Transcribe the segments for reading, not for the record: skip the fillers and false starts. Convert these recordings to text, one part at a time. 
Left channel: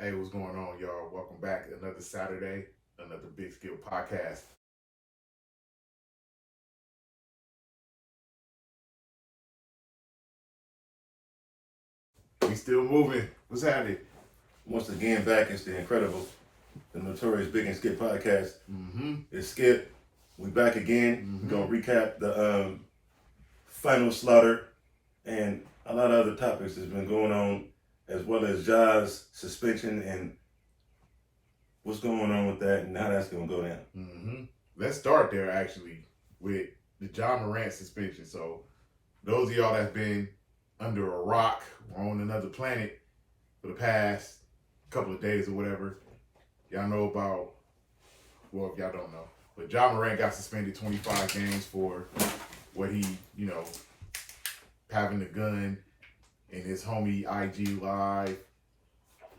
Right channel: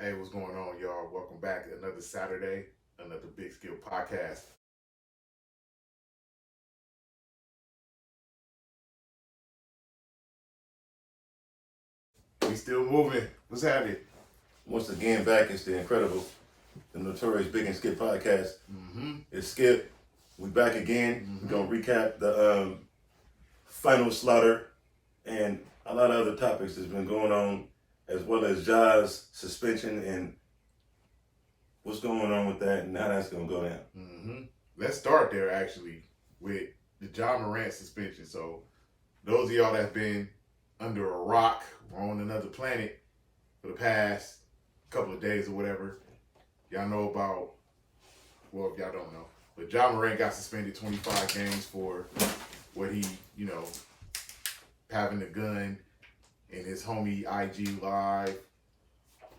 Hey, what's going on, y'all? Welcome back. Another Saturday, another Big Skill podcast. We still moving. What's happening? Once again, back it's the incredible, the notorious Big and Skip podcast. Mm-hmm. It's Skip. We back again. Mm-hmm. We're gonna recap the final slaughter and a lot of other topics that's been going on, as well as Ja's suspension and what's going on with that and how that's gonna go down. Mm-hmm. Let's start there actually with the Ja Morant suspension. So those of y'all that's been under a rock or on another planet for the past couple of days or whatever, y'all know about, well, if y'all don't know, but Ja Morant got suspended 25 games for what he, having a gun in his homie IG live,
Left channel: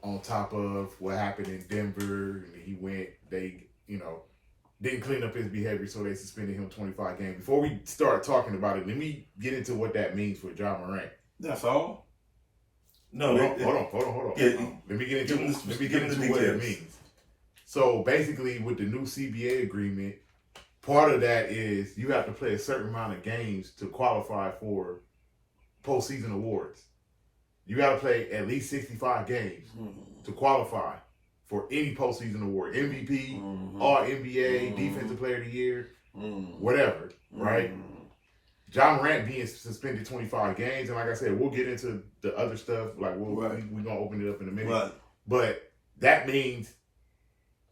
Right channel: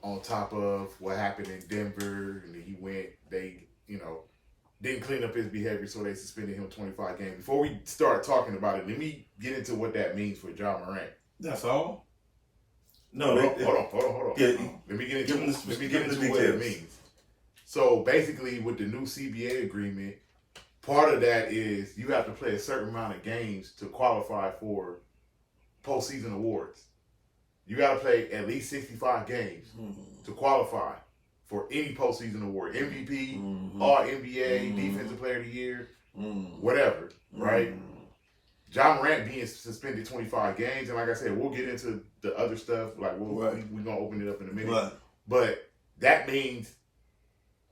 on top of what happened in Denver. And he went, they, didn't clean up his behavior, so they suspended him 25 games. Before we start talking about it, let me get into what that means for Ja Morant. That's all? No, Hold on. Yeah, let me get into the what it details. means. So basically, with the new CBA agreement, part of that is you have to play a certain amount of games to qualify for postseason awards. You got to play at least 65 games to qualify for any postseason award. MVP, All NBA, Defensive Player of the Year, whatever, right? Ja Morant being suspended 25 games, and like I said, we'll get into the other stuff. Like we're gonna open it up in a minute. Right. But that means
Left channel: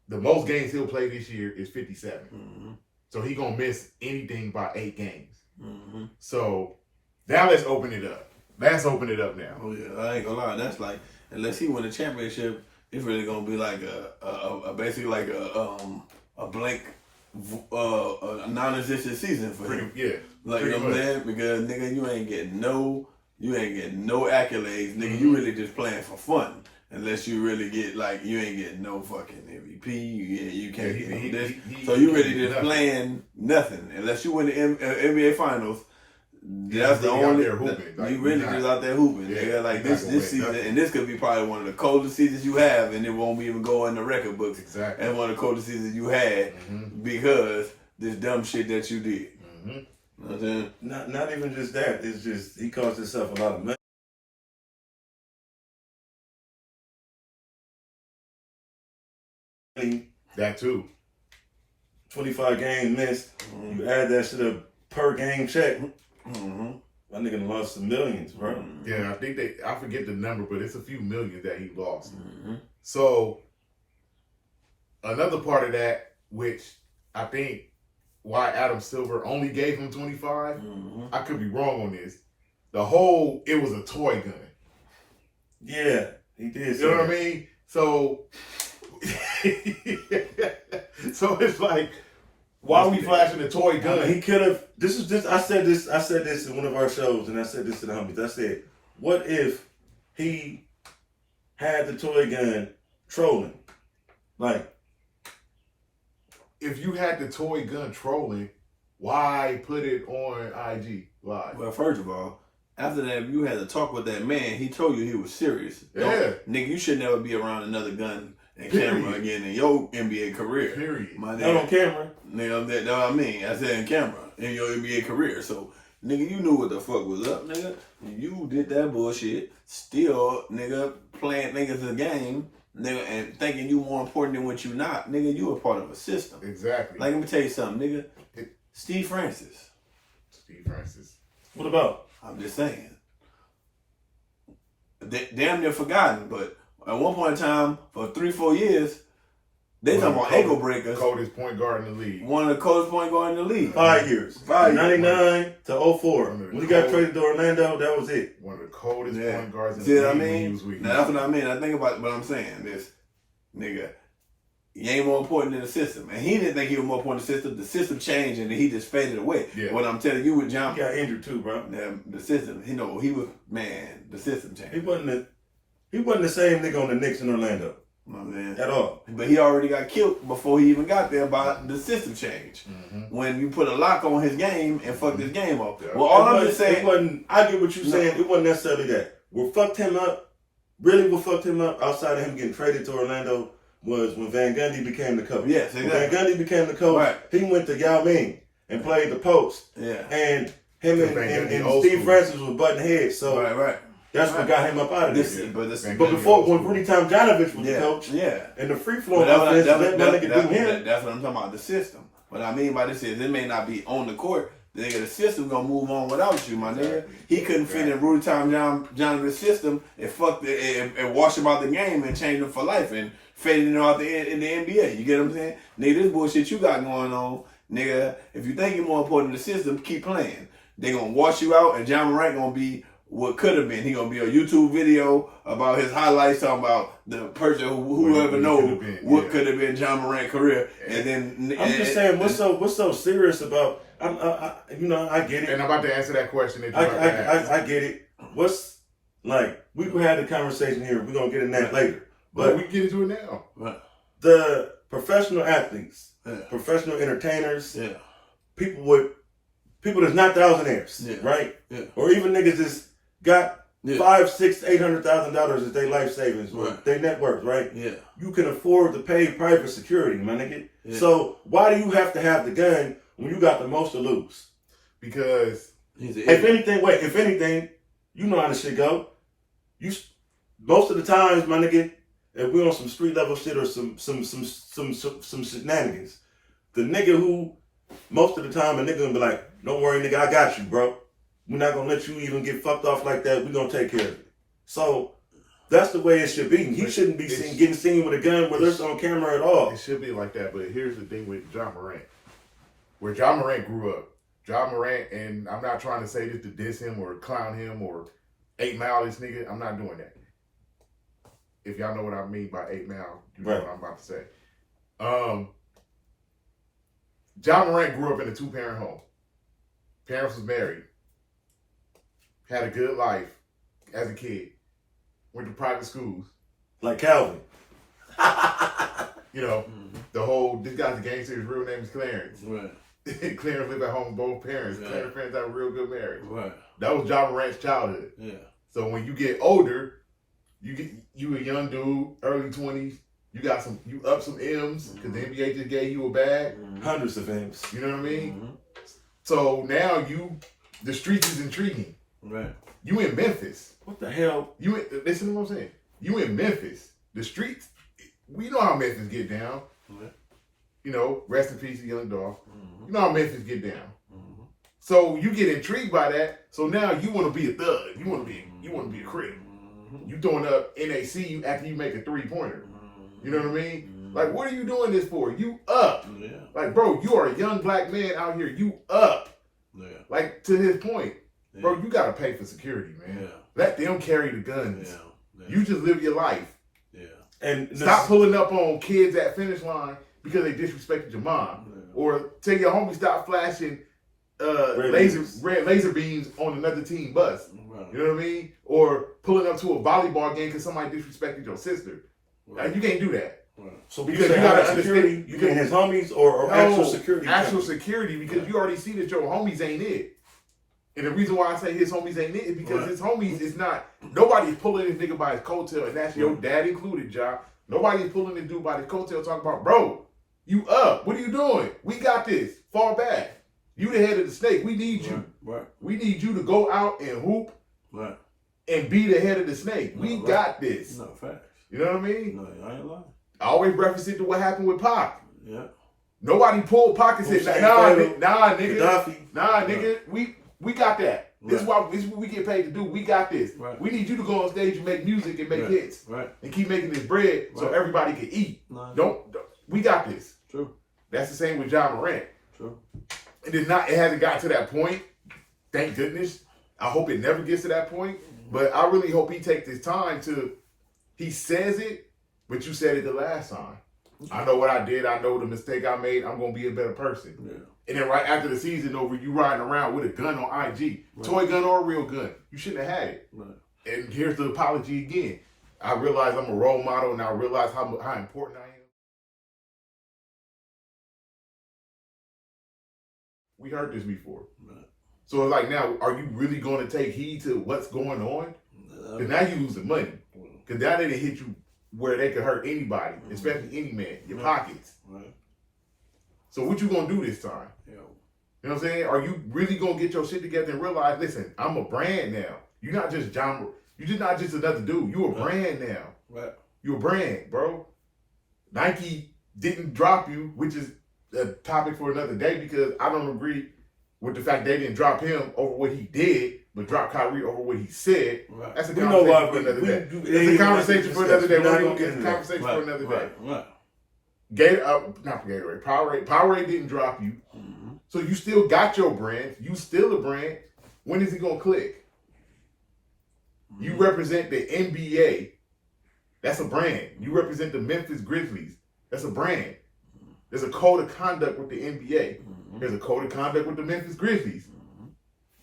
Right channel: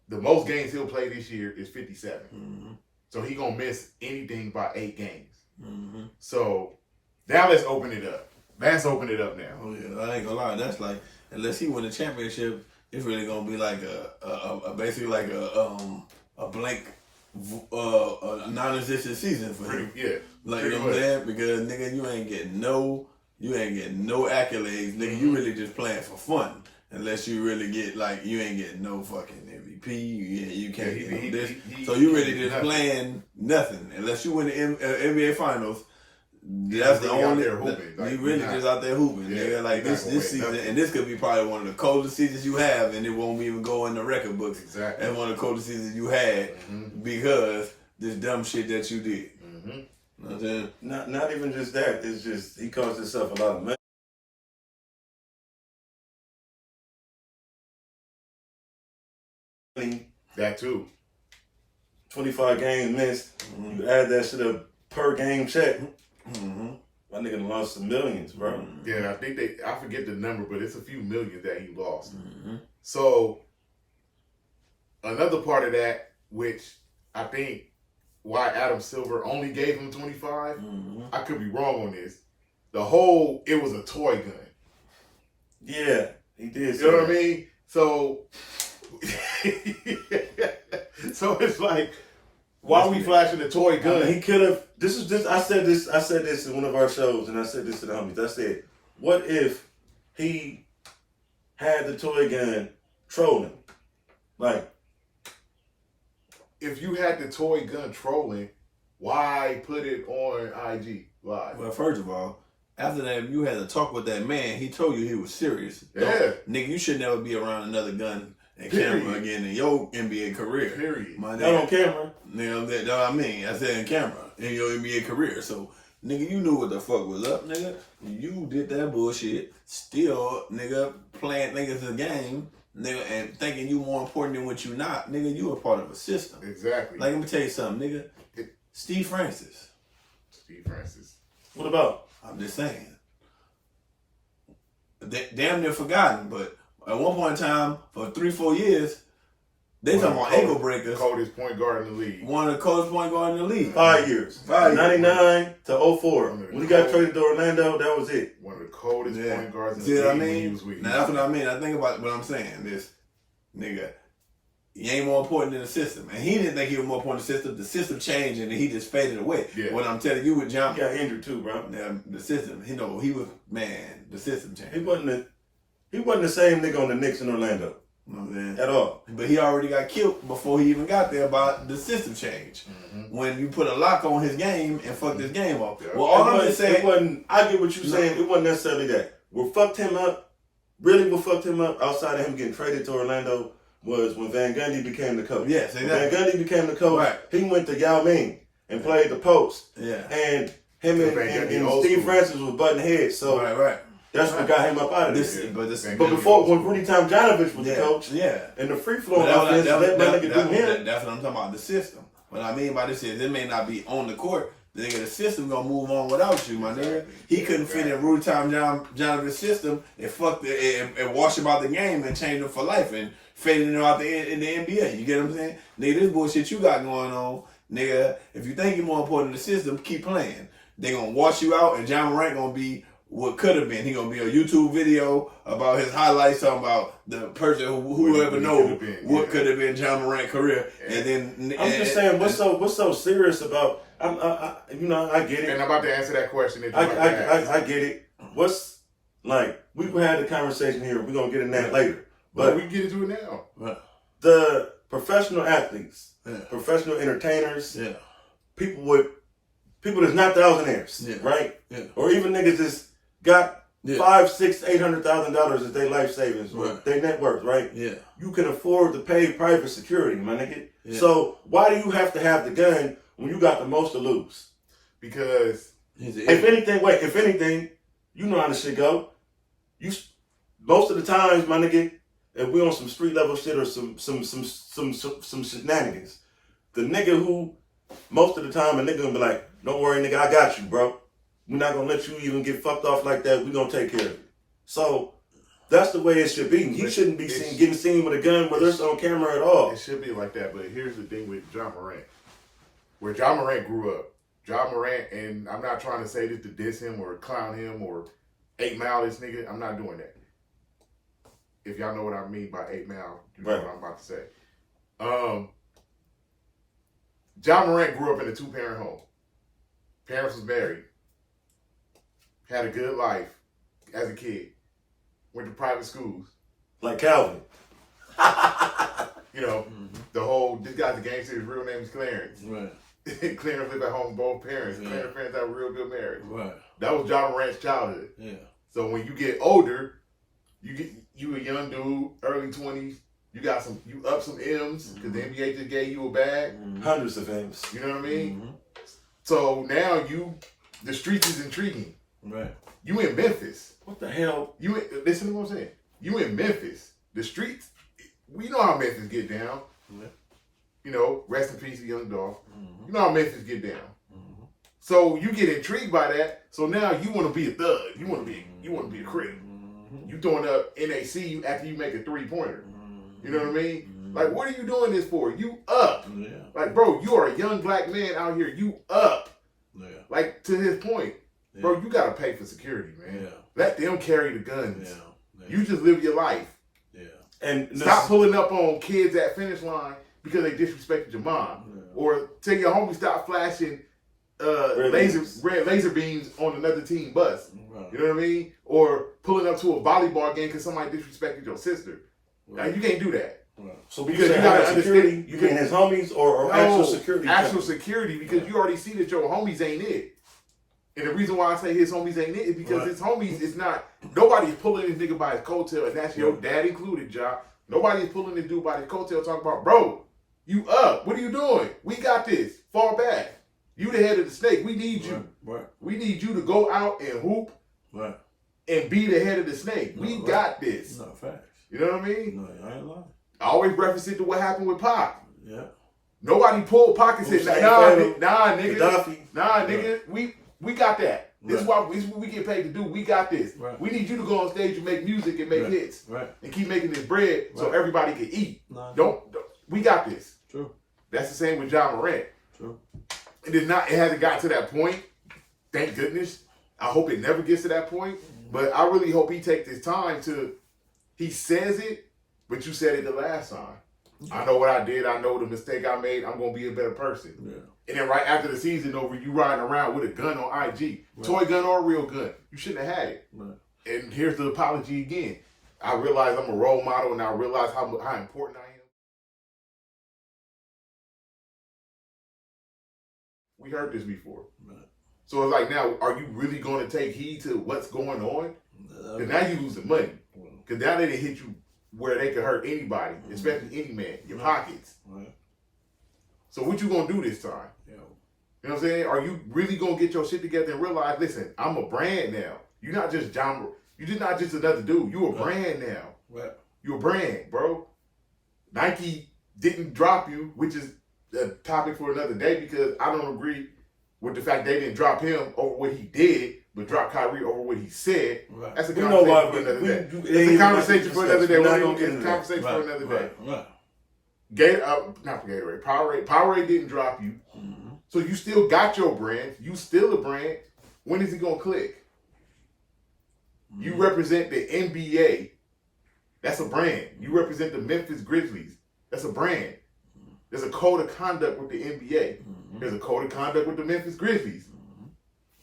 the most games he'll play this year is 57. So he gonna miss anything by 8 games. So now let's open it up. Let's open it up now. Oh yeah, I ain't gonna lie. That's like, unless he win the championship, it's really gonna be like a basically like a blank, a non-existent season for him. Like, you know what I'm saying? Because nigga, you ain't getting no accolades, nigga. You really just playing for fun. Unless you really get, like, you ain't getting no fucking MVP, you can't get no this. So you really just playing nothing. Unless you win the NBA Finals, that's the really only. out there hooping. Like, you really just out there hooping. Yeah, nigga. Like this season, and this could be probably one of the coldest seasons you have, and it won't even go in the record books. Exactly. And one of the coldest seasons you had because this dumb shit that you did. You know what I'm saying? Not even just that. It's just he caused himself a lot of money. That too. 25 games missed. You add that shit up per game check. My nigga done lost some millions, bro. Yeah, I think I forget the number, but it's a few million that he lost. So another part of that, which I think why Adam Silver only gave him 25, I could be wrong on this. It was a toy gun. Yeah, he did. You know what I mean? So, so it's like, why are we flashing a toy gun? He could have. I said this in one of our shows, and I said this to the homies. I said, what if he had the toy gun trolling? Like, if you had the toy gun trolling, why put it on IG Live? Well, first of all, after that, you had to talk with that man. He told you he was serious. Yeah. Nigga, you should never be around another gun and Period. camera again in your NBA career. Period. My not nigga, on camera. nigga, that's what I mean. I said in camera in your NBA career. So, nigga, you knew what the fuck was up, nigga. You did that bullshit. Still, nigga, playing niggas a game, nigga, and thinking you more important than what you not. Nigga, you a part of a system. Exactly. Like, let me tell you something, nigga. Steve Francis. Steve Francis. What about? I'm just saying. Damn near forgotten, but at one point in time, for 3-4 years, they talking about ankle breakers. Coldest point guard in the league. One of the coldest point guard in the league. 5 years. 99 to 04. When he got traded to Orlando, that was it. One of the coldest point guards in See the what I league when he mean? was with Now, that's what I mean. I think about what I'm saying. This nigga, he ain't more important than the system. And he didn't think he was more important than the system. The system changed and he just faded away. Yeah. What I'm telling you with John, He got injured too, bro. the system, the system changed. He wasn't the same nigga on the Knicks in Orlando. You know what I'm saying? At all. But he already got killed before he even got there by the system change. When you put a lock on his game and fucked his game up. Yeah. Well, all I'm just saying, it wasn't. I get what you're saying. It wasn't necessarily that. What fucked him up really what fucked him up outside of him getting traded to Orlando was when Van Gundy became the coach. Yes, When exactly. Van Gundy became the coach, Right. he went to Yao Ming and played the post. Yeah. And him and Steve Francis was butting heads. So right. that's what got him up out of This, there. but But before, when Rudy Tomjanovich was the coach, yeah, and the free flowing offense, let my nigga do him. That's what I'm talking about. The system. What I mean by this is it may not be on the court. Nigga, the system gonna move on without you, my nigga. He couldn't fit in Rudy Tomjanovich's system and fuck and wash him out the game and change him for life and fading him out in the NBA. You get what I'm saying? Nigga, this bullshit you got going on, nigga. If you think you're more important than the system, keep playing. They gonna wash you out, and John Morant gonna be what could have been. He gonna be a YouTube video about his highlights, talking about the person whoever knows what could have been John Morant's career. And then I'm just saying, what's so serious about? I get it. And I'm about to answer that question. I get it. What's like? We had a conversation here. We're gonna get in that later, but we can get into it now. Right. The professional athletes, professional entertainers, people that's not thousandaires, right? Yeah. Or even niggas that's got $500,000, $800,000 as their life savings, or their net worth, right? Yeah. You can afford to pay private security, my nigga. Yeah. So why do you have to have the gun when you got the most to lose? Because if anything, you know how this shit go. Most of the times, my nigga, if we on some street level shit or some shenanigans, the nigga who most of the time a nigga gonna be like, don't worry, nigga, I got you, bro. We're not gonna let you even get fucked off like that. We're gonna take care of it. So that's the way it should be. He shouldn't be getting seen with a gun, whether it's on camera at all. It should be like that, but here's the thing with John Morant. Where John Morant grew up, John Morant, and I'm not trying to say this to diss him or clown him or 8 Mile this nigga. I'm not doing that. If y'all know what I mean by 8 Mile, you know what I'm about to say. John Morant grew up in a 2-parent home. Parents was married. Had a good life as a kid. Went to private schools. Like Calvin. You know, the whole, this guy's a gangster, his real name is Clarence. Right. Clarence lived at home with both parents. Yeah. Clarence parents had a real good marriage. Right. That was John Morant's childhood. Yeah. So when you get older, you a young dude, early 20s, you up some M's because the NBA just gave you a bag. Hundreds of M's. You know what I mean? So now the streets is intriguing. Right. You in Memphis. What the hell? Listen to what I'm saying. You in Memphis. The streets, we know how Memphis get down. Right. You know, rest in peace, Young Dolph. You know how Memphis get down. So you get intrigued by that. So now you want to be a thug. You want to be a crip. You throwing up NAC after you make a 3-pointer. You know what I mean? Like, what are you doing this for? You up. Yeah. Like, bro, you are a young black man out here. You up. Yeah. Like, to his point. Yeah. Bro, you got to pay for security, man. Yeah. Let them carry the guns. Yeah. You just live your life. Yeah. And stop pulling up on kids at finish line because they disrespected your mom. Yeah. Or tell your homie stop flashing red laser beams on another team bus. Right. You know what I mean? Or pulling up to a volleyball game because somebody disrespected your sister. Right. Like, you can't do that. Right. So because you gotta security, you mean his homies or actual security? Actual security, because you already see that your homies ain't it. And the reason why I say his homies ain't it is because his homies is not, nobody's pulling this nigga by his coattail, and that's your dad included, Ja. Nobody's pulling this dude by his coattail talking about, bro, you up. What are you doing? We got this. Fall back. You the head of the snake. We need you. Right. We need you to go out and hoop and be the head of the snake. We got this. No, facts. You know what I mean? No, I ain't lying. I always reference it to what happened with Pac. Yeah. Nobody pulled Pac and said, nah, nigga, we got that. This is what we get paid to do. We got this. Right. We need you to go on stage and make music and make hits. Right. And keep making this bread so everybody can eat. No. Don't we got this. True. That's the same with John Morant. True. It hasn't got to that point. Thank goodness. I hope it never gets to that point. But I really hope he takes his time he says it, but you said it the last time. I know what I did. I know the mistake I made. I'm going to be a better person. Yeah. And then right after the season over, you riding around with a gun on IG. Right. Toy gun or a real gun. You shouldn't have had it. Right. And here's the apology again. I realize I'm a role model, and I realize how important I am. We heard this before. Right. So it's like, now, are you really going to take heed to what's going on? Because now you losing money. Because now they hit you where they could hurt anybody, especially any man, your pockets. Right. So what you gonna do this time? Yeah. You know what I'm saying? Are you really gonna get your shit together and realize, listen, I'm a brand now. You're not just John. You're just not just another dude. You a brand now. Right. You a brand, bro. Nike didn't drop you, which is a topic for another day because I don't agree with the fact they didn't drop him over what he did, but drop Kyrie over what he said. Right. That's a conversation for another day. It's a conversation for another day. We're gonna get a conversation for another day. Right. Not for Gatorade. Powerade didn't drop you, Mm-hmm. so you still got your brand. You still a brand. When is it gonna click? Mm-hmm. You represent the NBA. That's a brand. You represent the Memphis Grizzlies. That's a brand. There's a code of conduct with the NBA. Mm-hmm. There's a code of conduct with the Memphis Grizzlies. Mm-hmm.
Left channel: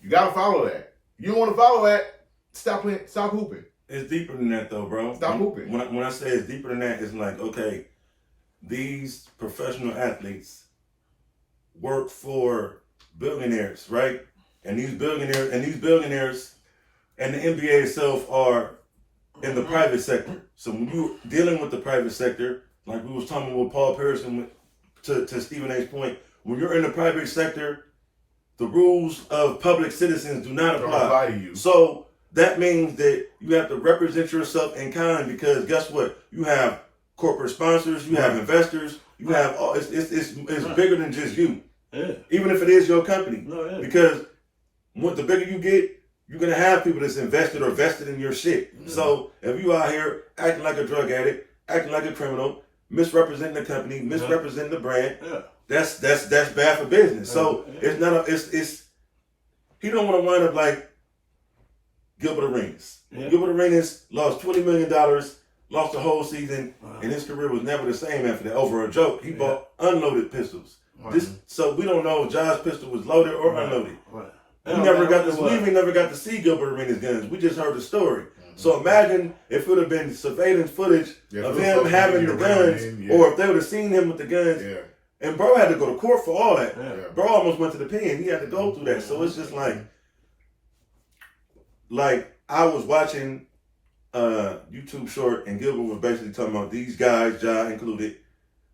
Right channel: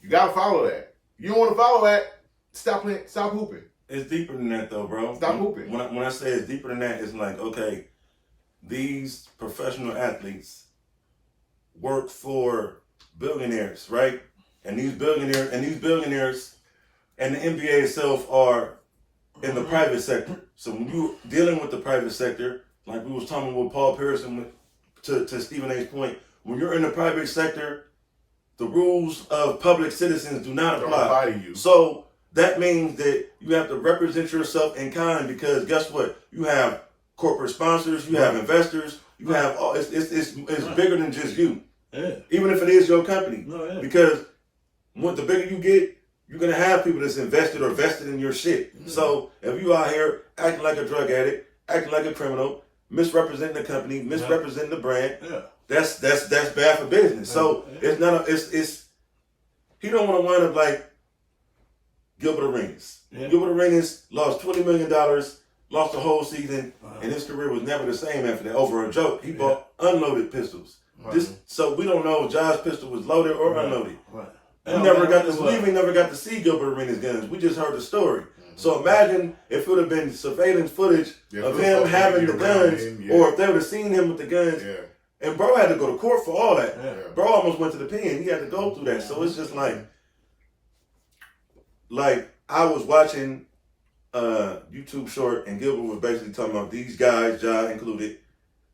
You gotta follow that. You don't want to follow that, stop playing, stop hooping. It's deeper than that, though, bro. Stop hooping. When I say it's deeper than that, it's like, okay, these professional athletes work for billionaires, right? And these billionaires and the NBA itself are in the private sector. So when you're dealing with the private sector, like we was talking with Paul Pierce and to Stephen A's point, when you're in the private sector, the rules of public citizens do not apply to you. So that means that you have to represent yourself in kind because guess what? You have corporate sponsors, you have investors, you have all. It's bigger than just you. Yeah. Even if it is your company, No, yeah. because the bigger you get, you're gonna have people that's invested or vested in your shit. Mm-hmm. So if you out here acting like a drug addict, acting like a criminal, misrepresenting the company, misrepresenting the brand, that's bad for business. So it's not it's he don't want to wind up like Gilbert Arenas. Yeah. Gilbert Arenas lost $20 million, lost the whole season, and his career was never the same after that. Over a joke, he bought unloaded pistols. So we don't know if Josh's pistol was loaded or unloaded. Right. We never got to see Gilbert Arenas' guns. We just heard the story. So imagine if it would have been surveillance footage of him having the guns, or if they would have seen him with the guns. Yeah. And bro had to go to court for all that. Yeah. Bro almost went to the pen. He had to go through that. So it's just like I was watching a YouTube short, and Gilbert was basically talking about these guys, Ja included,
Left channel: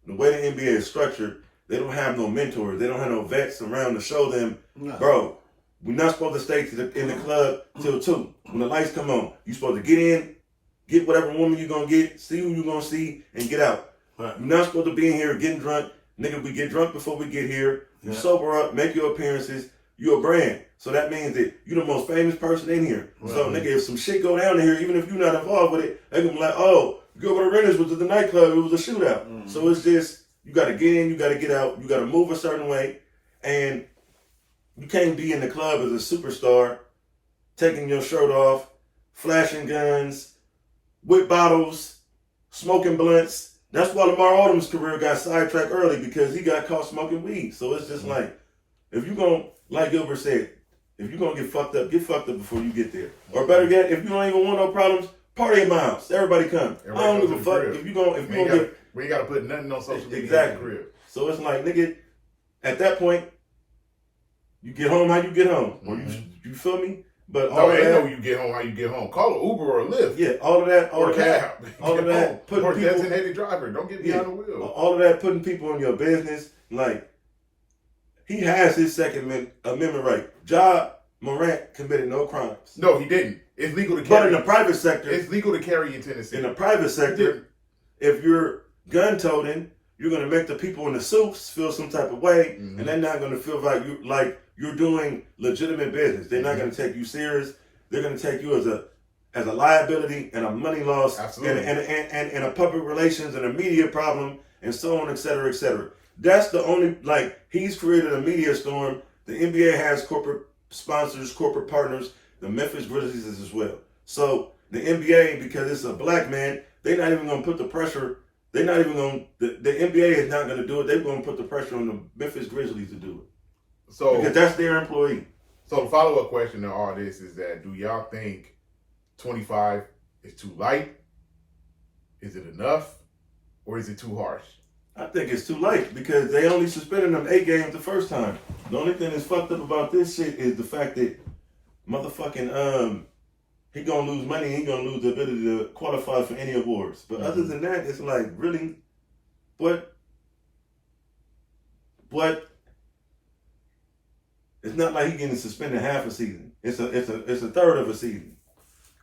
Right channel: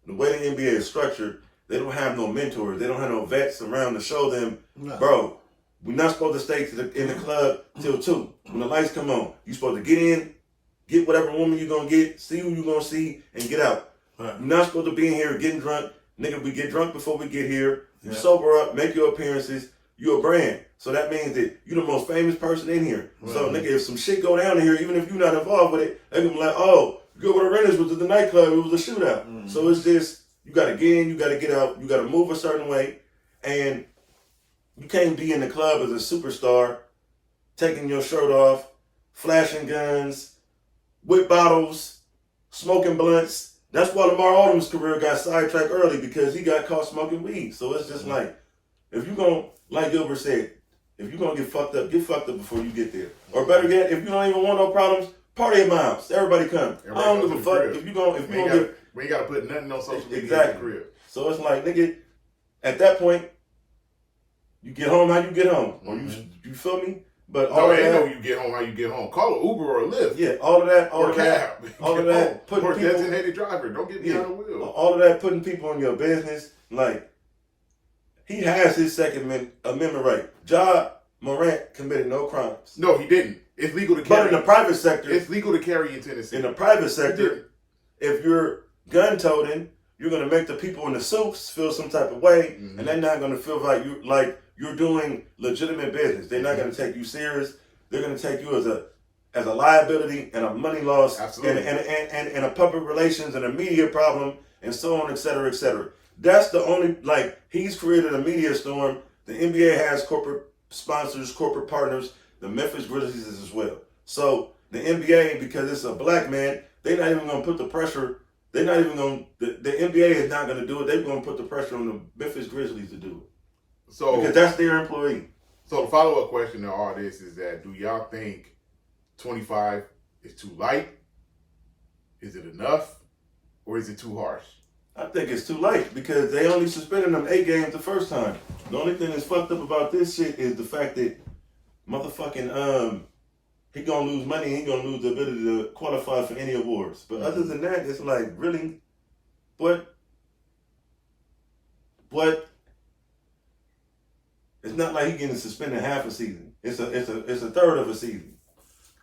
the way the NBA is structured. They don't have no mentors. They don't have no vets around to show them, bro, we're not supposed to stay in the club till 2. When the lights come on, you're supposed to get in, get whatever woman you're going to get, see who you're going to see, and get out. Right. You're not supposed to be in here getting drunk. Nigga, we get drunk before we get here. You sober up, make your appearances. You're a brand. So that means that you're the most famous person in here. Mm-hmm. So, nigga, if some shit go down in here, even if you're not involved with it, they gonna be like, oh, Gilbert Arenas was at the nightclub. It was a shootout. Mm-hmm. So it's just, you got to get in, you got to get out, you got to move a certain way. And you can't be in the club as a superstar, taking your shirt off, flashing guns, with bottles, smoking blunts. That's why Lamar Odom's career got sidetracked early, because he got caught smoking weed. So it's just like, if you're going to, like Gilbert said, if you're going to get fucked up before you get there. Or better yet, if you don't even want no problems, party at my house. Everybody come. I don't give a fuck. If you going to get... We ain't got to put nothing on social media. Exactly. In the crib. So it's like, nigga, at that point, you get home how you get home. Or you feel me? But all that, know you get home how you get home. Call an Uber or a Lyft. Yeah, all of that. Or a cab. All of that. Or a designated driver. Don't get behind the wheel. All of that, putting people in your business. Like, he has his Second Amendment right. Ja Morant committed no crimes. No, he didn't. It's legal to carry. But in the private sector. It's legal to carry in Tennessee. In the private sector, if you're gun toting, you're going to make the people in the suits feel some type of way, and they're not going to feel like you're doing legitimate business. They're not going to take you serious. They're going to take you as a liability and a money loss, and a public relations and a media problem, and so on, et cetera, et cetera. That's the only, he's created a media storm. The NBA has corporate sponsors, corporate partners. The Memphis Grizzlies is as well. So the NBA, because it's a black man, they're not even going to put the pressure. They're not even going to, the NBA is not going to do it. They're going to put the pressure on the Memphis Grizzlies to do it. So, because that's their employee. So the follow-up question to all this is that, do y'all think 25 is too light? Is it enough? Or is it too harsh? I think it's too light, because they only suspended them 8 games the first time. The only thing that's fucked up about this shit is the fact that motherfucking he gonna lose money. And he gonna lose the ability to qualify for any awards. But other than that, it's like really, what? It's not like he getting suspended half a season. It's a third of a season.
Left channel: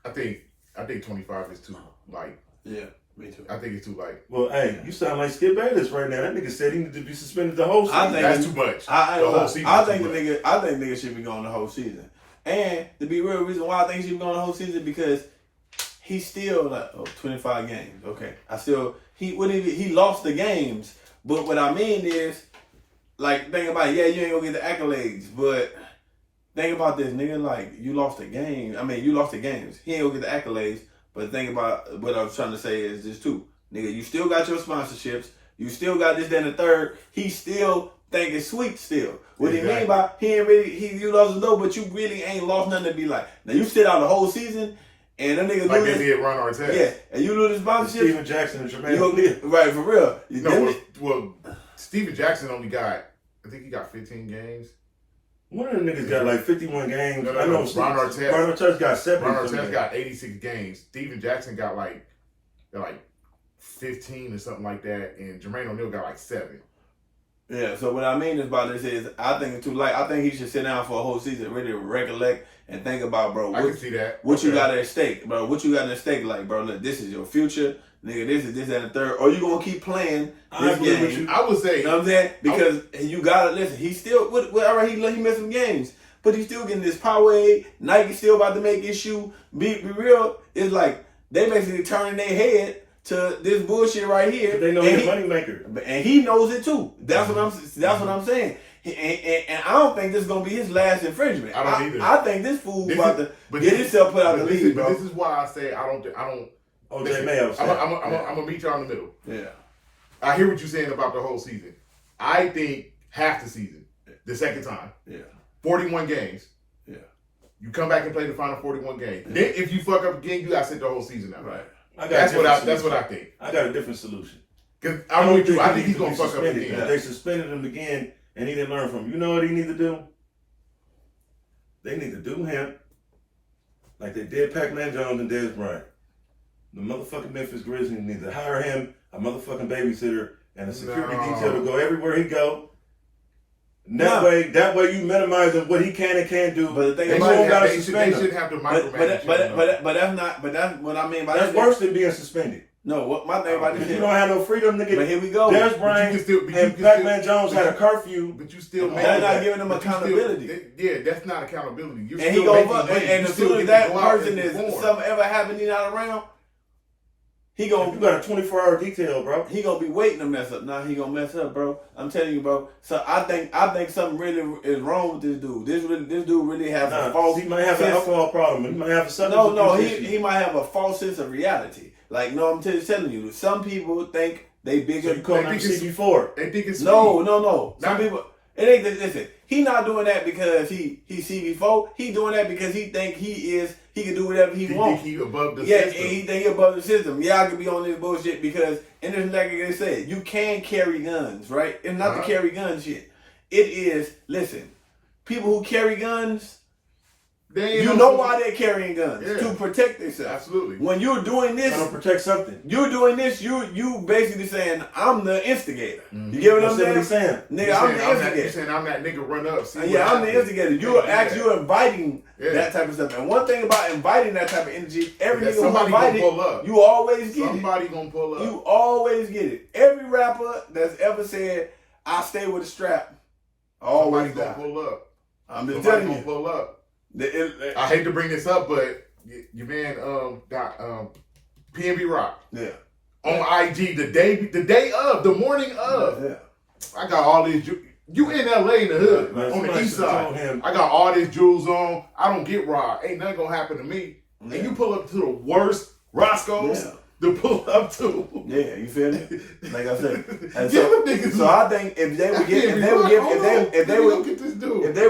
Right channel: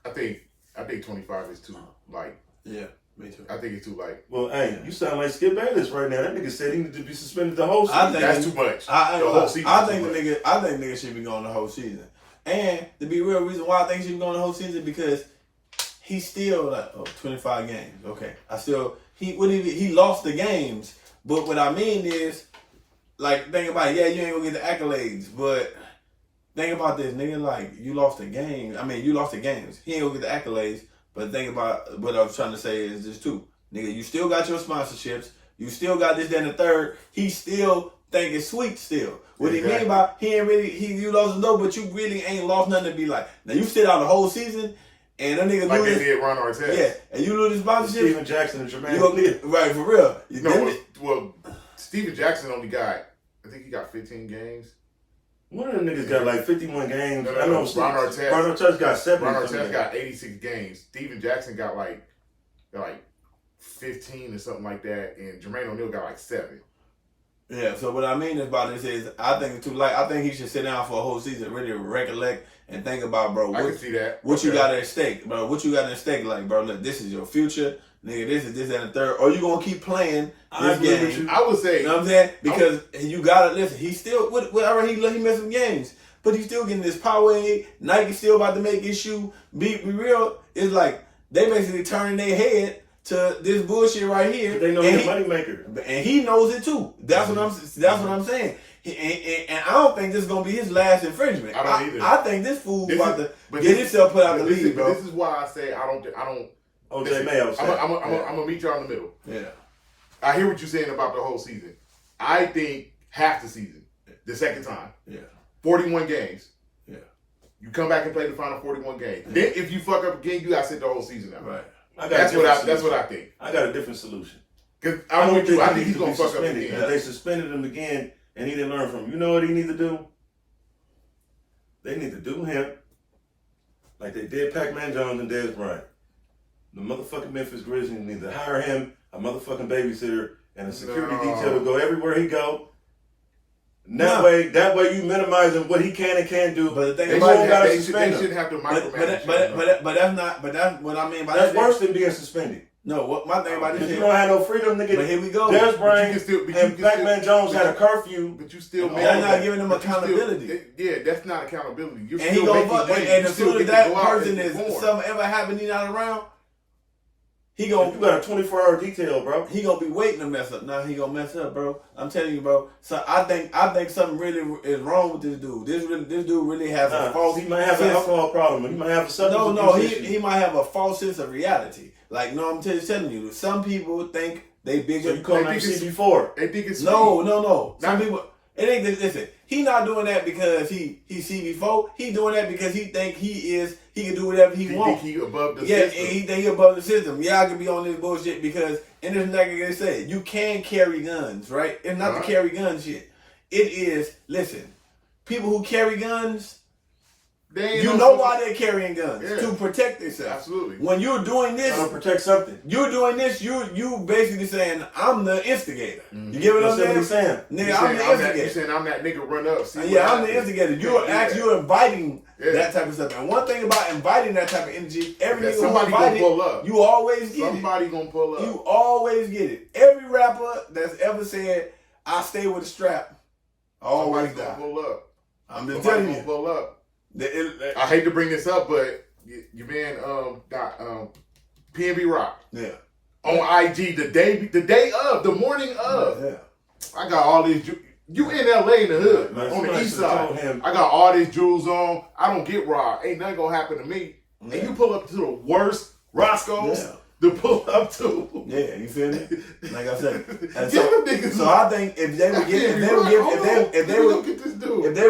I think 25 is too light. Yeah, me too. I think it's too light. Well, hey, you sound like Skip Bayless right now. That nigga said he needed to be suspended the whole season. That's too much. The whole season. I think niggas should be going the whole season. And to be real, reason why I think he should be going the whole season because he's still like 25 games. Okay, he lost the games, but what I mean is, like, think about it. Yeah, you ain't gonna get the accolades, but think about this, nigga. Like, you lost the game. I mean, you lost the games. He ain't gonna get the accolades. But think about what I was trying to say is this too, nigga. You still got your sponsorships. You still got this, that, and the third. He still think it's sweet still. What he mean by you lost the low, but you really ain't lost nothing to be like. Now you sit out the whole season, and them niggas like they did Ron Artest. Yeah, and you lose the sponsorship. Steven Jackson and Jermaine. Right, for real. Well, Steven Jackson only got, I think he got 15 games. One of them niggas got like 51 games. No, I know Ron Artest got 70. Ron Artest got 86 games. Steven Jackson got like 15 or something like that, and Jermaine O'Neal got like 7. Yeah, so what I mean about this is I think it's too light. I think he should sit down for a whole season, really recollect and think about, bro. I can see that. What you got at stake, bro? What you got at stake? Like, bro, look, this is your future. Nigga, this is this, that, and the third. Or you gonna keep playing this game? I would say. You know what I'm saying? Because you gotta listen. He still, whatever he missed some games, but he's still getting this Powerade. Nike still about to make his shoe. Be real. It's like they basically turning their head to this bullshit right here. They know he's a moneymaker, and he knows it too. That's what I'm saying. And I don't think this is gonna be his last infringement. I don't either. I think this fool about to get himself put out the league. This is why I say I don't. OJ Mayo. I'm gonna meet y'all in the middle. Yeah. I hear what you're saying about the whole season. I think half the season, the second time. Yeah. 41 games. Yeah. You come back and play the final 41 games. Yeah. Then if you fuck up again, you gotta sit the whole season out. Right. That's what I think. I got a different solution. Because I think he's gonna fuck up again. Yeah. They suspended him again, and he didn't learn from him. You know what he need to do? They need to do him like they did Pac-Man Jones and Dez Bryant. The motherfucking Memphis Grizzlies need to hire him, a motherfucking babysitter, and a security detail to go everywhere he go. And that way you minimizing what he can and can't do. But the thing they shouldn't have to micromanage. But that's what I mean by that's worse than being suspended. No, what my thing about this, you don't have no freedom, nigga. But here we go. Dez Bryant and Pac-Man Jones had a curfew. But you still they're not giving them accountability. Yeah, that's not accountability. You're and still making money. And as soon as that person is something ever happening not around, he gonna you got a 24-hour detail, bro. He gonna be waiting to mess up. Now he gonna mess up, bro. I'm telling you, bro. So I think something really is wrong with this dude. This dude really has a false. He might have an alcohol problem. He might have a substance abuse issue. He might have a false sense of reality. Like, no, I'm telling you, some people think they bigger. So you call him CB4? They think it's no. Some people. It ain't. Listen, he not doing that because he's CB4. He doing that because he think he can do whatever he wants. He above the system. Yeah, he think he above the system. Yeah, I can be on this bullshit because, and this like I said, you can carry guns, right? It's not the carry gun shit. It is, listen, people who carry guns, you know why they're carrying guns. Yeah. To protect themselves. Absolutely. When you're doing this, to protect something. You're doing this, you basically saying, I'm the instigator. Mm-hmm. You get what I'm saying? Nigga, I'm the instigator. You're saying I'm that nigga run up. I'm the instigator. You're inviting that type of stuff. And one thing about inviting that type of energy, every nigga somebody gonna pull up. You always get somebody gonna pull up. You always get it. Every rapper that's ever said, I stay with a strap, always gonna pull up. I'm just telling you. Gonna pull up. I hate to bring this up, but your man got PNB Rock. Yeah. On IG the morning of. Yeah. I got all these. You in LA in the hood, on the east side. I got all these jewels on. I don't get robbed. Ain't nothing gonna happen to me. Yeah. And you pull up to the worst Roscoe's to pull up to. Yeah, you feel me? Like I said. And so I think if they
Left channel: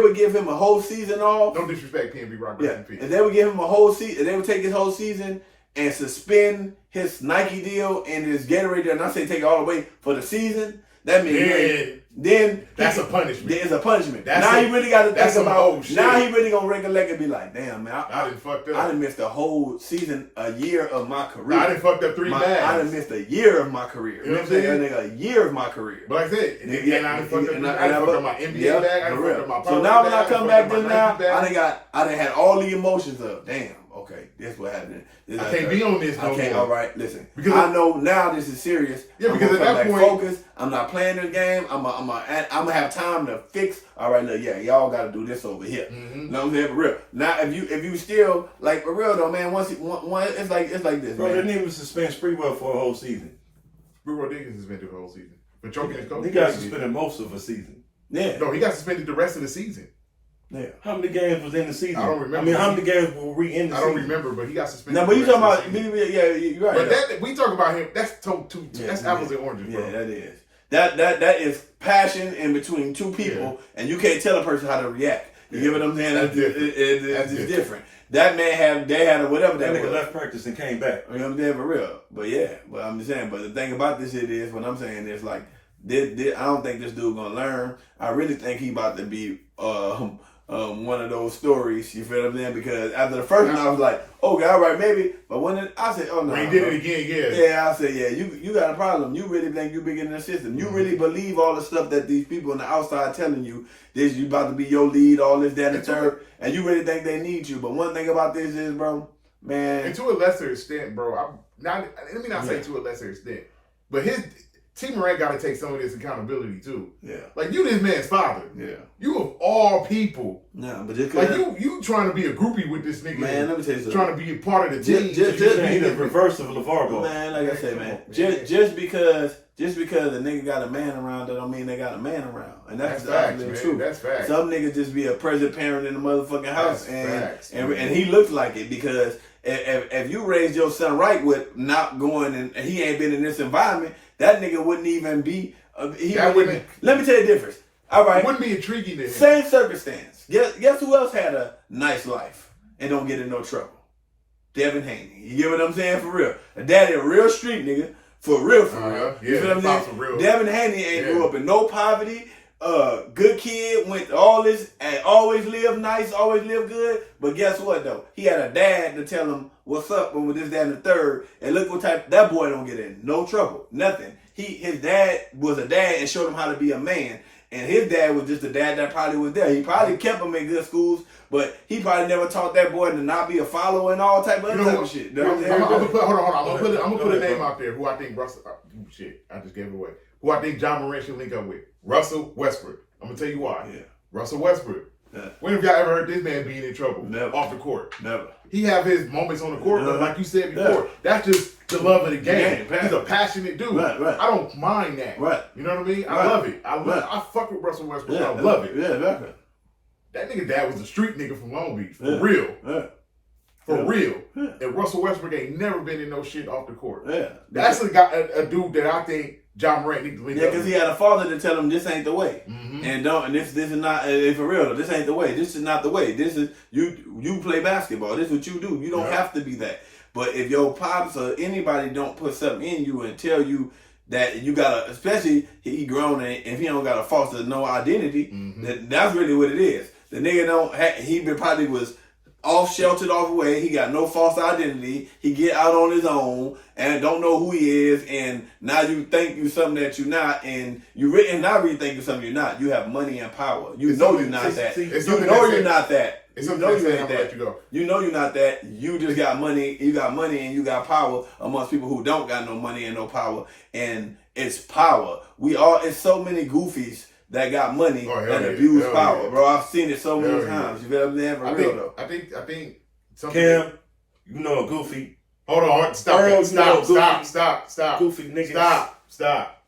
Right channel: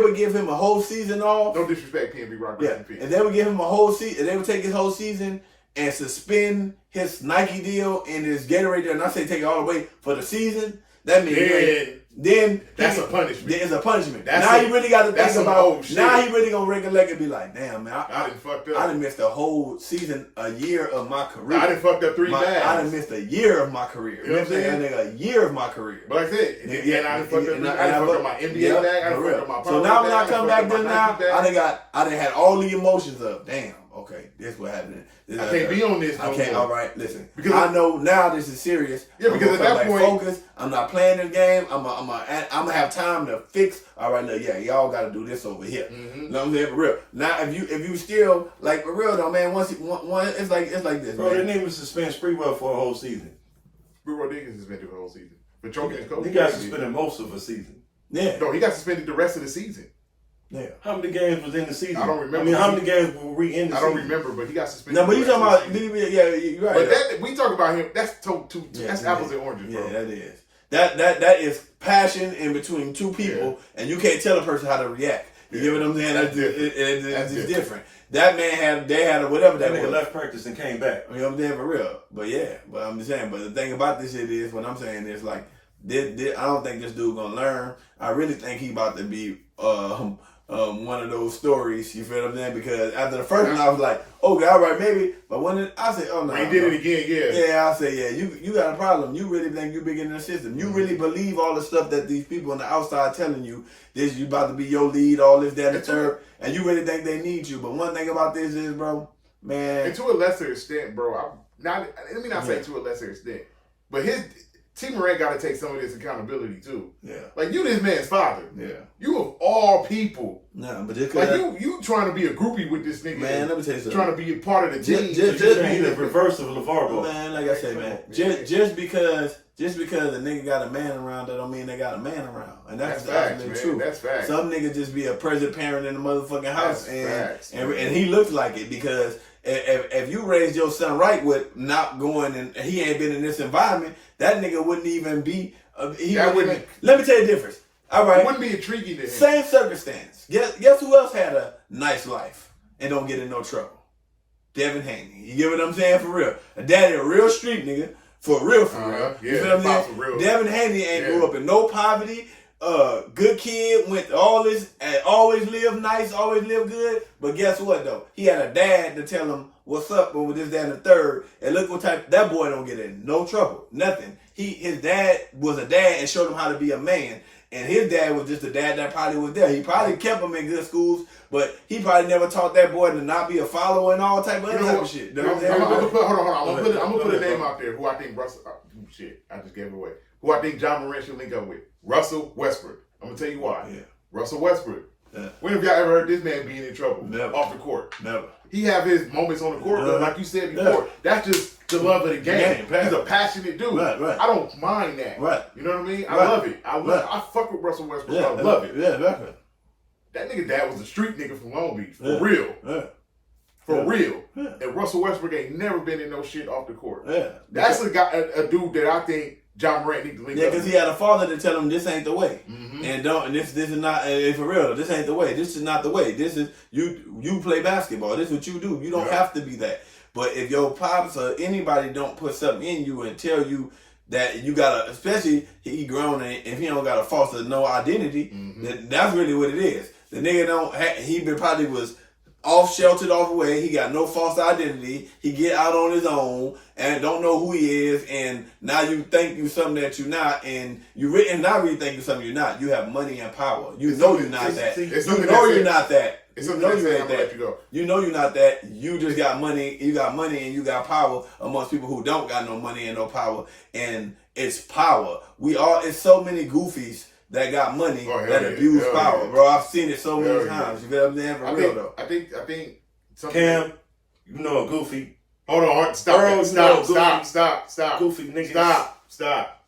would give him a whole season off. No disrespect, PNB Rock. Yeah. If they would give him a whole season, they would take his whole season and suspend his Nike deal and his Gatorade deal, and I say take it all away for the season, that means then that's a punishment. It's a punishment. That's now he really got to think about. Now he really gonna recollect and be like, damn man, I done fucked up. I done missed a whole season, a year of my career. I done fucked up 3 bags. I done missed a year of my career. You know what I'm saying? A year of my career. But like I said, and I done fucked up. I done fucked up my NBA bag. I done fucked up my power. So now when I bag, come back just now, I done had all the emotions of damn. Okay, this what happened. I can't be on this no more. All right, listen. Because I know now this is serious. Yeah, because at that point, focus. I'm not playing this game. I'm gonna have time to fix. All right, look, yeah, y'all got to do this over here. Mm-hmm. You know what I'm saying? For real. Now, if you still like for real though, man. Once it's like this, bro. Man. They didn't even suspend Sprewell for a whole season. Sprewell did get suspended for the whole season for choking his coach. He got suspended most of a season. Yeah. No, he got suspended the rest of the season. Yeah. How many games was in the season? I don't remember. I mean, how many games were we in the season? I don't remember, but he got suspended. No, but you talking about yeah, you're right. But that we talk about him. That's that's apples and oranges, bro. Yeah, that is. That is passion in between two people, and you can't tell a person how to react. You get what I'm saying? That's different. It's different. That man they had whatever that that nigga was. left practice and came back. You know what I'm saying? For real. But I'm just saying. But the thing about this shit is, what I'm saying is like, I don't think this dude gonna learn. I really think he about to be one of those stories. You feel what I'm saying? Because after the first one, I was like, okay, all right, maybe. But when I said, oh no, when he did it again, yeah, I said, yeah, you got a problem. You really think you big in the system. You really believe all the stuff that these people on the outside telling you. This you about to be your lead, all this, that, and the third, and you really think they need you. But one thing about this is, bro, man, and to a lesser extent, bro. Let me not say to a lesser extent, but T. Morant got to take some of this accountability too. Yeah, like you, this man's father. Yeah, you of all people. No, but just like you trying to be a groupie with this nigga. Man, let me tell you something. Trying to be a part of the team. Just be the reverse of LeVar Ball. Man, like I said, man, just because the nigga got a man around, that don't mean they got a man around, and that's facts, man. True. That's facts. Some niggas just be a present parent in the motherfucking house, and he looks like it because if you raised your son right with not going and he ain't been in this environment, that nigga wouldn't even be. Let me tell you the difference. All right, it wouldn't be intriguing to him. Same circumstance. Guess who else had a nice life and don't get in no trouble? Devin Haney. You get what I'm saying? For real. A daddy, a real street nigga. For real. Yeah, you know what I'm saying? For real. Devin Haney ain't grew up in no poverty. Good kid, went to all this and always lived nice, always lived good. But guess what though? He had a dad to tell him what's up with this, that, and the third. And look what type that boy don't get in. No trouble. Nothing. His dad was a dad and showed him how to be a man. And his dad was just a dad that probably was there. He probably kept him in good schools, but he probably never taught that boy to not be a follower and all type of other type of shit. I'm gonna put a name out there who I think Russell. Shit, I just gave it away. Who I think John Morant should link up with? Russell Westbrook. I'm gonna tell you why. Yeah. Russell Westbrook. Yeah. When have y'all ever heard this man being in trouble? Never. Off the court? Never. He have his moments on the court, but like you said before, that's just the love of the game. He's a passionate dude. Right. I don't mind that. Right. You know what I mean? I love it. I fuck with Russell Westbrook. I love it. Yeah, definitely. That nigga dad was a street nigga from Long Beach. For real. Yeah. For real. Yeah. And Russell Westbrook ain't never been in no shit off the court. Yeah. That's a dude that I think John Morant needs to link up. Yeah, because he had a father to tell him this ain't the way. Mm-hmm. And this is not for real. This ain't the way. This is not the way. This is you play basketball. This is what you do. You don't have to be that. But if your pops or anybody don't put something in you and tell you that you gotta, especially he grown and if he don't got a foster no identity, that's really what it is. The nigga he probably was off sheltered off away. He got no false identity. He get out on his own and don't know who he is. And now you think you something that you're not, and you not really think you something you're not. You have money and power. You know you're not that. You know you're not that. It's something that says I'm gonna let you go. You know you're not that. You just got money. You got money and you got power amongst people who don't got no money and no power. And it's power. It's so many goofies that got money that abuse power, bro. I've seen it so many times. You know what I'm saying? For real though. I think something. Cam, you know a goofy. Hold on, stop. Goofy nigga. Stop.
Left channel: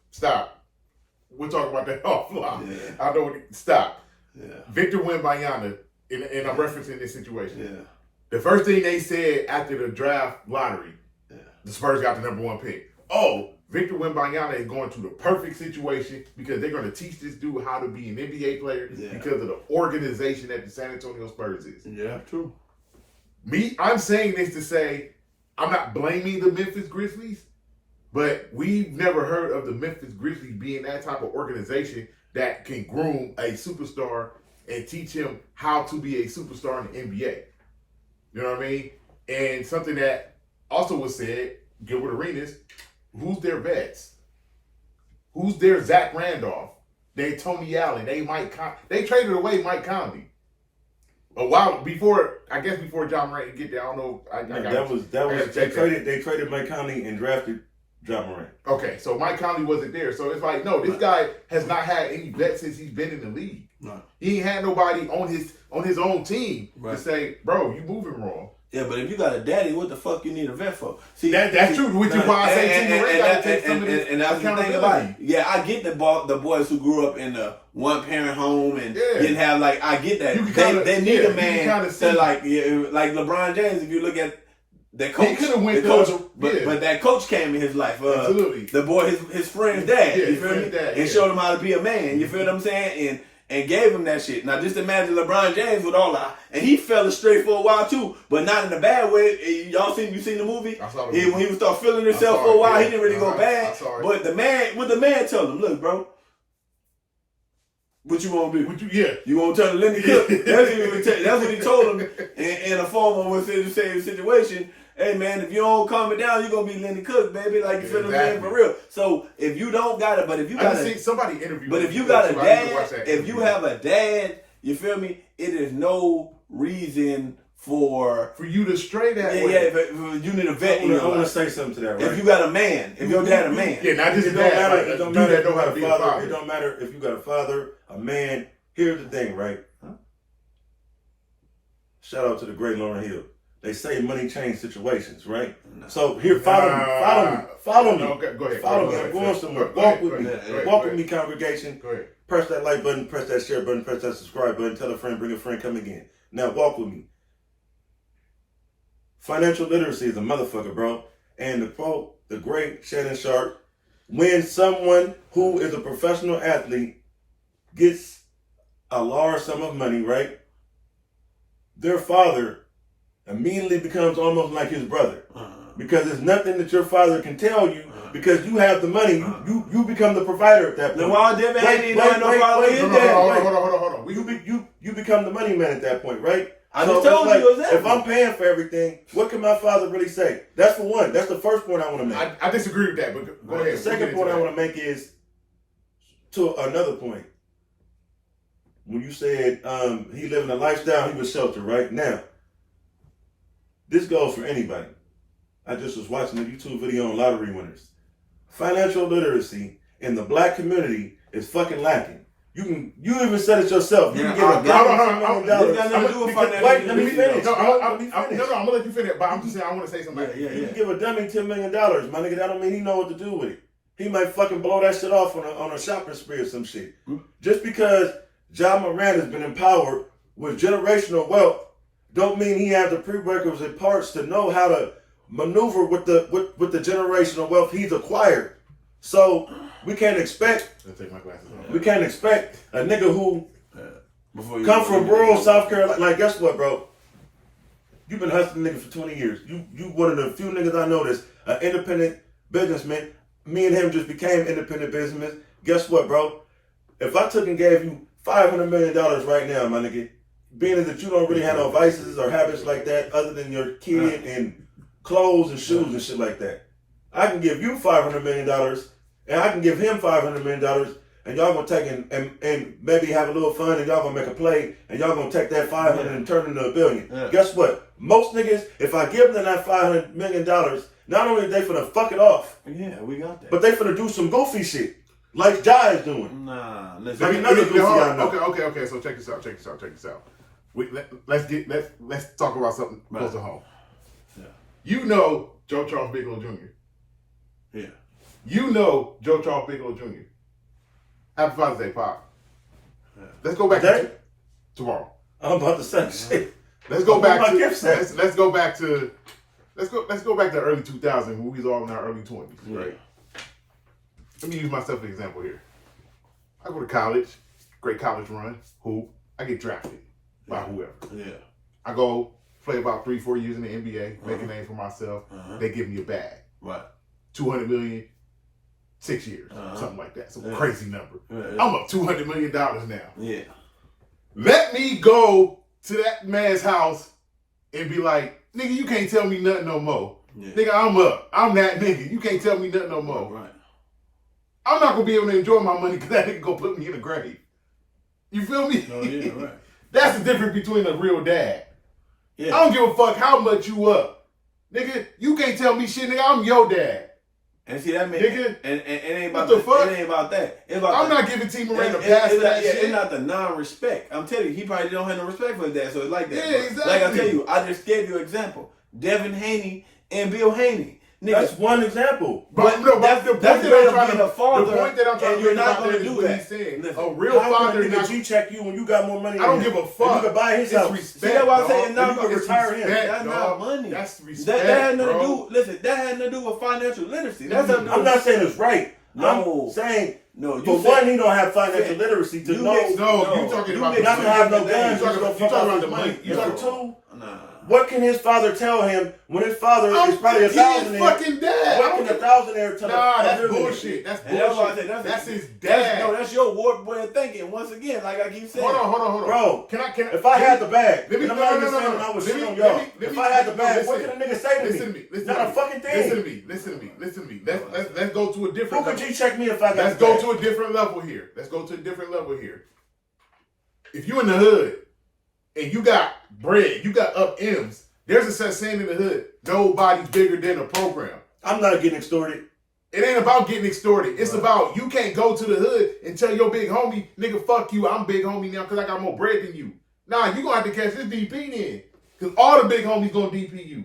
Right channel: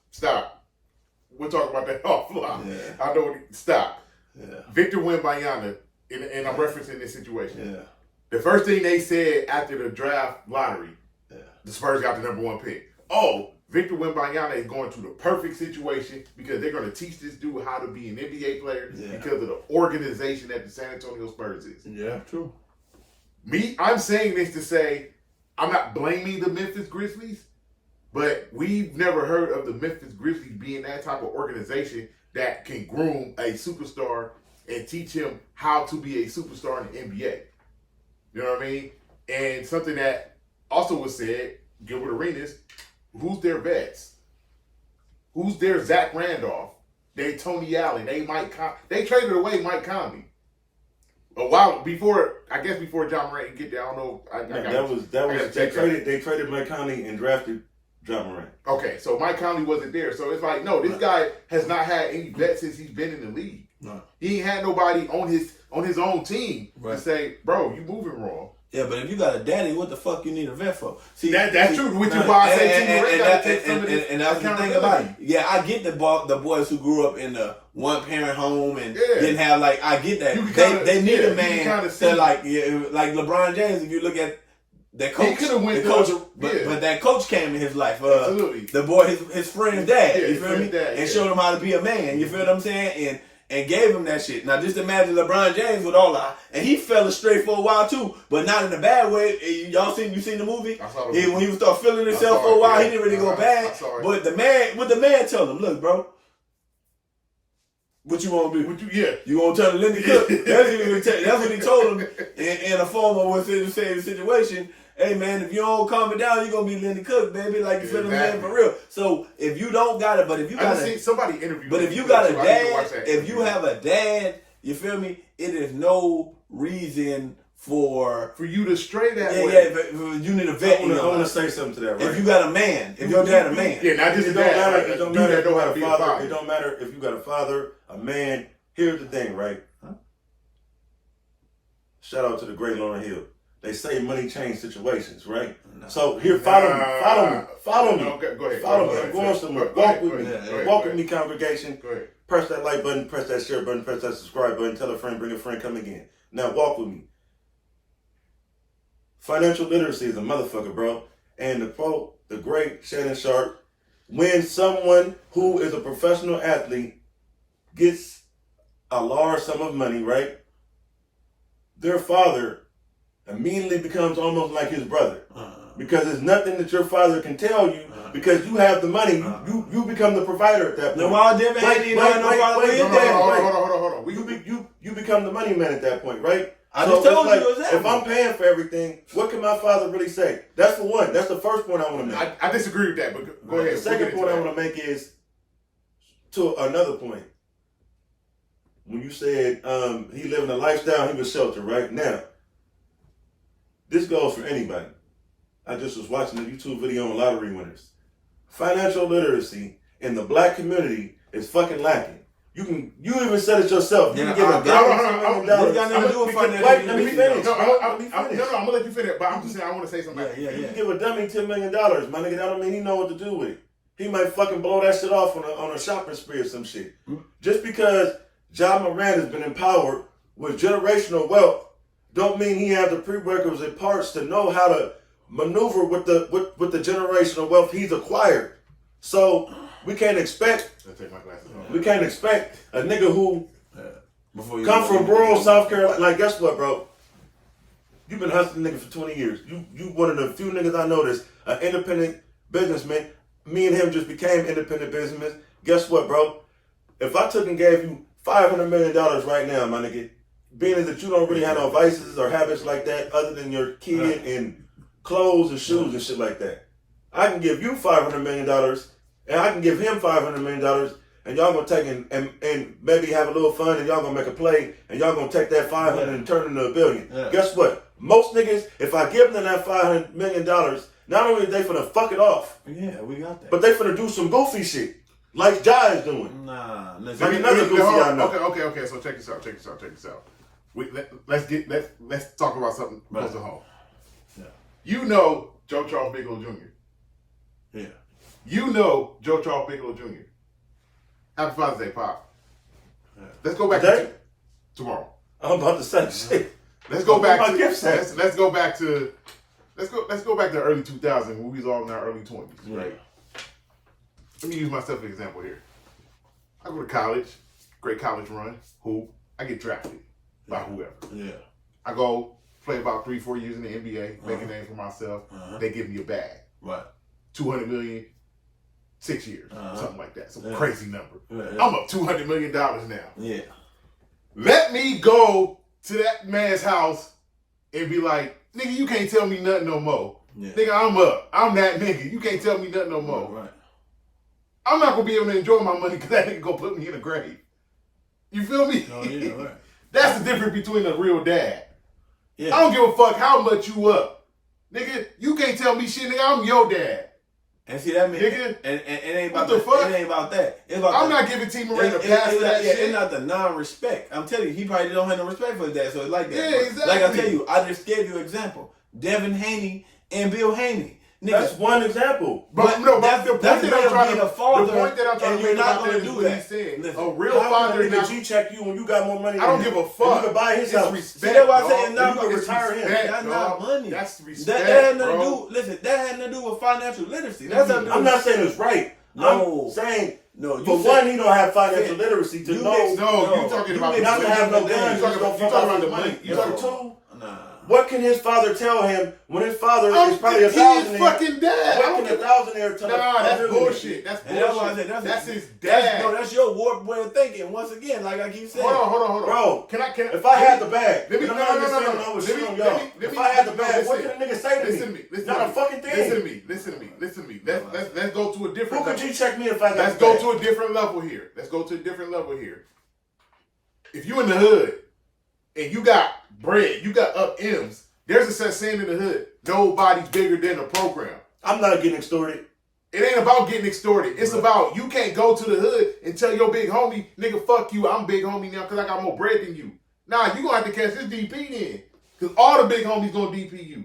We'll talk about that offline. Yeah. I know. Stop. Yeah. Victor Wembanyama, and I'm referencing this situation. Yeah. The first thing they said after the draft lottery, the Spurs got the number 1 pick. Oh, Victor Wembanyama is going to the perfect situation because they're going to teach this dude how to be an NBA player because of the organization that the San Antonio Spurs is. Yeah, true. I'm saying this to say I'm not blaming the Memphis Grizzlies, but we've never heard of the Memphis Grizzlies being that type of organization that can groom a superstar and teach him how to be a superstar in the NBA. You know what I mean? And something that also was said, Gilbert Arenas, who's their vets? Who's their Zach Randolph? They Tony Allen. They traded away Mike Conley. A while before, I guess before John Morant get there. I don't know. They traded Mike Conley and drafted John Morant. Okay, so Mike Conley wasn't there. So it's like, no, this guy has not had any vets since he's been in the league. No. He ain't had nobody on his own team to say, bro, you moving wrong. Yeah, but if you got a daddy, what the fuck you need a vet for? See, that's true. Which is why I say Team Morant got to take some of this accountability. Yeah, I get the boys who grew up in a one-parent home and didn't have I get that. They need a man to like LeBron James. If you look at that coach, but that coach came in his life. Absolutely. The boy, his friend's dad. You feel me? And showed him how to be a man. You feel what I'm saying? And gave him that shit. Now just imagine LeBron James with all that, and he fell astray for a while too, but not in a bad way. You seen the movie? I saw the movie. When he would start feeling himself for a while, he didn't really go bad. But the man told him, look, bro, what you gonna do? You gonna turn to Lindy Cook? That's what he told him in a formal situation. Hey man, if you don't calm it down, you're gonna be Lindy Cook, baby. Like you feel me for real. So if you don't got it, but if you got somebody interview. But if you got a dad, if you have a dad, you feel me? It is no reason for you to stray that way. Yeah, but you need a vet. I want to say something to that. Right? If you got a man, if your dad a man, not just a dad. It don't matter. It don't matter if you got a father, a man. Here's the thing, right? Shout out to the great Lauryn Hill. They say money changes situations, right? No. So here, follow me. Okay, go ahead. Follow me. I'm going somewhere. Walk with me. Walk with me, congregation. Go ahead. Press that like button, press that share button, press that subscribe button. Tell a friend, bring a friend, come again. Now walk with me. Financial literacy is a motherfucker, bro. And to quote the great Shannon Sharp, when someone who is a professional athlete gets a large sum of money, right? Their father immediately becomes almost like his brother, because there's nothing that your father can tell you, because you have the money. You become the provider at that point. Hold on. You become the money man at that point, right? I just told you exactly. If I'm paying for everything, what can my father really say? That's for one. That's the first point I want to make. I disagree with that, but go ahead. The second point I want to make is to another point. When you said he living a lifestyle, he was sheltered, right? Now, this goes for anybody. I just was watching a YouTube video on lottery winners. Financial literacy in the black community is fucking lacking. You even said it yourself. You can give a $1 million. Wait, let me finish. No, I'm gonna let you finish. But I'm just saying, I want to say something. You can give a dummy $10 million, my nigga. That don't mean he know what to do with it. He might fucking blow that shit off on a shopping spree or some shit. Just because John Morant has been empowered with generational wealth, don't mean he has the prerequisite parts to know how to maneuver with the generational wealth he's acquired. So we can't expect a nigga who come from rural South Carolina. Like, guess what, bro? You've been hustling nigga for 20 years. You one of the few niggas I know that's an independent businessman. Me and him just became independent businessmen. Guess what, bro? If I took and gave you $500 million right now, my nigga, being as that you don't really have no vices or habits like that other than your kid and clothes and shoes and shit like that, I can give you $500 million and I can give him $500 million, and y'all gonna take and maybe have a little fun, and y'all gonna make a play, and y'all gonna take that 500 and turn it into $1 billion. Guess what? Most niggas, if I give them that $500 million, not only they finna fuck it off, we got that, but they finna do some goofy shit like Jai is doing. Nah, Okay. So check this out. Let's talk about something close to home. Yeah. You know Joe Charles Bigelow Jr. Yeah. You know Joe Charles Bigelow Jr. Happy Father's Day, Pop. Yeah. Let's go back to tomorrow. I'm about to say shit. Let's go back to the early 2000s when we was all in our early 20s, right? Let me use myself as an example here. I go to college, great college run, hoop. I get drafted by whoever. Yeah. I go play about 3-4 years in the NBA, make a name for myself. They give me a bag. Right. $200 million, 6 years, something like that. Some crazy number. Yeah. I'm up $200 million now. Yeah. Let me go to that man's house and be like, nigga, you can't tell me nothing no more. Yeah. Nigga, I'm up. I'm that nigga. You can't tell me nothing no more. Right. I'm not gonna be able to enjoy my money because that nigga gonna put me in a grave. You feel me? Oh, yeah, right. That's the difference between a real dad. Yeah. I don't give a fuck how much you up. Nigga, you can't tell me shit, nigga. I'm your dad. And see that man, nigga, and it ain't about what the fuck? It ain't about that. It's about I'm not giving T. Morant a pass for that shit. It's not the non-respect. I'm telling you, he probably don't have no respect for his dad, so it's like that. Yeah, exactly. Like I tell you, I just gave you an example. Devin Haney and Bill Haney. Nigga, that's one example. But the point that I'm trying to make about that is what he's saying. Listen, a real father is G-check you when you got more money. I don't give a fuck. You can buy his house. It's respect. See, that's what I'm saying. You can retire him. That's not money. That's respect, that had nothing bro. to do. Listen, that had nothing to do with financial literacy. That's I'm not saying it's right. No. I'm saying, no. For one, he don't have financial literacy to know. No, you talking about the not to have no guns. You talking about the money. You talking two. What can his father tell him when his father is probably a thousandaire? He's fucking dad. What can a thousandaire tell him? Nah, that's bullshit. That's bullshit. That's his dad. That's your warped way of thinking. Once again, like I keep saying. Hold on. Bro, can I? If I had the bag, let me. No. If I had the bag, what can a nigga say to me? Listen to me. Not a fucking thing. Listen to me. Let's go to a different. Who could you check me if I got? Let's go to a different level here. If you in the hood and you got bread, you got up M's. There's a such saying in the hood, nobody's bigger than a program. I'm not getting extorted. It ain't about getting extorted. It's about you can't go to the hood and tell your big homie, nigga, fuck you, I'm big homie now because I got more bread than you. Nah, you gonna have to catch this DP then. Because all the big homies gonna DP you.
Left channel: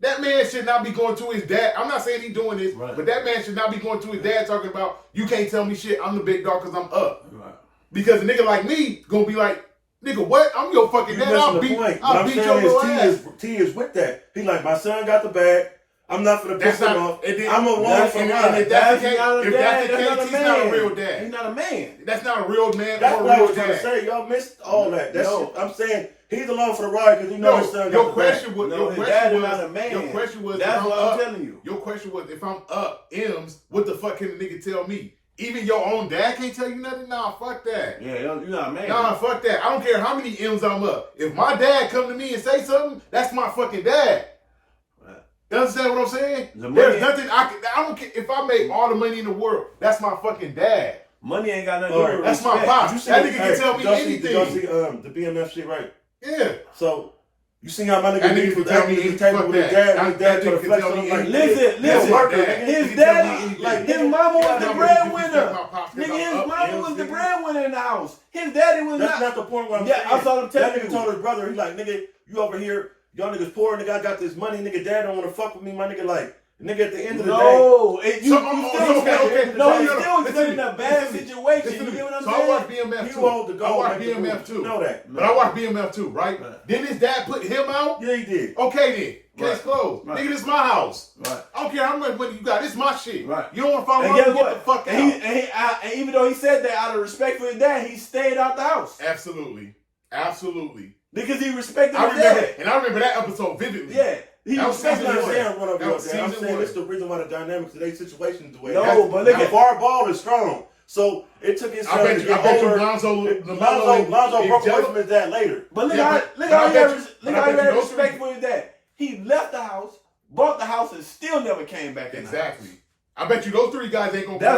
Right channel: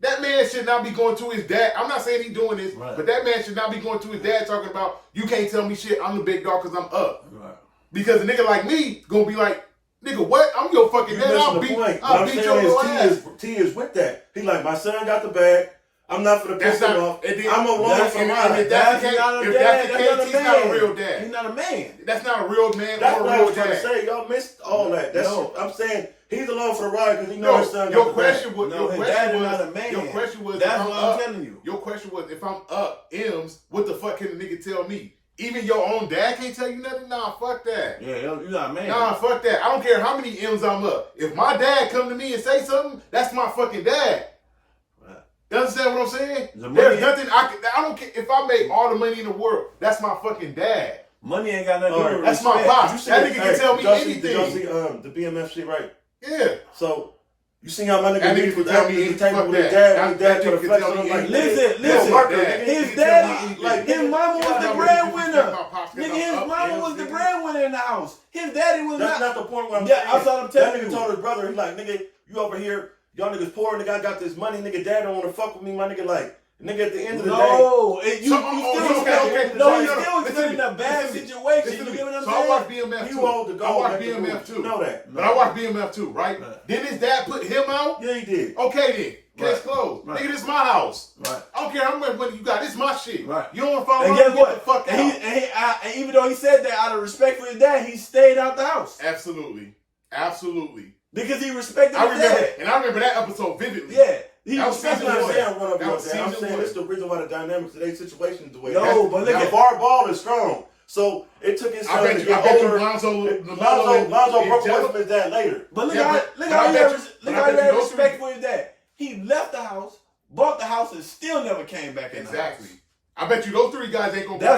That man should not be going to his dad. I'm not saying he's doing this, but that man should not be going to his dad talking about, you can't tell me shit, I'm the big dog because I'm up. Right. Because a nigga like me gonna be like, nigga, what? I'm your fucking dad. I'll beat your little ass. T is with that. He like, my son got the bag. I'm not for the piss him off. I'm a woman for mine. If that's the case, he's not a real dad. He's not a man. That's not a real man that's or a real dad. That's what I was dad. trying to say. Y'all missed all that. That's I'm saying he's along for the ride because he knows his son got the bag. Your question was, that's what I'm telling you. Your question was, if I'm up M's, what the fuck can the nigga tell me? Even your own dad can't tell you nothing? Nah, fuck that. Yeah, you're not a man. Nah, fuck that. I don't care how many M's I'm up. If my dad come to me and say something, that's my fucking dad. You understand what I'm saying? There's nothing I don't care if I make all the money in the world. That's my fucking dad. Money ain't got nothing to do with that's my pops. That nigga can tell me anything. Y'all see the BMF shit, right? Yeah. So you see how my nigga can tell me anything. Fuck that. Dad to the flex on like, listen. His dad, like his mama was the breadwinner. Nigga, his mama was the breadwinner in the house. His daddy was That's not the point where I'm saying. That's what I'm telling you. That nigga told his brother, he's like, nigga, you over here. Y'all niggas poor, nigga, I got this money, nigga, dad don't want to fuck with me, my nigga, like, nigga, at the end of the day. No, he's still in a bad situation. You know what I'm saying? So I watch BMF too. I watch BMF too. Know that. But I watch BMF too, right? Didn't his dad put him out? Yeah, he did. Okay then. Case closed. Nigga, this is my house. Right. I don't care how much money you got. This is my shit. Right. You don't want to follow me, get the fuck out. And even though he said that out of respect for his dad, he stayed out the house. Absolutely. Because he respected I his remember dad. And I remember that episode vividly. Yeah. I'm saying I'm saying it's the reason why the dynamics of their situation is the way. No, but look at LeVar Ball is strong. So it took his I bet you Lonzo broke away from his dad later. But look how he had respect for his dad. He left the house, bought the house, and still never came back in the house. I bet you those three guys ain't gonna get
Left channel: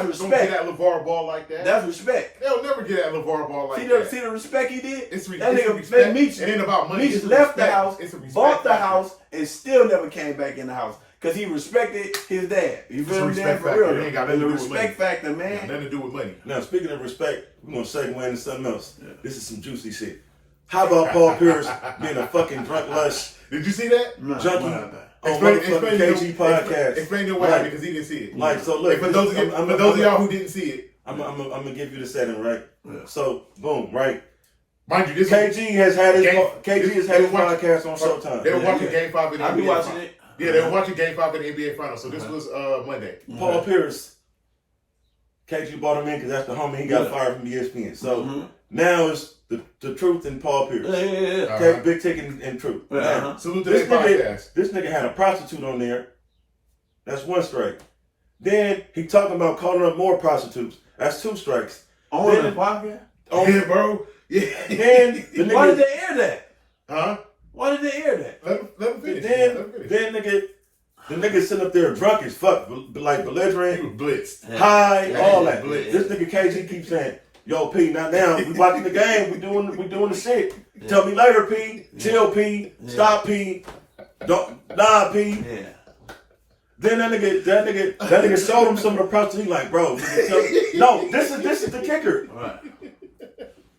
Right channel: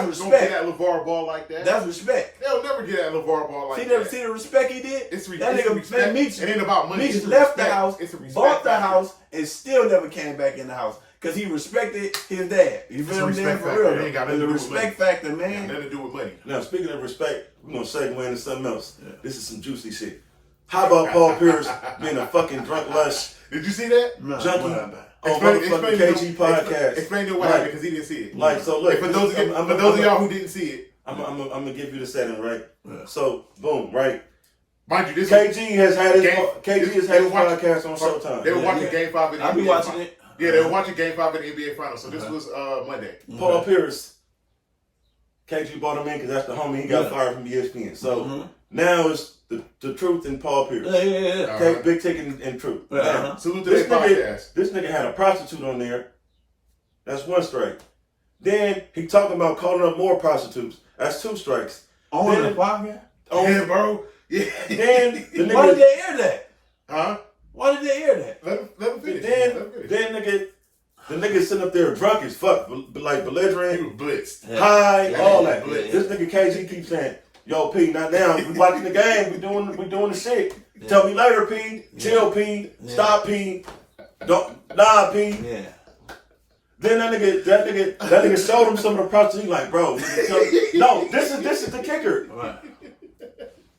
at LeVar Ball like that. That's respect. They'll never get at LeVar Ball like that. See the respect he did? It's that nigga respect. Meech, it ain't about money. Meech left the house, bought the factor. house, and still never came back in the house. Because he respected his dad. You feel me? Respect factor. It ain't got nothing to do with money. Respect factor, man. It got nothing to do with money. Now, speaking of respect, we're going to segue into something else. Yeah. This is some juicy shit. How about Paul Pierce being a fucking drunk lush? Did you see that? No, junkie. On motherfucking KG podcast. Explain to what happened because he didn't see it. Like, so look. For those of y'all who didn't see it. I'm going to give you the setting, right? Yeah. So, boom, right? Mind you, KG has had his podcast on Showtime. They were watching Game 5 in the NBA. I be watching it. Yeah, they were watching Game 5 in the NBA Finals. So this was Monday. Paul Pierce. KG brought him in because that's the homie. He got fired from ESPN. So now it's the Truth and Paul Pierce. Yeah. Big Tick and Truth. Uh-huh. Salute to this podcast. This nigga had a prostitute on there. That's 1 strike. Then he talking about calling up more prostitutes. That's 2 strikes. On the podcast? Yeah, bro. Yeah. Then the nigga, why did they air that? Huh? Why did they air that? Let him finish. Then nigga, the nigga sitting up there drunk as fuck, like belligerent. He was blitzed. High, all that. Blitzed. This nigga KG keeps saying, "Yo, P, not now. We watching the game. We doing the shit. Tell me later, P. Chill, P. Stop, P. P." Yeah. Then that nigga showed him some of the prostitutes. He like, bro, no, this is the kicker. Right.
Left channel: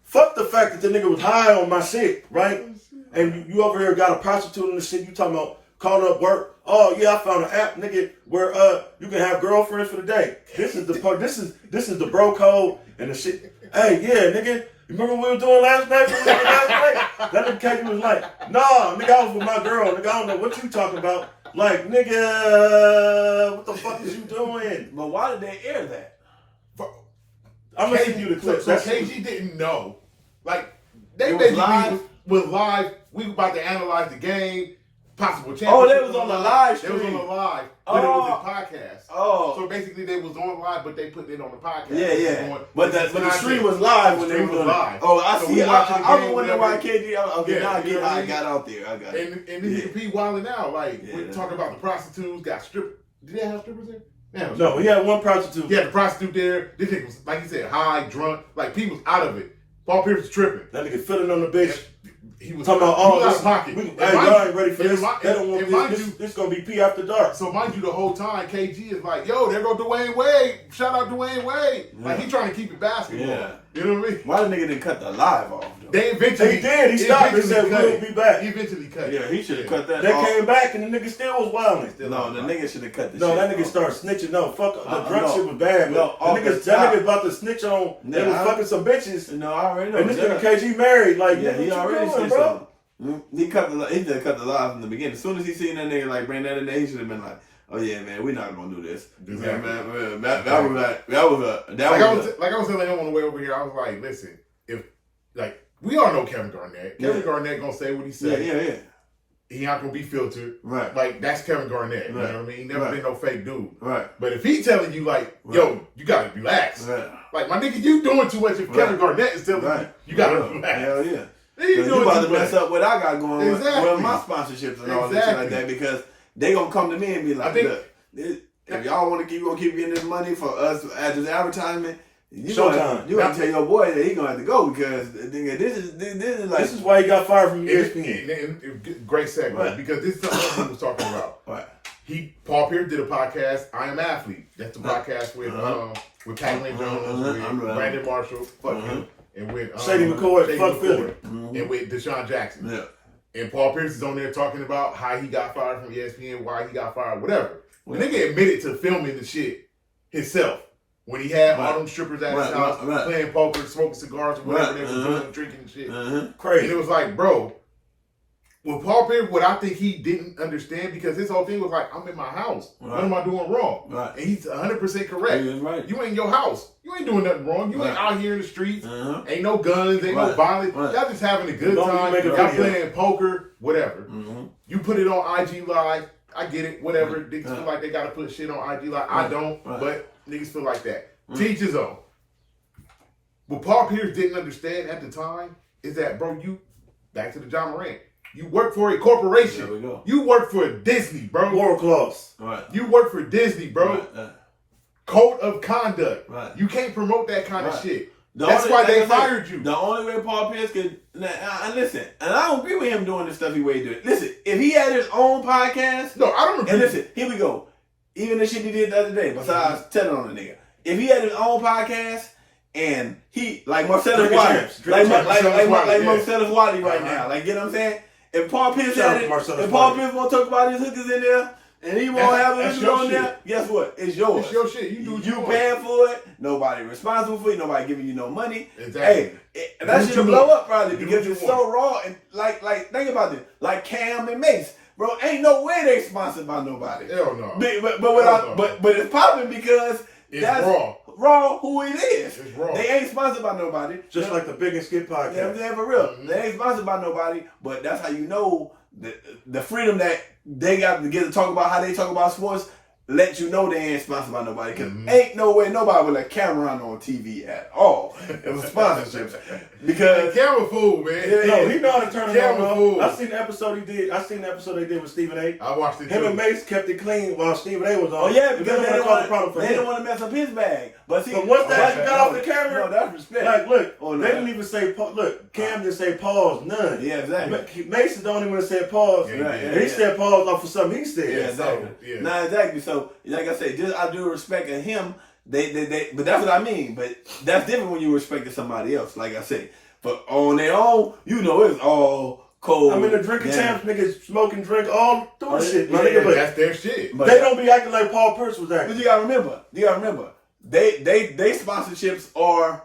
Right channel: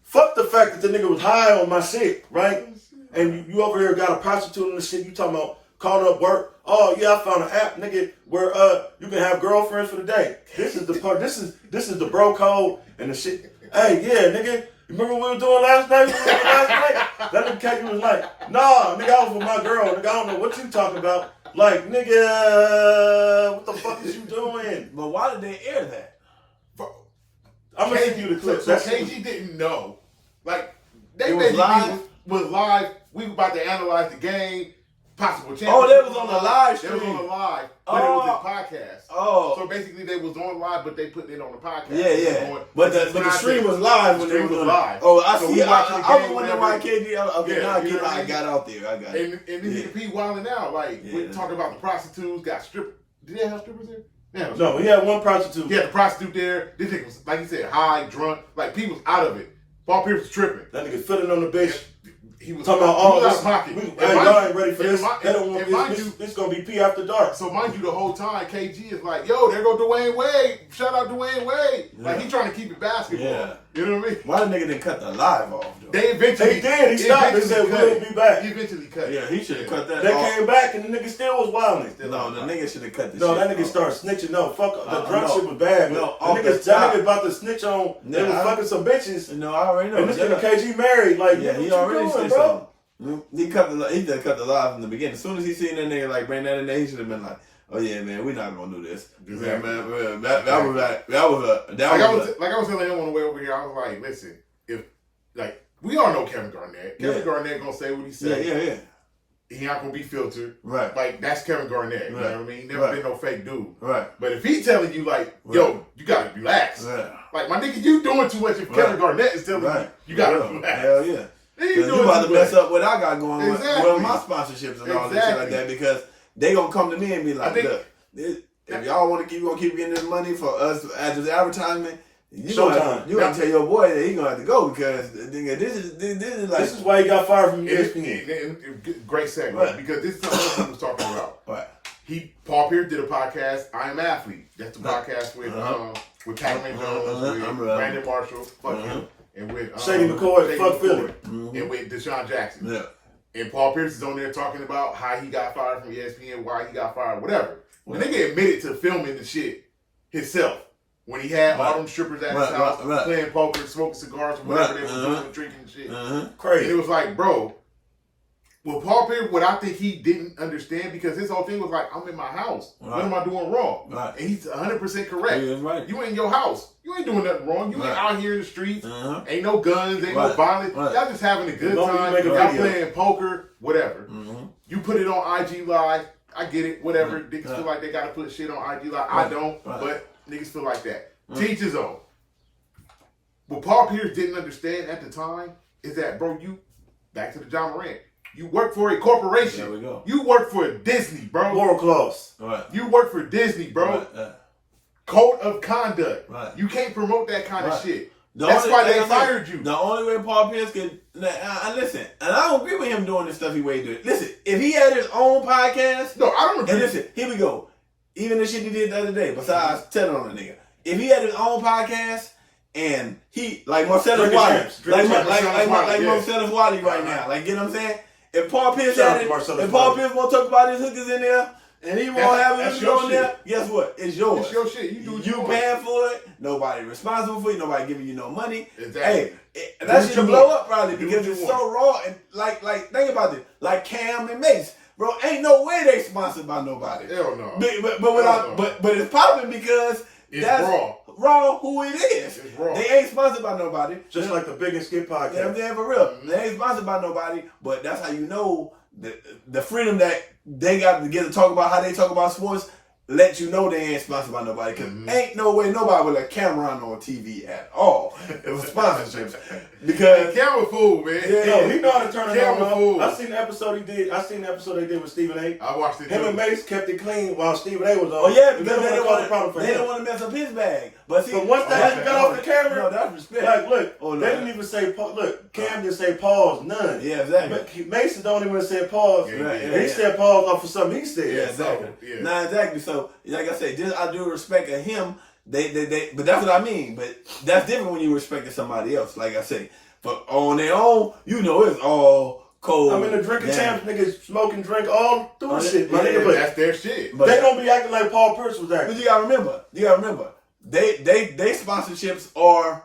Fuck the fact that the nigga was high on my shit, right? And you over here got a prostitute and the shit. You talking about calling up work? Oh yeah, I found an app, nigga, where you can have girlfriends for the day. This is the part. This is the bro code and the shit. Hey, yeah, nigga. You remember what we were doing last night? That nigga KG was like, nah, nigga, I was with my girl. Nigga, I don't know what you talking about. Like, nigga, what the fuck is you doing? But why did they air that? I'm gonna send you the clip. So KG didn't know. Like, they It was basically live? was live. We were about to analyze the game, possible championship. Oh, they was on the live They was on stream. the live, but it was Oh. a podcast. Oh. So basically, they was on live, but they put it on the podcast. Yeah. But the stream was live when The they stream was was live. Oh, I So see. we watching the I was game, wondering why whatever. KG. Okay, Yeah, now you know what I I mean? got out there. I got it. And then nigga P wilding out. Like, Yeah. we're talking about the prostitutes, got Did they have strippers there? Yeah, No, he had one prostitute. he had the prostitute there. This nigga was, like you said, high, drunk. Like, P was out of it. Paul Pierce was tripping. That nigga feeling on the bitch. He was Talking about he all was out this. of pocket. Hey, y'all ain't ready for this. and They don't want mind this. you, This gonna be P after dark. so mind you, the whole time KG is like, "Yo, there go Dwayne Wade. Shout out Dwayne Wade." Like, he trying to keep it basketball. Yeah. You know what I mean? Why the nigga didn't cut the live off? Though? They eventually He did. He stopped and eventually said, cut "We'll it. be back." He eventually cut it. Yeah, he should have cut that They off. came back and the nigga still was wilding. No, the nigga should have cut the No, shit that nigga off. started snitching. No, fuck the drunk no. shit was bad. No, But off the the nigga, that top. nigga about to snitch on. They Yeah, was I- fucking some bitches. No, I already know. And this Yeah. nigga KG married. Like, Yeah, nigga, he what already you doing, said bro? something. He just cut the live from the beginning. As soon as he seen that nigga like bring that in there, he should have been like, "Oh yeah, man, we're not gonna do this." Exactly. Man, that was a Like I was telling him on the way over here, I was like, "Listen, if like we all know Kevin Garnett. Kevin Garnett gonna say what he say. yeah. He not gonna be filtered. Right. Like, that's Kevin Garnett. You Right. know what I mean? He never Right. been no fake dude. Right. But if he telling you like, "Yo, you gotta relax," Right. like, my nigga, you doing too much. If Kevin Garnett is telling Right. you gotta Yeah. relax. Hell yeah. Then You doing about to too mess much. up what I got going Exactly. with my sponsorships and all this shit like that because they gonna come to me and be like, I think- "Look, if y'all want to keep getting this money for us as this advertisement, you Showtime. gonna tell your boy that he gonna have to go because nigga, this is like This is why he got fired from And ESPN. great segue, Right. because this is something he was talking about. Right. Paul Pierce did a podcast, I Am Athlete. That's the podcast with Pac-Man Jones, with Brandon Marshall, fuck him, and with Shady McCoy, fuck Philly. and with Deshaun Jackson. Yeah. And Paul Pierce is on there talking about how he got fired from ESPN, why he got fired, whatever. The nigga admitted to filming the shit himself. When he had all them strippers at his house, playing poker, smoking cigars, or whatever they were doing, drinking and shit. And Crazy. it was like, bro, with Paul Pierce, what I think he didn't understand, because his whole thing was like, I'm in my house. Right. What am I doing wrong? Right. And he's 100% correct. Yeah, right. You in your house. You ain't doing nothing wrong. You ain't Right. out here in the streets. Uh-huh. Ain't no guns. Ain't no Right. violence. Right. Y'all just having a good Don't time. make a Y'all video. playing poker, whatever. Mm-hmm. You put it on IG Live. I get it. Whatever. Niggas Yeah. feel like they got to put shit on IG Live. I Right. don't. Right. But niggas feel like that. Teach his own. What Paul Pierce didn't understand at the time is that, bro, you, back to the John Morant, you work for a corporation. There we go. You work for Disney, bro. Moral clause. Right. You work for Disney, bro. Right. Code of conduct. Right. You can't promote that kind of Right. shit. The That's only- why they like I said, fired you. The only way Paul Pierce could listen, and I don't agree with him doing the stuff he did. Listen, if he had his own podcast, No, I don't and agree. listen, here we go. Even the shit he did the other day, besides telling on the nigga, if he had his own podcast and he like Marcellus Drinking Wiley, champs. like Marcellus Wiley, yeah. Marcellus Wiley right Uh-huh. now, like you know what I'm saying? If Paul Pierce Shout out had to it, Marcellus if Paul Wiley. Pierce won't talk about his hookers in there, and he won't have That's hookers your on shit. there, guess what? It's yours. It's your shit. You do what you want. paying for it. Nobody responsible for it. Nobody giving you no money. Exactly. Hey, Do that what shit you blow want. up probably Do because what it's you so raw and like think about this. Like Cam and Mace, bro. Ain't no way they sponsored by nobody. Hell no. But Hell no. it's popping because It's Raw. Raw, who it is. It's Raw. They ain't sponsored by nobody. Just like the Big and Skip podcast. Yeah, for real. They ain't sponsored by nobody, but that's how you know the freedom that they got to get to talk about how they talk about sports. Let you know they ain't sponsored by nobody. Because ain't no way nobody with a camera on TV at all. It was sponsorships. Because camera fool, man. No, he know how to turn it on. I seen the episode he did. I seen the episode they did with Stephen A. I watched it. Him and Mace kept it clean while Stephen A was on. Oh yeah, because they didn't want to mess up his bag. But see, once that got off the camera, no, that's respect. Like, look, they didn't even say look. Cam didn't say pause, none. Yeah, exactly. Mason don't even say pause. He said pause off of something he said. Yeah, exactly. No, exactly. So, like I said, just I do respect of him. They, but that's what I mean. But that's different when you respect somebody else. Like I say, but on their own, you know, it's all cold. I mean, the drinking champs niggas smoke and drink all through shit, my nigga. But that's their shit. They don't be acting like Paul Pierce was acting. But you gotta remember, they sponsorships are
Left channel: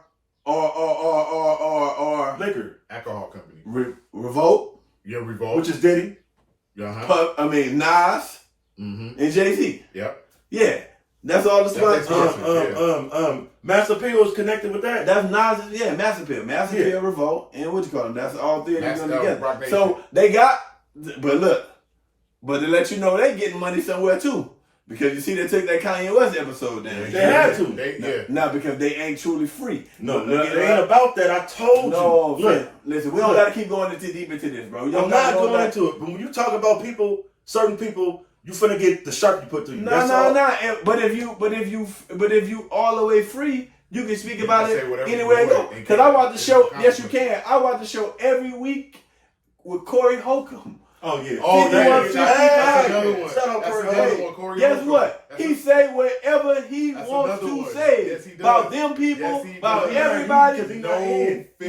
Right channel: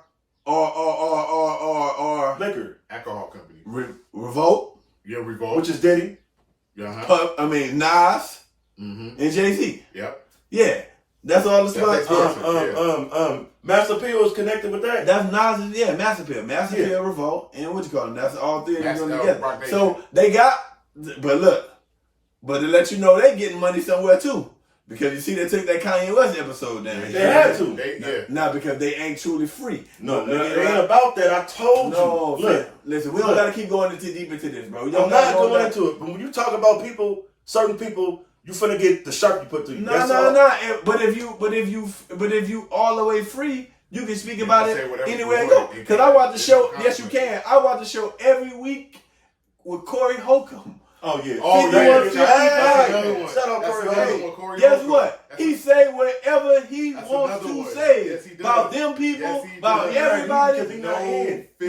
liquor, alcohol company. Revolt. Yeah, Revolt. Which is Diddy. I mean Nas and Jay-Z. Yep. Yeah. That's all the sponsors. Master P was connected with that. That's Nas, Master P, Revolt, and what you call them. That's all three of them together. So they got, but to let you know they getting money somewhere too. Because you see they took that Kanye West episode down. They had to. No, because they ain't truly free. No, it ain't about that. I told you. Look, listen, we don't gotta keep going into deep into this, bro. I'm not going into it. But when you talk about people, certain people, you finna get the sharp you put to you. No. But if you all the way free, you can speak about it anywhere you go. Because I watch the show. Yes, you can. I watch the show every week with Corey Holcomb. Oh yeah. Oh that's another one. Shut up, Corey. Guess what? He say whatever he wants to say about them people, about everybody. Because he not in. He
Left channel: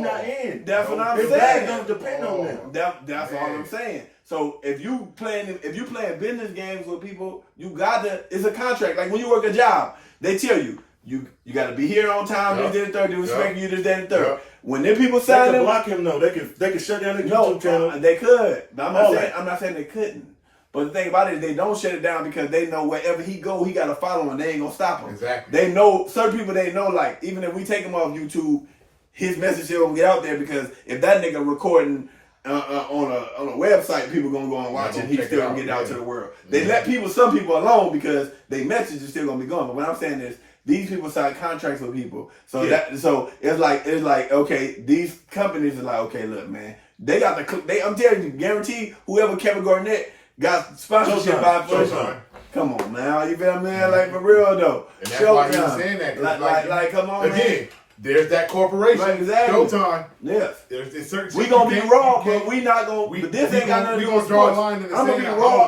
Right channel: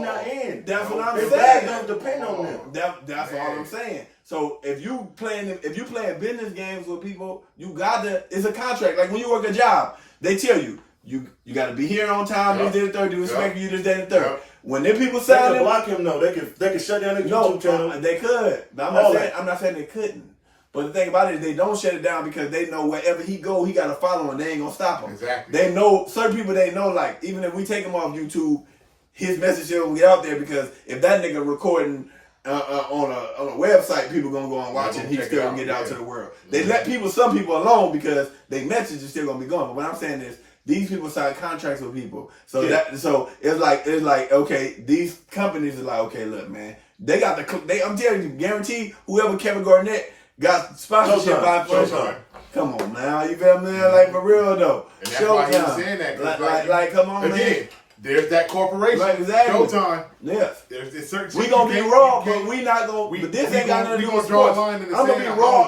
not in. That's what I'm saying. His bag don't depend on them. That's all I'm saying. So if you playing business games with people, you gotta. It's a contract. Like when you work a job, they tell you got to be here on time. You did the third. They respect you. This, that, and third. When them people they sign, can block him though. They can shut down the YouTube channel. They could. But I'm not saying they couldn't. But the thing about it is they don't shut it down because they know wherever he go, he got to follow him. They ain't gonna stop him. Exactly. They know certain people. They know like even if we take him off YouTube, his message still gonna get out there because if that nigga recording on a website, people gonna go and watch it. He's still gonna get out to the world. They let some people alone because their message is still gonna be going. But what I'm saying is. These people sign contracts with people, so it's like okay, these companies are like okay, look, man, they got I'm telling you, guarantee whoever Kevin Garnett got sponsorship by first. Come on, man, you feel me? Like for real though. And that's why he was saying that. Like, come on, again. Man. There's that corporation. Right, exactly. Showtime. Yes. There's certain. We gonna be raw, but we not gonna. But this ain't got nothing to do with sports. We gonna draw a line in the sand. I'm gonna be raw.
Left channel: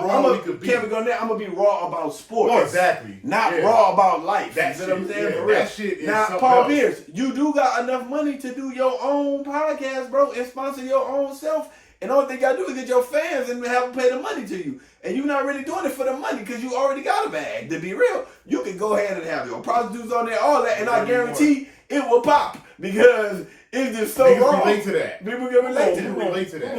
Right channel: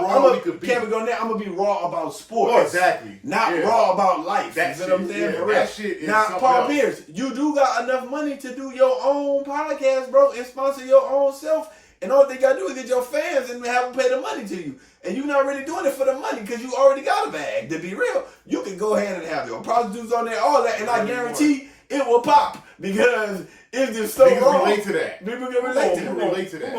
I'm gonna be raw about sports. Well, exactly. Not raw about life. That's what I'm saying. That shit is now, something Paul else. Pierce, you do got enough money to do your own podcast, bro, and sponsor your own self. And all they gotta do is get your fans and have them pay the money to you. And you're not really doing it for the money because you already got a bag. To be real, you can go ahead and have your prostitutes on there, all that, and I guarantee it will pop because it's just so Niggas wrong. relate to that. People can relate to that.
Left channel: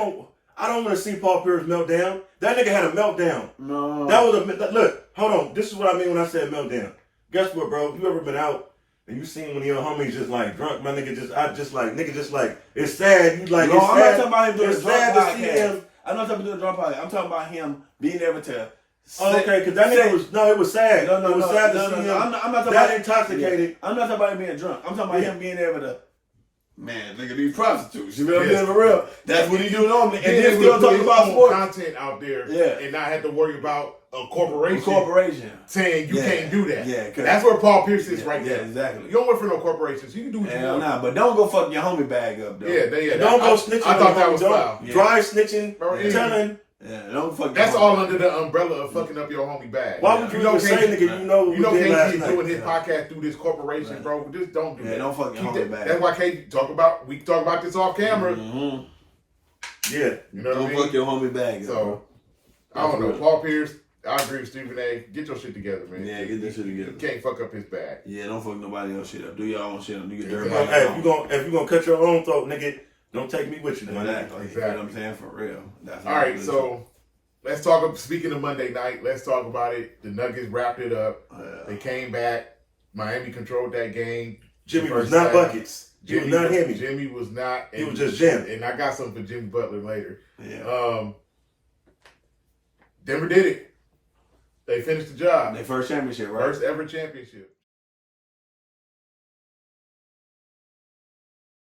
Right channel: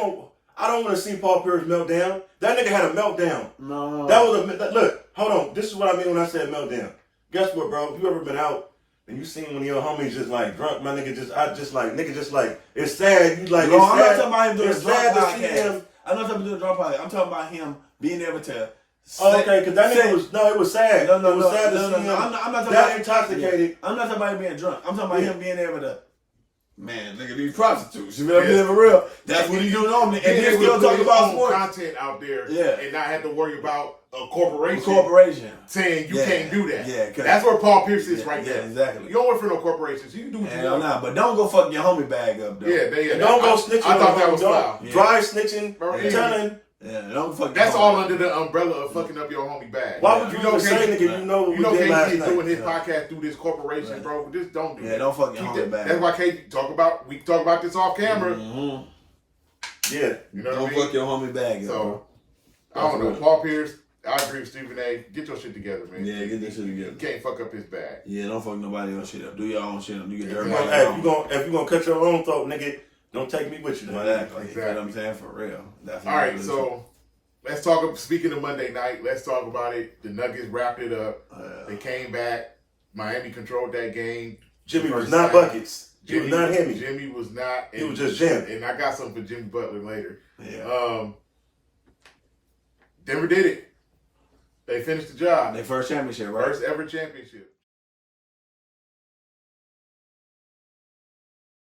I don't want to see Paul Pierce meltdown. That nigga had a meltdown. No. That was look. Hold on. This is what I mean when I said meltdown. Guess what, bro? If you ever been out and you seen one of your homies just like drunk, my nigga it's sad. You like no, it's I'm sad. not talking about him doing it's sad to see him. I'm not talking about doing a drunk podcast. I'm talking about him being able to. Okay, because that nigga it was sad. No, it was sad to see him I'm not talking that about, intoxicated. I'm not talking about him being drunk. I'm talking about him being able to. Man, look at these prostitutes. You know what I mean? For real. That's what he do normally. And then still talk about sports. Content out there and not have to worry about a corporation saying you can't do that. Yeah, that's where Paul Pierce is right there. Exactly. You don't work for no corporations. You can do what you want. Nah, but don't go fuck your homie bag up, though. Yeah. Don't go snitching. I thought that was foul. Dry snitching, telling. Yeah, don't fuck. That's all under the umbrella of fucking up your homie bag. Why would you know say nigga? You know KG doing his podcast through this corporation, bro. Just don't do that. Yeah, don't fuck your homie bag. That's why KG we talk about this off camera. Mm-hmm. Yeah, you know what I mean. Don't fuck your homie bag. So I don't know. Paul Pierce. I agree with Stephen A. Get your shit together, man. Yeah, get this shit together. You can't fuck up his bag. Yeah, don't fuck nobody else shit up. Do your own shit up. Do your dirty. Hey, if you gonna cut your own throat, nigga, don't take me with you, man. Exactly. You know what I'm saying? For real. All right, so let's talk. Speaking of Monday night, let's talk about it. The Nuggets wrapped it up. They came back. Miami controlled that game. Jimmy was not buckets. Jimmy was not him. Jimmy was not. He was just Jim. And I got something for Jimmy Butler later. Yeah. Denver did it. They finished the job. Their first championship, right? First ever championship.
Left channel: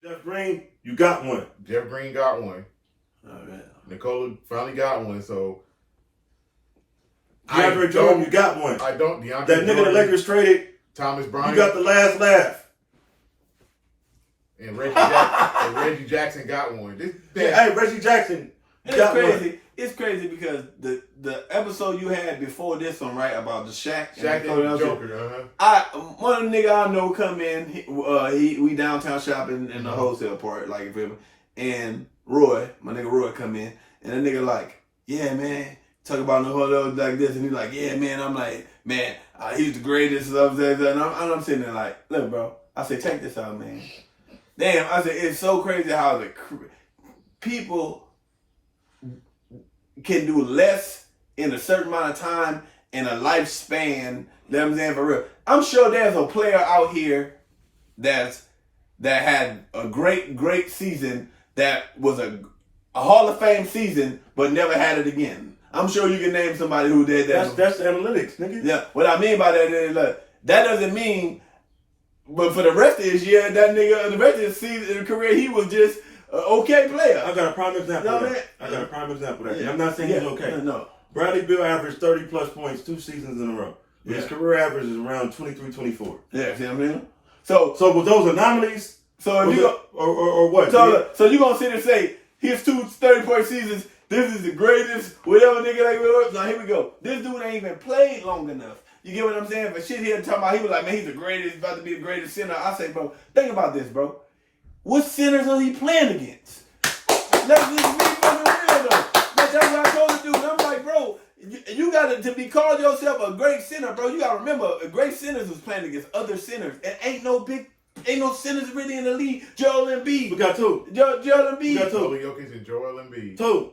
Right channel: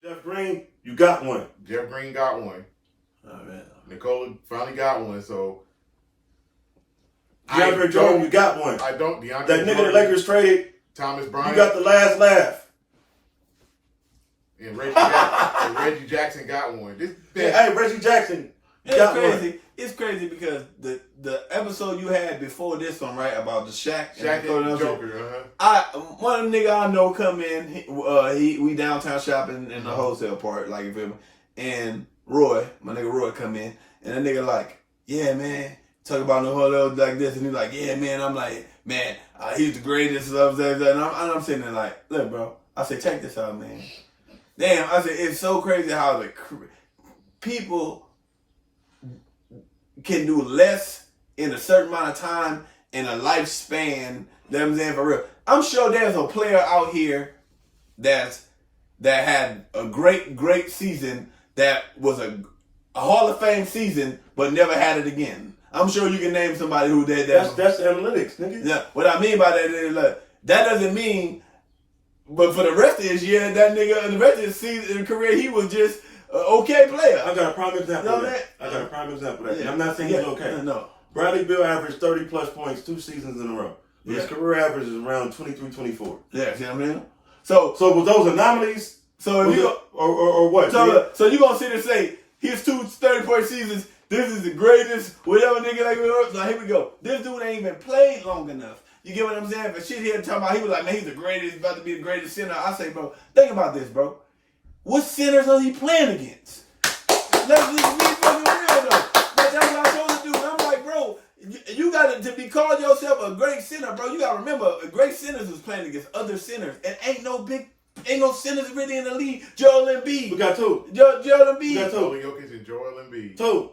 Jeff Green, you got one. Jeff Green got one. Oh, yeah. Nikola finally got one. So DeAndre Jordan, you got one. I don't. DeAndre That nigga Jordan, the Lakers traded. Thomas Bryant. You got the last laugh. And Reggie Jackson got one. Hey, Reggie Jackson. It's got crazy. one. It's crazy because the episode you had before this one, right, about the Shaq and Joker. One of the nigga I know come in. We downtown shopping in the wholesale part, like you feel me. And Roy, my nigga Roy, come in, and the nigga like, yeah, man, talk about the whole like this, and he like, yeah, man. I'm like, man, he's the greatest. And I'm sitting there like, look, bro. I said, check this out, man. Damn, I said, it's so crazy how the people can do less in a certain amount of time in a lifespan. You know what I'm saying? For real. I'm sure there's a player out here that had a great season that was a Hall of Fame season but never had it again. I'm sure you can name somebody who did that. That's analytics, nigga. Yeah. What I mean by that is that doesn't mean. But for the rest of his year, that nigga, the rest of his season and career, he was just an okay player. I got a prime example of that. And I'm not saying he's okay. No. Bradley Beal averaged 30-plus points 2 seasons in a row. But his career average is around 23, 24. Yeah, see what I mean? So with those anomalies, so if or what? So you gonna sit and say his 2 30-point seasons, this is the greatest, whatever nigga like whatever. Now here we go. This dude ain't even played long enough. You get what I'm saying? But shit here talking about, he was like, man, he's the greatest, about to be the greatest center. I say, bro, think about this, bro. What centers are he playing against? Let's be real though. That's what I told you, man. I'm like, bro, you got to be called yourself a great center, bro. You got to remember, a great centers is playing against other centers. And ain't no centers really in the league. Joel Embiid. We got 2. Joel Embiid. We got 2. Jokic and Joel Embiid. 2.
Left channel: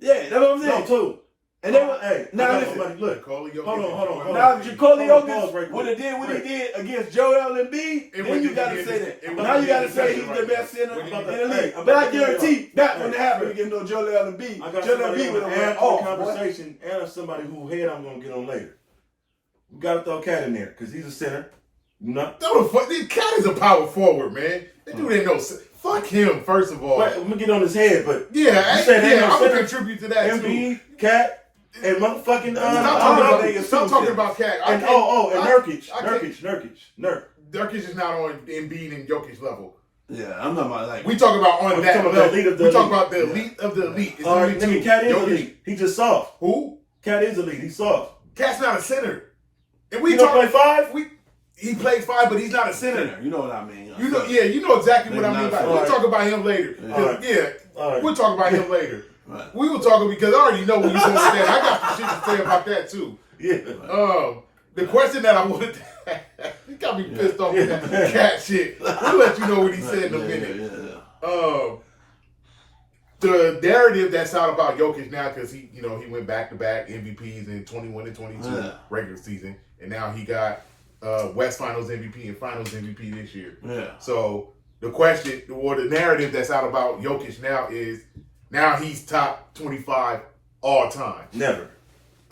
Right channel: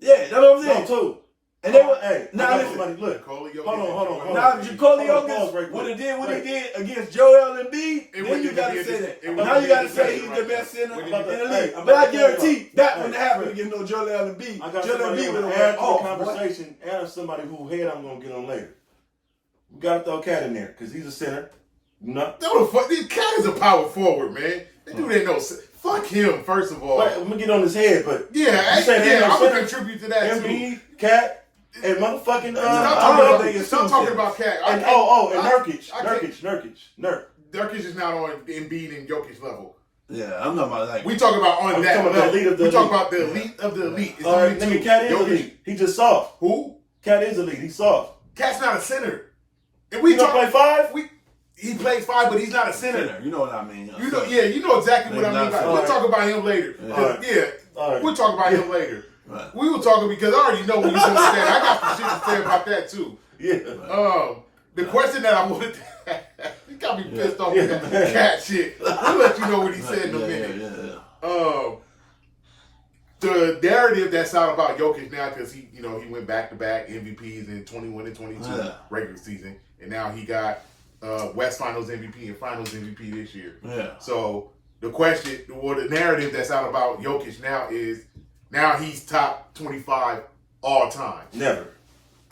Yeah, that's what I'm saying. No, 2. And they were, hey, now listen, look. Hold on. Now, Nikola Jokic would have did what he did against Joel Embiid, then you got to say that. Now you got to say he's the best center in the league. But I guarantee that wouldn't happen against no Joel Embiid. I got Joel somebody Embiid on would the have conversation and somebody whose head I'm going to get on later. We got to throw Cat in there because he's a center. No, this Cat is a power forward, man. That dude ain't no. Fuck him, first of all. Wait, I'm going to get on his head, but. I'm going to contribute to that, Embiid, Cat. And motherfucking stop talking about Cat. And Nurkic. Nurkic is not on Embiid and Jokic level. Yeah, I'm not about like we talk about on that level. We talk about the elite of the elite. It's all right, nigga, Cat is elite. He just soft. Who? Cat is elite. He's soft. Cat's not a center. And we play 5. He plays 5, but he's not a center. You know what I mean? You know exactly what I mean. We'll talk about him later. We'll talk about him later. Right. We were talking because I already know what you're going to say. I got some shit to say about that too. Yeah. The question that I wanted to ask, he got me pissed off with that Cat shit. We'll let you know what he said in a minute. The narrative that's out about Jokic now, because he went back-to-back MVPs in 21 and 22 regular season, and now he got West Finals MVP and Finals MVP this year. Yeah. So the question, or the narrative that's out about Jokic now is, now he's top 25 all time. Never.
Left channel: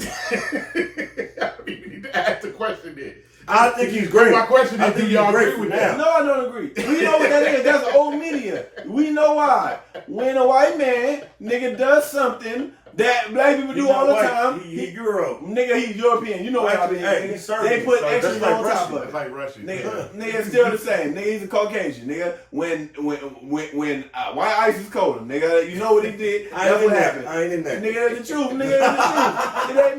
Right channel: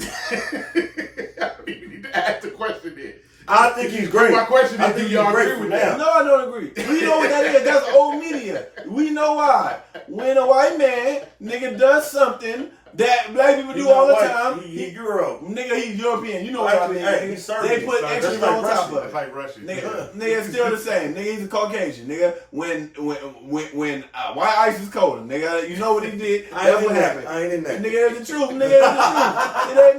I don't even need to ask the question then. I think he's great. My question is, do y'all agree with that? No, I don't agree. We know what that is. That's old media. We know why. When a white man, nigga, does something that black people do all the time. He's Euro. Nigga, he's European. You know what I mean? Hey, he's Serbian. They put extras on top of it. It's like Russian. Nigga, still the same. Nigga, he's a Caucasian. Nigga, when white ice is colder, nigga, you know what he did. That's what happened. I ain't in that. Nigga, that's the truth. Nigga, that's the truth.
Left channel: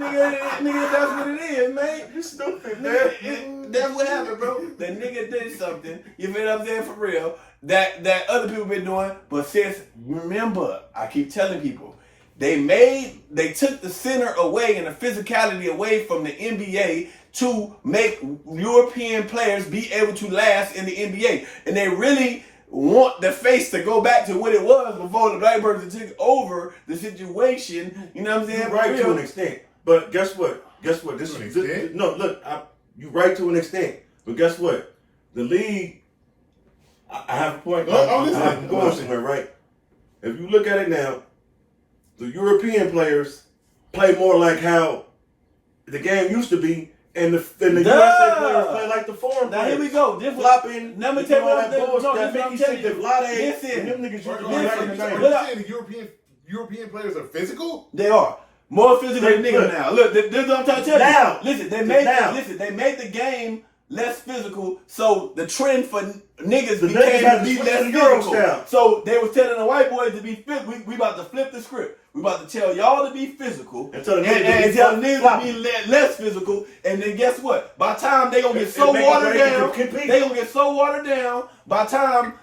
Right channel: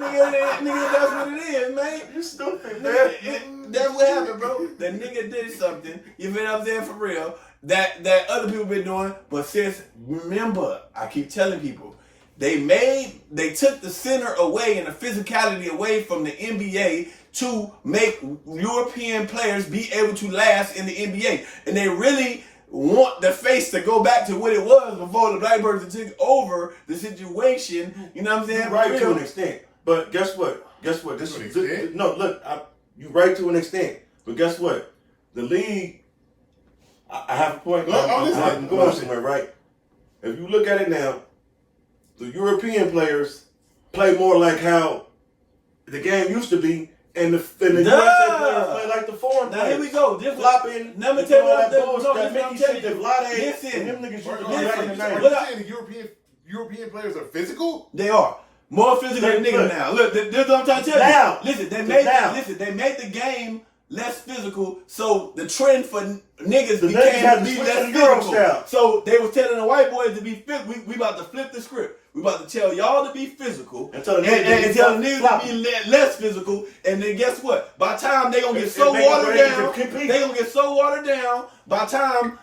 Nigga, that's what it is, man. You stupid, man. That's what happened, bro. The nigga did something. You feel what I'm saying? For real. That other people been doing. But sis, remember, I keep telling people, they took the center away and the physicality away from the NBA to make European players be able to last in the NBA. And they really want the face to go back to what it was before the black person took over the situation. You know what I'm saying? You're right to an extent. But guess what? This to an extent? No, look, You right to an extent, but guess what? The league. I have a point. I'm going somewhere, right? If you look at it now, the European players play more like how the game used to be, and the USA players play like the foreign players. Now here we go. This flopping. Let me tell you that bullshit. That Mickey said that Vlade and them niggas used to be back in the Are 90s. you saying the European players are physical? They are. More physical than niggas now. Look, this is what I'm trying to tell you. Now. Listen, they made the game less physical, so the trend for niggas The niggas had to switch to the Euro style. So they was telling the white boys to be fit. We about to flip the script. We about to tell y'all to be physical and tell the niggas to be less physical. And then guess what? By the time they gonna get so watered down, by the time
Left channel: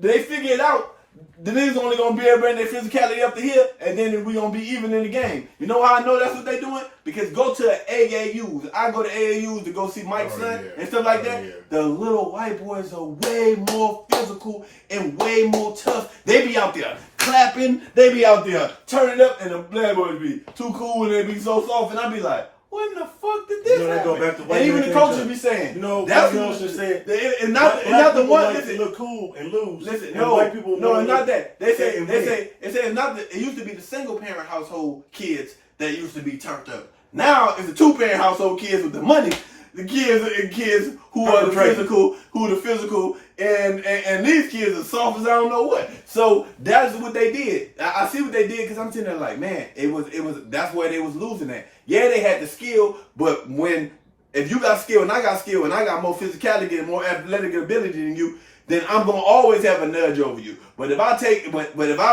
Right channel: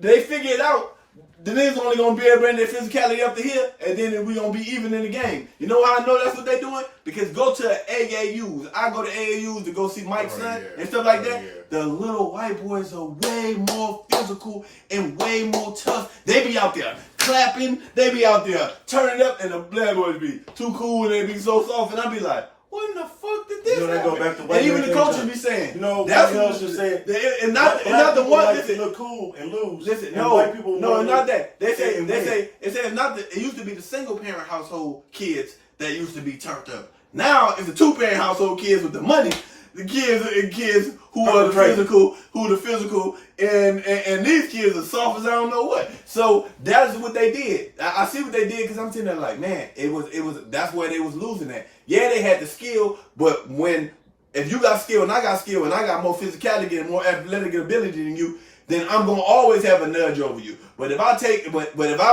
they figure it out, the niggas only gonna be able to bring their physicality up to here, and then we gonna be even in the game. You know how I know that's what they doing? Because go to AAUs. I go to AAUs to go see Mike's son and stuff like that. Yeah. The little white boys are way more physical and way more tough. They be out there clapping. They be out there turning up, and the black boys be too cool and they be so soft. And I be like, what in the fuck did this happen? Go back to and even the coaches be saying, that's what else said. And not the one like to look cool and lose. Listen, and white people not that. They say it's not that. It used to be the single parent household kids that used to be turned up. Now it's the 2-parent household kids with the money. The kids who are the physical, and these kids are soft as I don't know what. So that's what they did. I see what they did because I'm sitting there like, man, it was that's where they was losing at. Yeah, they had the skill, but if you got skill and I got more physicality and more athletic ability than you, then I'm gonna always have a nudge over you. But if I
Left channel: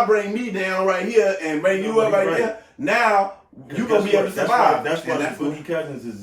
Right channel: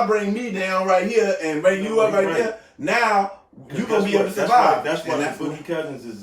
bring me down right here and bring you up right there, now you gonna be able to survive. That's why the Boogie Cousins is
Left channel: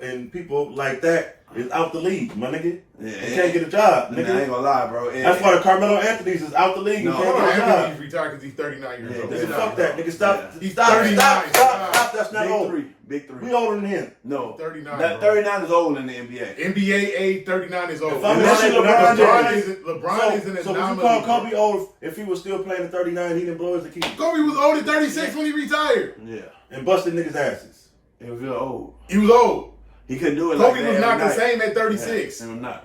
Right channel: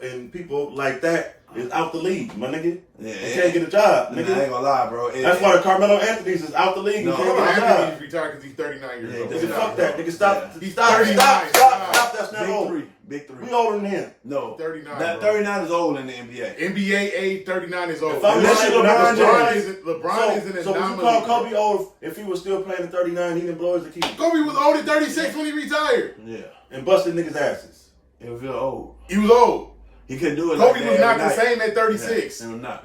and people like that is out the league, my nigga. Yeah, they can't get a job, nigga. I ain't gonna lie, bro. That's why the Carmelo Anthony's is out the league and can't get a job. Anthony's retired because he's 39 years old. Nigga, fuck that, nigga. Stop. Yeah. He's 39. Stop. That's not old. Big three. We older than him. No, 39. That 39 is old in the NBA. NBA age 39 is old. LeBron is an anomaly. So would you call Kobe old if he was still playing at 39? He didn't blow his Achilles. Kobe was old at 36 when he retired. Yeah, and busted niggas' asses. He was real old. He was old. He couldn't do it. Kobe was not the same at 36. He was not.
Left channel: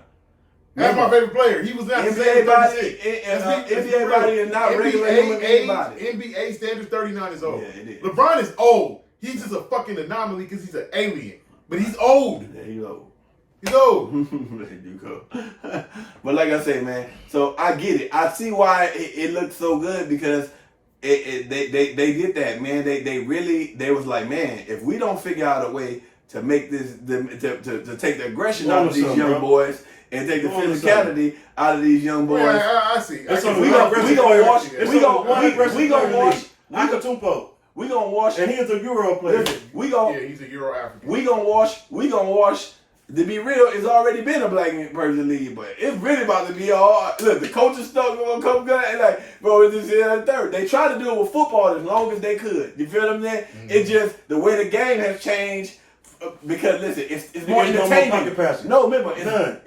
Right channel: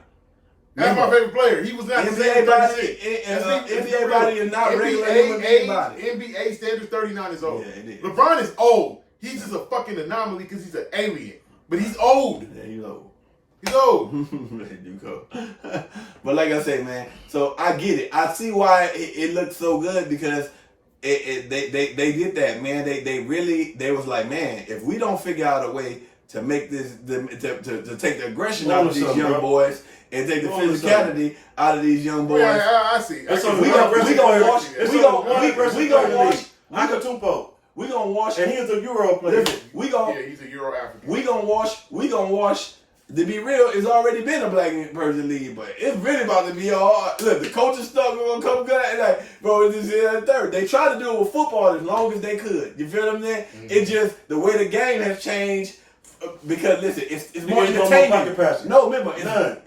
That's my favorite player. He was not the same at 36. NBA body is not regular NBA standard 39 is old. Yeah, LeBron is old. He's just a fucking anomaly because he's an alien. But he's old. Yeah, he's old. He's old. There you go. But like I say, man, so I get it. I see why it looks so good because they did that, man. They was like, man, if we don't figure out a way to make this to take the aggression out of these young boys and take the physicality out of these young boys. Yeah, I see. We gonna wash. Akatupo. We gonna wash. And he's a Euro player. He's a Euro African. We gonna wash. To be real, it's already been a black person league, but it's really about to be all. Look, the coaching stuff gonna come good. And like, bro, this is the third. They tried to do it with football as long as they could. You feel what I'm saying? Mm-hmm. It's just the way the game has changed. Because listen, it's more entertaining. No, remember,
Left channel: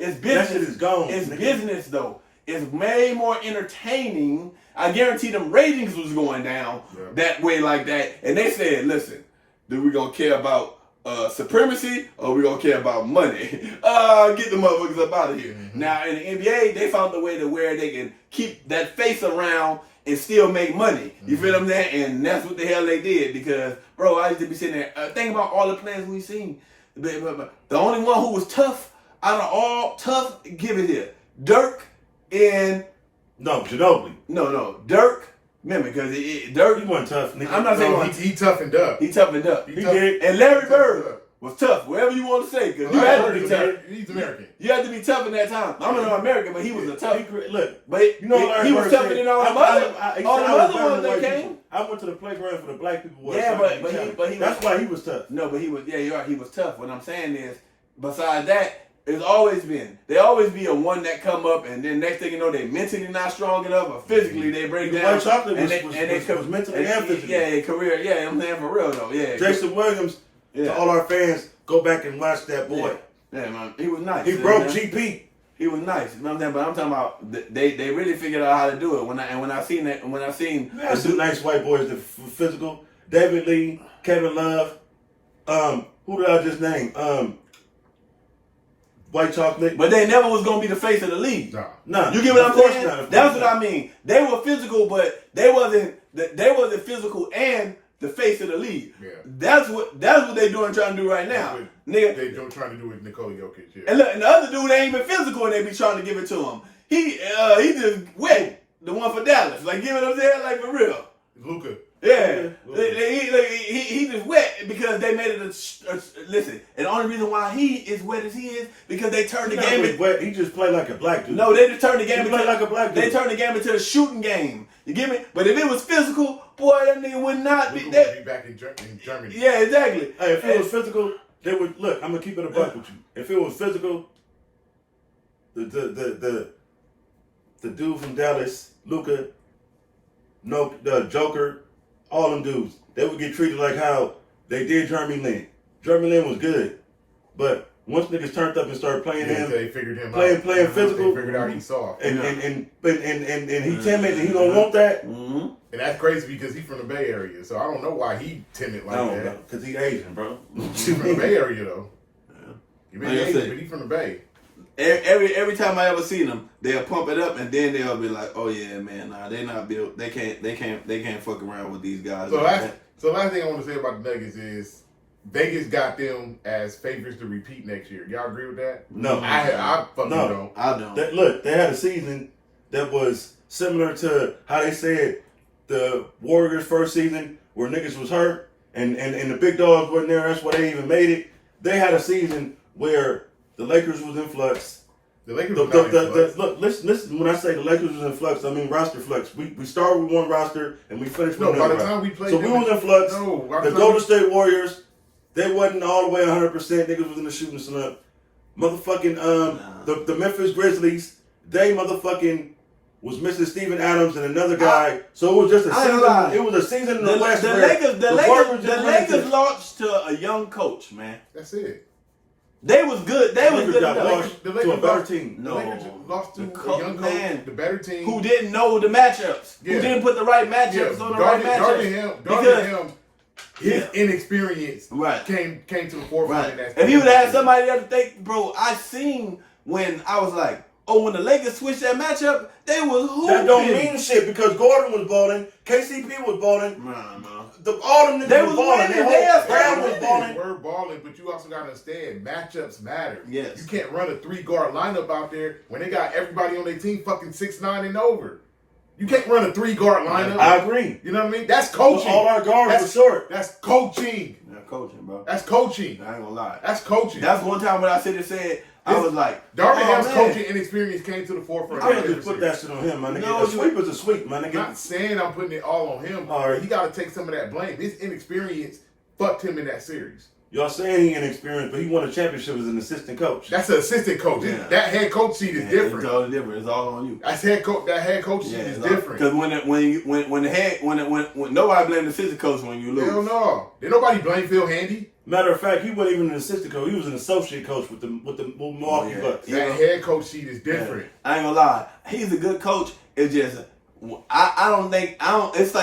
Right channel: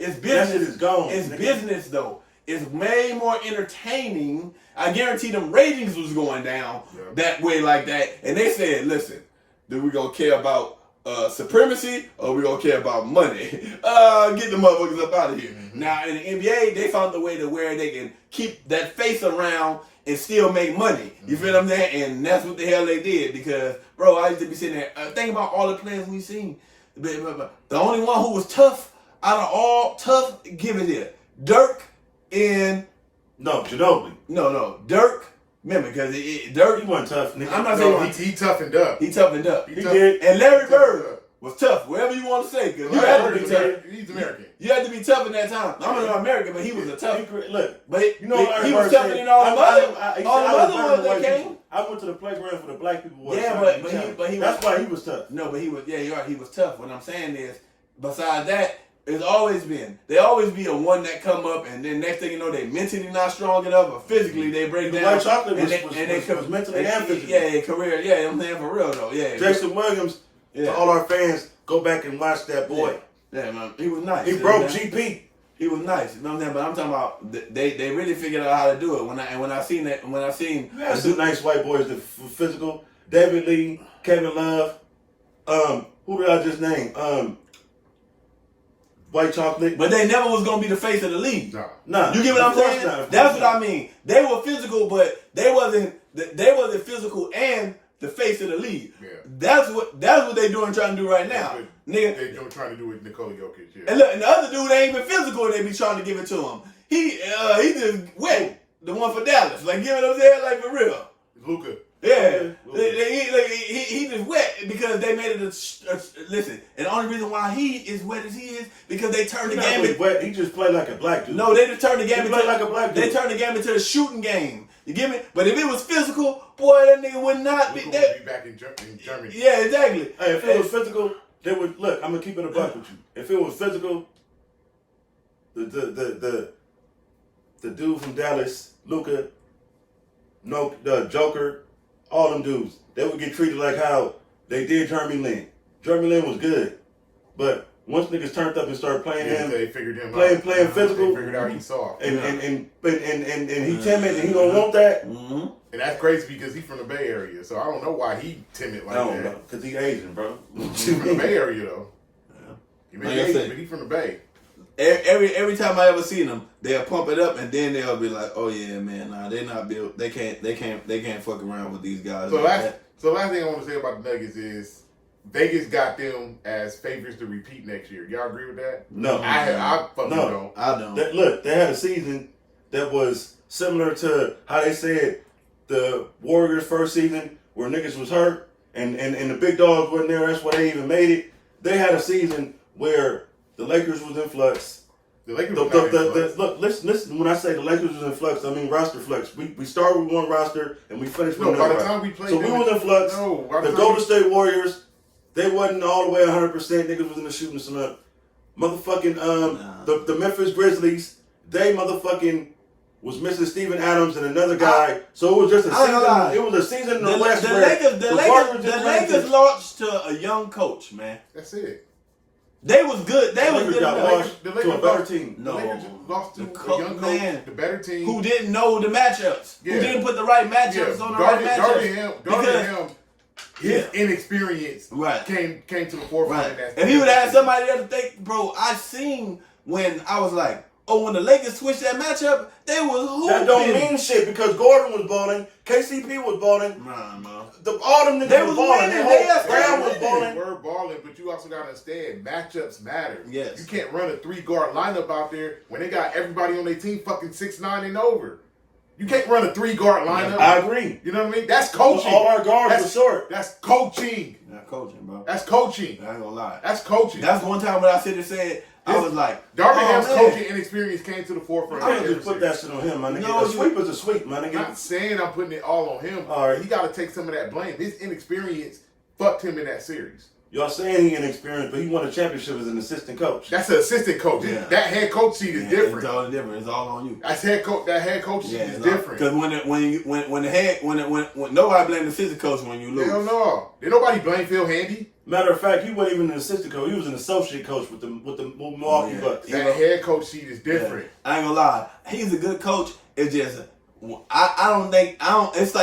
it's business. That shit is gone. It's business though. It's way more entertaining. I guarantee them ratings was going down that way like that. And they said, listen, do we gonna care about supremacy or we gonna care about money? Get the motherfuckers up out of here. Mm-hmm. Now in the NBA, they found a way to where they can keep that face around and still make money. You feel what I'm saying? And that's what the hell they did because, bro, I used to be sitting there, think about all the players we've seen. The only one who was tough out of all tough, give it here. Dirk and... No, Ginobili. No. Dirk. Remember, because Dirk... He wasn't tough, nigga. I'm not saying he toughened up. He toughened up. He did. And Larry Bird was tough, whatever you want to say. Because you had to be tough. He's American. You had to be tough in that time. I'm not American, but he was a tough. Look, but he was tougher than all the other ones that came. I went to the playground for the black people. Yeah, but he that's why he was tough. No, but he was. Yeah, you're right. He was tough. What I'm saying is, besides that, it's always been. They always be a one that come up, and then next thing you know, they mentally not strong enough, or physically they break down. White Chocolate was mentally and physically. Yeah, career. Yeah, I'm saying for real though. Yeah, Jason Williams. Yeah. To all our fans, go back and watch that boy. Yeah, man, he was nice. He broke GP. He was nice. You know what I'm saying? But I'm talking about they really figured out how to do it. When I seen you had some nice white boys that physical. David Lee, Kevin Love. Who did I just name? white chocolate. But they never was gonna be the face of the league. Nah. You get what I'm saying? That's what I mean. They were physical, but they wasn't physical and the face of the league. Yeah. That's what they doing trying to do right now. Nigga. They trying to do with Nikola Jokic, yeah. And look, and the other dude ain't even physical and they be trying to give it to him. He just wet. The one for Dallas. Like, you know what I'm saying? Like, for real. Luka. Yeah. He just wet because they made it listen, and the only reason why he is wet as he is because they turned the game wet. He just played like a black dude. No, they just turned the game into like a black dude. They turned the game into a shooting game. You get me? But if it was physical, boy, that nigga would not be. Luka would be back in Germany. Yeah, exactly. Hey, if it was physical, they would look. I'm gonna keep it a buck with you. If it was physical, the dude from Dallas, Luka, the Joker, all them dudes, they would get treated like how they did Jeremy Lin. Jeremy Lin was good, but once niggas turned up and started playing they figured him playing out. physical, They figured out he's soft. and he timid and he don't want that. Mm-hmm. And that's crazy because he's from the Bay Area, so I don't know why he timid like I don't that. know, cause he Asian, bro. He's from the Bay Area though. Yeah. He may be Asian, but he's from the Bay. Every time I ever see them, they'll pump it up and then they'll be like, "Oh yeah, man, nah, they not built. They can't fuck around with these guys." So last thing I want to say about the Nuggets is Vegas got them as favorites to repeat next year. Y'all agree with that? No, I fucking don't. I don't. Look, they had a season that was similar to how they said the Warriors' first season where niggas was hurt and the big dogs wasn't there. That's why they even made it. They had a season where the Lakers was in flux. The Lakers was not in flux. Look, listen. When I say the Lakers was in flux, I mean roster flux. We started with one roster and we finished with No, by another. the time we played, So we was in flux. No, The Golden State Warriors, they wasn't all the way 100%. Niggas was in the shooting slump. Motherfucking the Memphis Grizzlies, they motherfucking was missing Steven Adams and another guy. So it was just a season. It was a season in the West where the Lakers launched to a young coach, man. That's it. They was good. They was good. The Lakers to a better team. The Lakers lost to a young coach, the better team, who didn't know the matchups. Yeah. Who didn't put the right matchups on the right matchups. Guarding him, his inexperience came to the forefront. Right. If he would have had somebody there to think, bro, I seen when I was like, oh, when the Lakers switched that matchup, they was hooping. That don't mean shit because Gordon was balling, KCP was balling. All them niggas was balling. Brown was balling. They were balling, but you also got to understand matchups matter. Yes. You can't run a 3-guard lineup out there when they got everybody on their team fucking 6'9" and over. You can't run a 3-guard lineup. I agree. You know what I mean? That's coaching. All our guards were short. That's coaching. That's coaching, bro. That's coaching. I ain't gonna lie. That's coaching. That's one time when I said I was like, Darvin Ham's coaching inexperience came to the forefront. I just put that shit on him, my nigga. No, a sweep is a sweep, my nigga. I'm not saying I'm putting it all on him. All right. He got to take some of that blame. His inexperience fucked him in that series. Y'all saying he inexperienced, but he won a championship as an assistant coach. That's an assistant coach. Yeah. That head coach seat is different. It's all different. It's all on you. That's head coach. That head coach seat is different. Because when nobody blames the assistant coach when you lose. Hell no. Did nobody blame Phil Handy? Matter of fact, he wasn't even an assistant coach. He was an associate coach with the Milwaukee Bucks. That head coach seat is different. Yeah. I ain't gonna lie. He's a good coach. It's just It's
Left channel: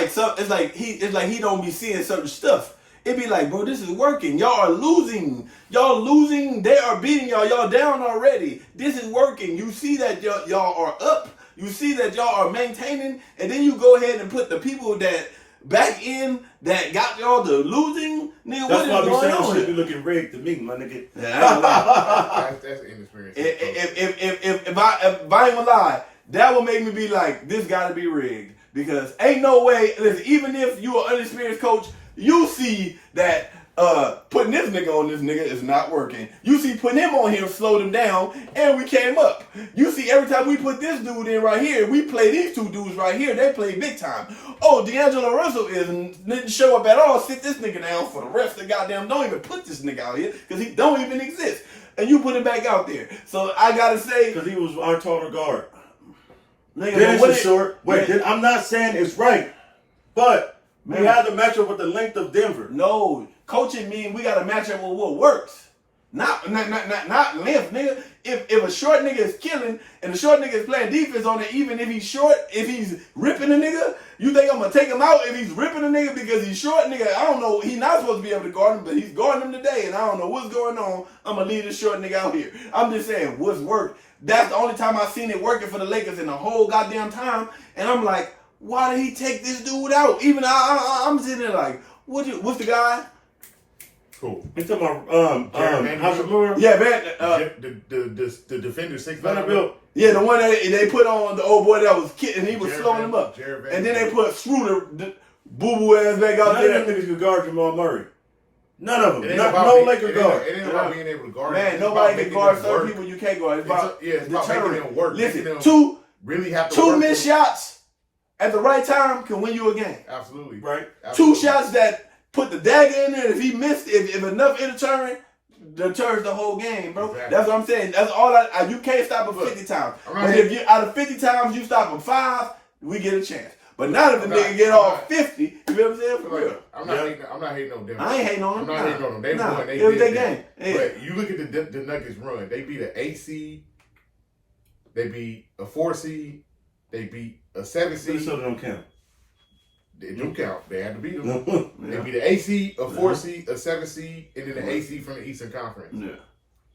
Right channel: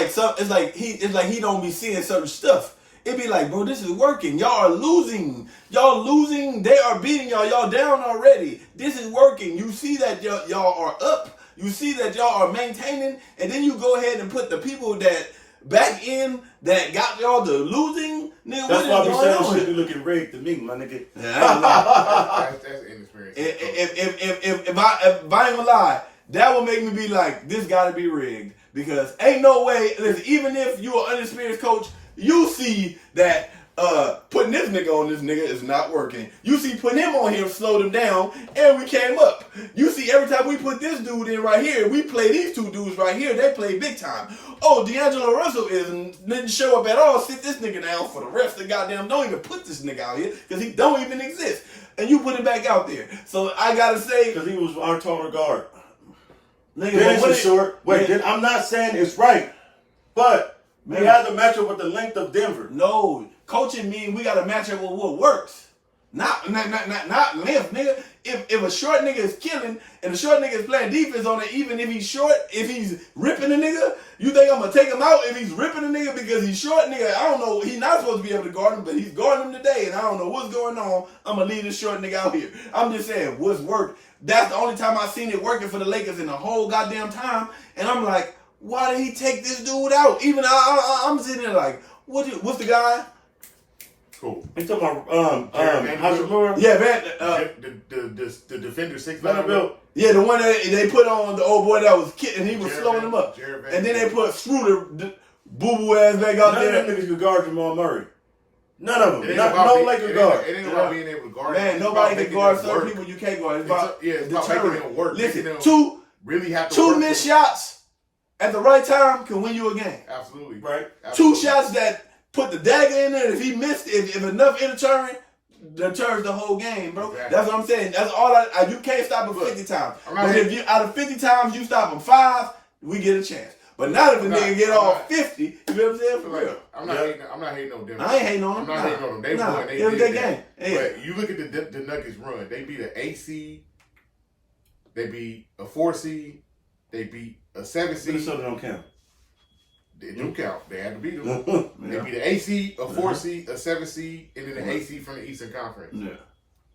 like he don't be seeing certain stuff. It be like, bro, this is working. Y'all are losing. They are beating y'all. Y'all down already. This is working. You see that y'all are up. You see that y'all are maintaining. And then you go ahead and put the people that back in that got y'all to losing. Nigga, that's why we saying shit be looking rigged to me, my nigga. That's inexperience. If I ain't gonna lie, that would make me be like, this gotta be rigged. Because ain't no way, listen, even if you're an inexperienced coach, you see that putting this nigga on this nigga is not working. You see putting him on here slowed him down, and we came up. You see every time we put this dude in right here, we play these two dudes right here, they play big time. Oh, D'Angelo Russell didn't show up at all. Sit this nigga down for the rest of the goddamn. Don't even put this nigga out here because he don't even exist. And you put him back out there. So I gotta say, because he was our total guard. Nigga, Dennis is short. Wait, I'm not saying it's right, but. We had to match up with the length of Denver. No, coaching means we got to match up with what works. Not length, nigga. If a short nigga is killing and the short nigga is playing defense on it, even if he's short, if he's ripping a nigga, you think I'm gonna take him out if he's ripping a nigga because he's short, nigga? I don't know. He's not supposed to be able to guard him, but he's guarding him today, and I don't know what's going on. I'm gonna leave this short nigga out here. I'm just saying what's worked. That's the only time I've seen it working for the Lakers in the whole goddamn time, and I'm like, why did he take this dude out? Even I'm sitting there like, what's the guy? Cool. You talking about Hachimura? Yeah, man. The defender 6 Vanderbilt. Yeah, the one that they put on the old boy that was kidding, he was Jared slowing him up. Jared And then they put Schroeder, boo-boo ass back out None there. of them niggas could guard Jamal Murray. None of It them. ain't No about Laker guard. It ain't about being able to guard. Man, It's nobody about can making guard them certain work. people you can't guard. It's about It's about making them work. Listen, making them two really have to work. two missed shots at the right time can win you a game. Absolutely. Right. Two Absolutely. shots that put the dagger in there. If he missed, if enough interturn, deters the whole game, bro. Exactly. That's what I'm saying. That's all you can't stop him 50 times. But if you out of 50 times you stop him 5, we get a chance. But not if the nigga get off 50. You know what I'm saying? For real. I'm not hating on Denver. I ain't hating on them. I'm not hating on them. They won. They it was did their that. game. Yeah. But you look at the Nuggets run. They beat an 8 seed. They beat a 4 seed. They beat a 7 seed. Minnesota don't count. They do count. They had to beat them. They Yeah. beat an 8 seed, a 4 seed, a 7 seed, and then an 8 seed from the Eastern Conference. Yeah.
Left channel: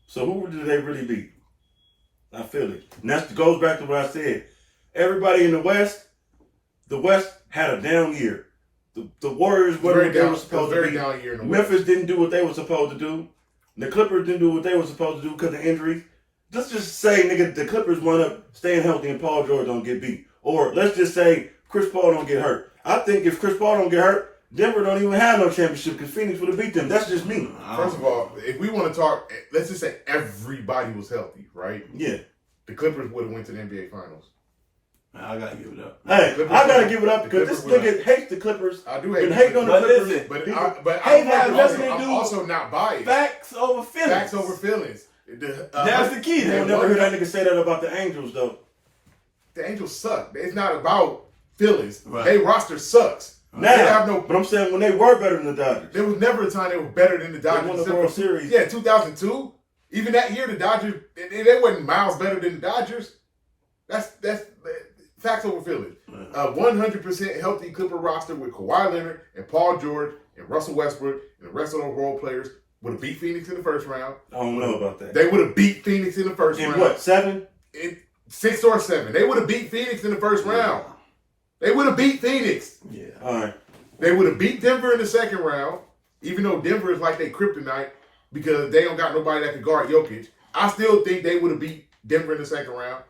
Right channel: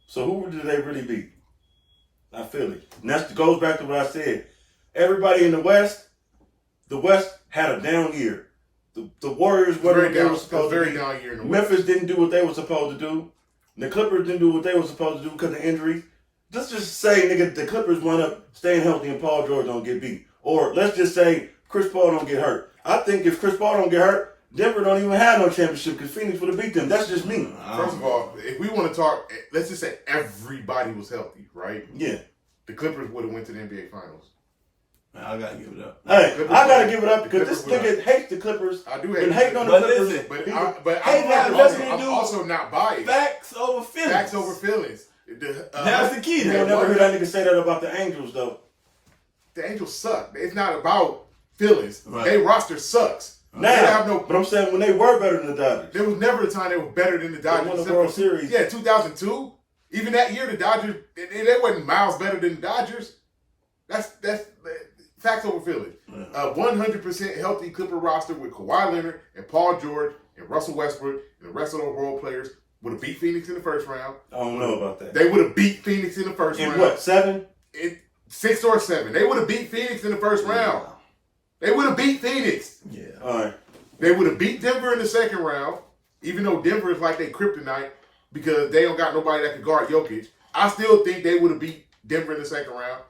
So who did they really beat? I feel it. And that goes back to what I said. Everybody in the West had a down year. The Warriors weren't what they were supposed to be. Down year in the Memphis didn't do what they were supposed to do. The Clippers didn't do what they were supposed to do because of injuries. Let's just say, nigga, the Clippers wound up staying healthy and Paul George don't get beat. Or let's just say Chris Paul don't get hurt. I think if Chris Paul don't get hurt, Denver don't even have no championship because Phoenix would have beat them. That's just me. First of all, if we want to talk, let's just say everybody was healthy, right? Yeah. The Clippers would have went to the NBA Finals. I gotta give it up. Hey, Clippers I gotta won. give it up because this Clippers nigga hates the Clippers. I do hate Been hating on the But Clippers. listen, I'm also not biased. Facts over feelings. Facts over feelings. That's the key. You will never hear that nigga say that about the Angels, though. The Angels suck. It's not about feelings. Right. They roster sucks. Now, They have no. but I'm saying when they were better than the Dodgers. There was never a time they were better than the They Dodgers. won the World Series. Yeah, 2002. Even that year, the Dodgers they wasn't miles better than the Dodgers. That's facts over feelings. 100% healthy Clipper roster with Kawhi Leonard and Paul George and Russell Westbrook and the rest of those role players would have beat Phoenix in the first round. I don't know about that. They would have beat Phoenix in the first In round. what, 7? In 6 or 7. They would have beat Phoenix in the first round. They would have beat Phoenix. Yeah. All right. They would have beat Denver in the second round, even though Denver is like they kryptonite because they don't got nobody that can guard Jokic. I still think they would have beat Denver in the second round.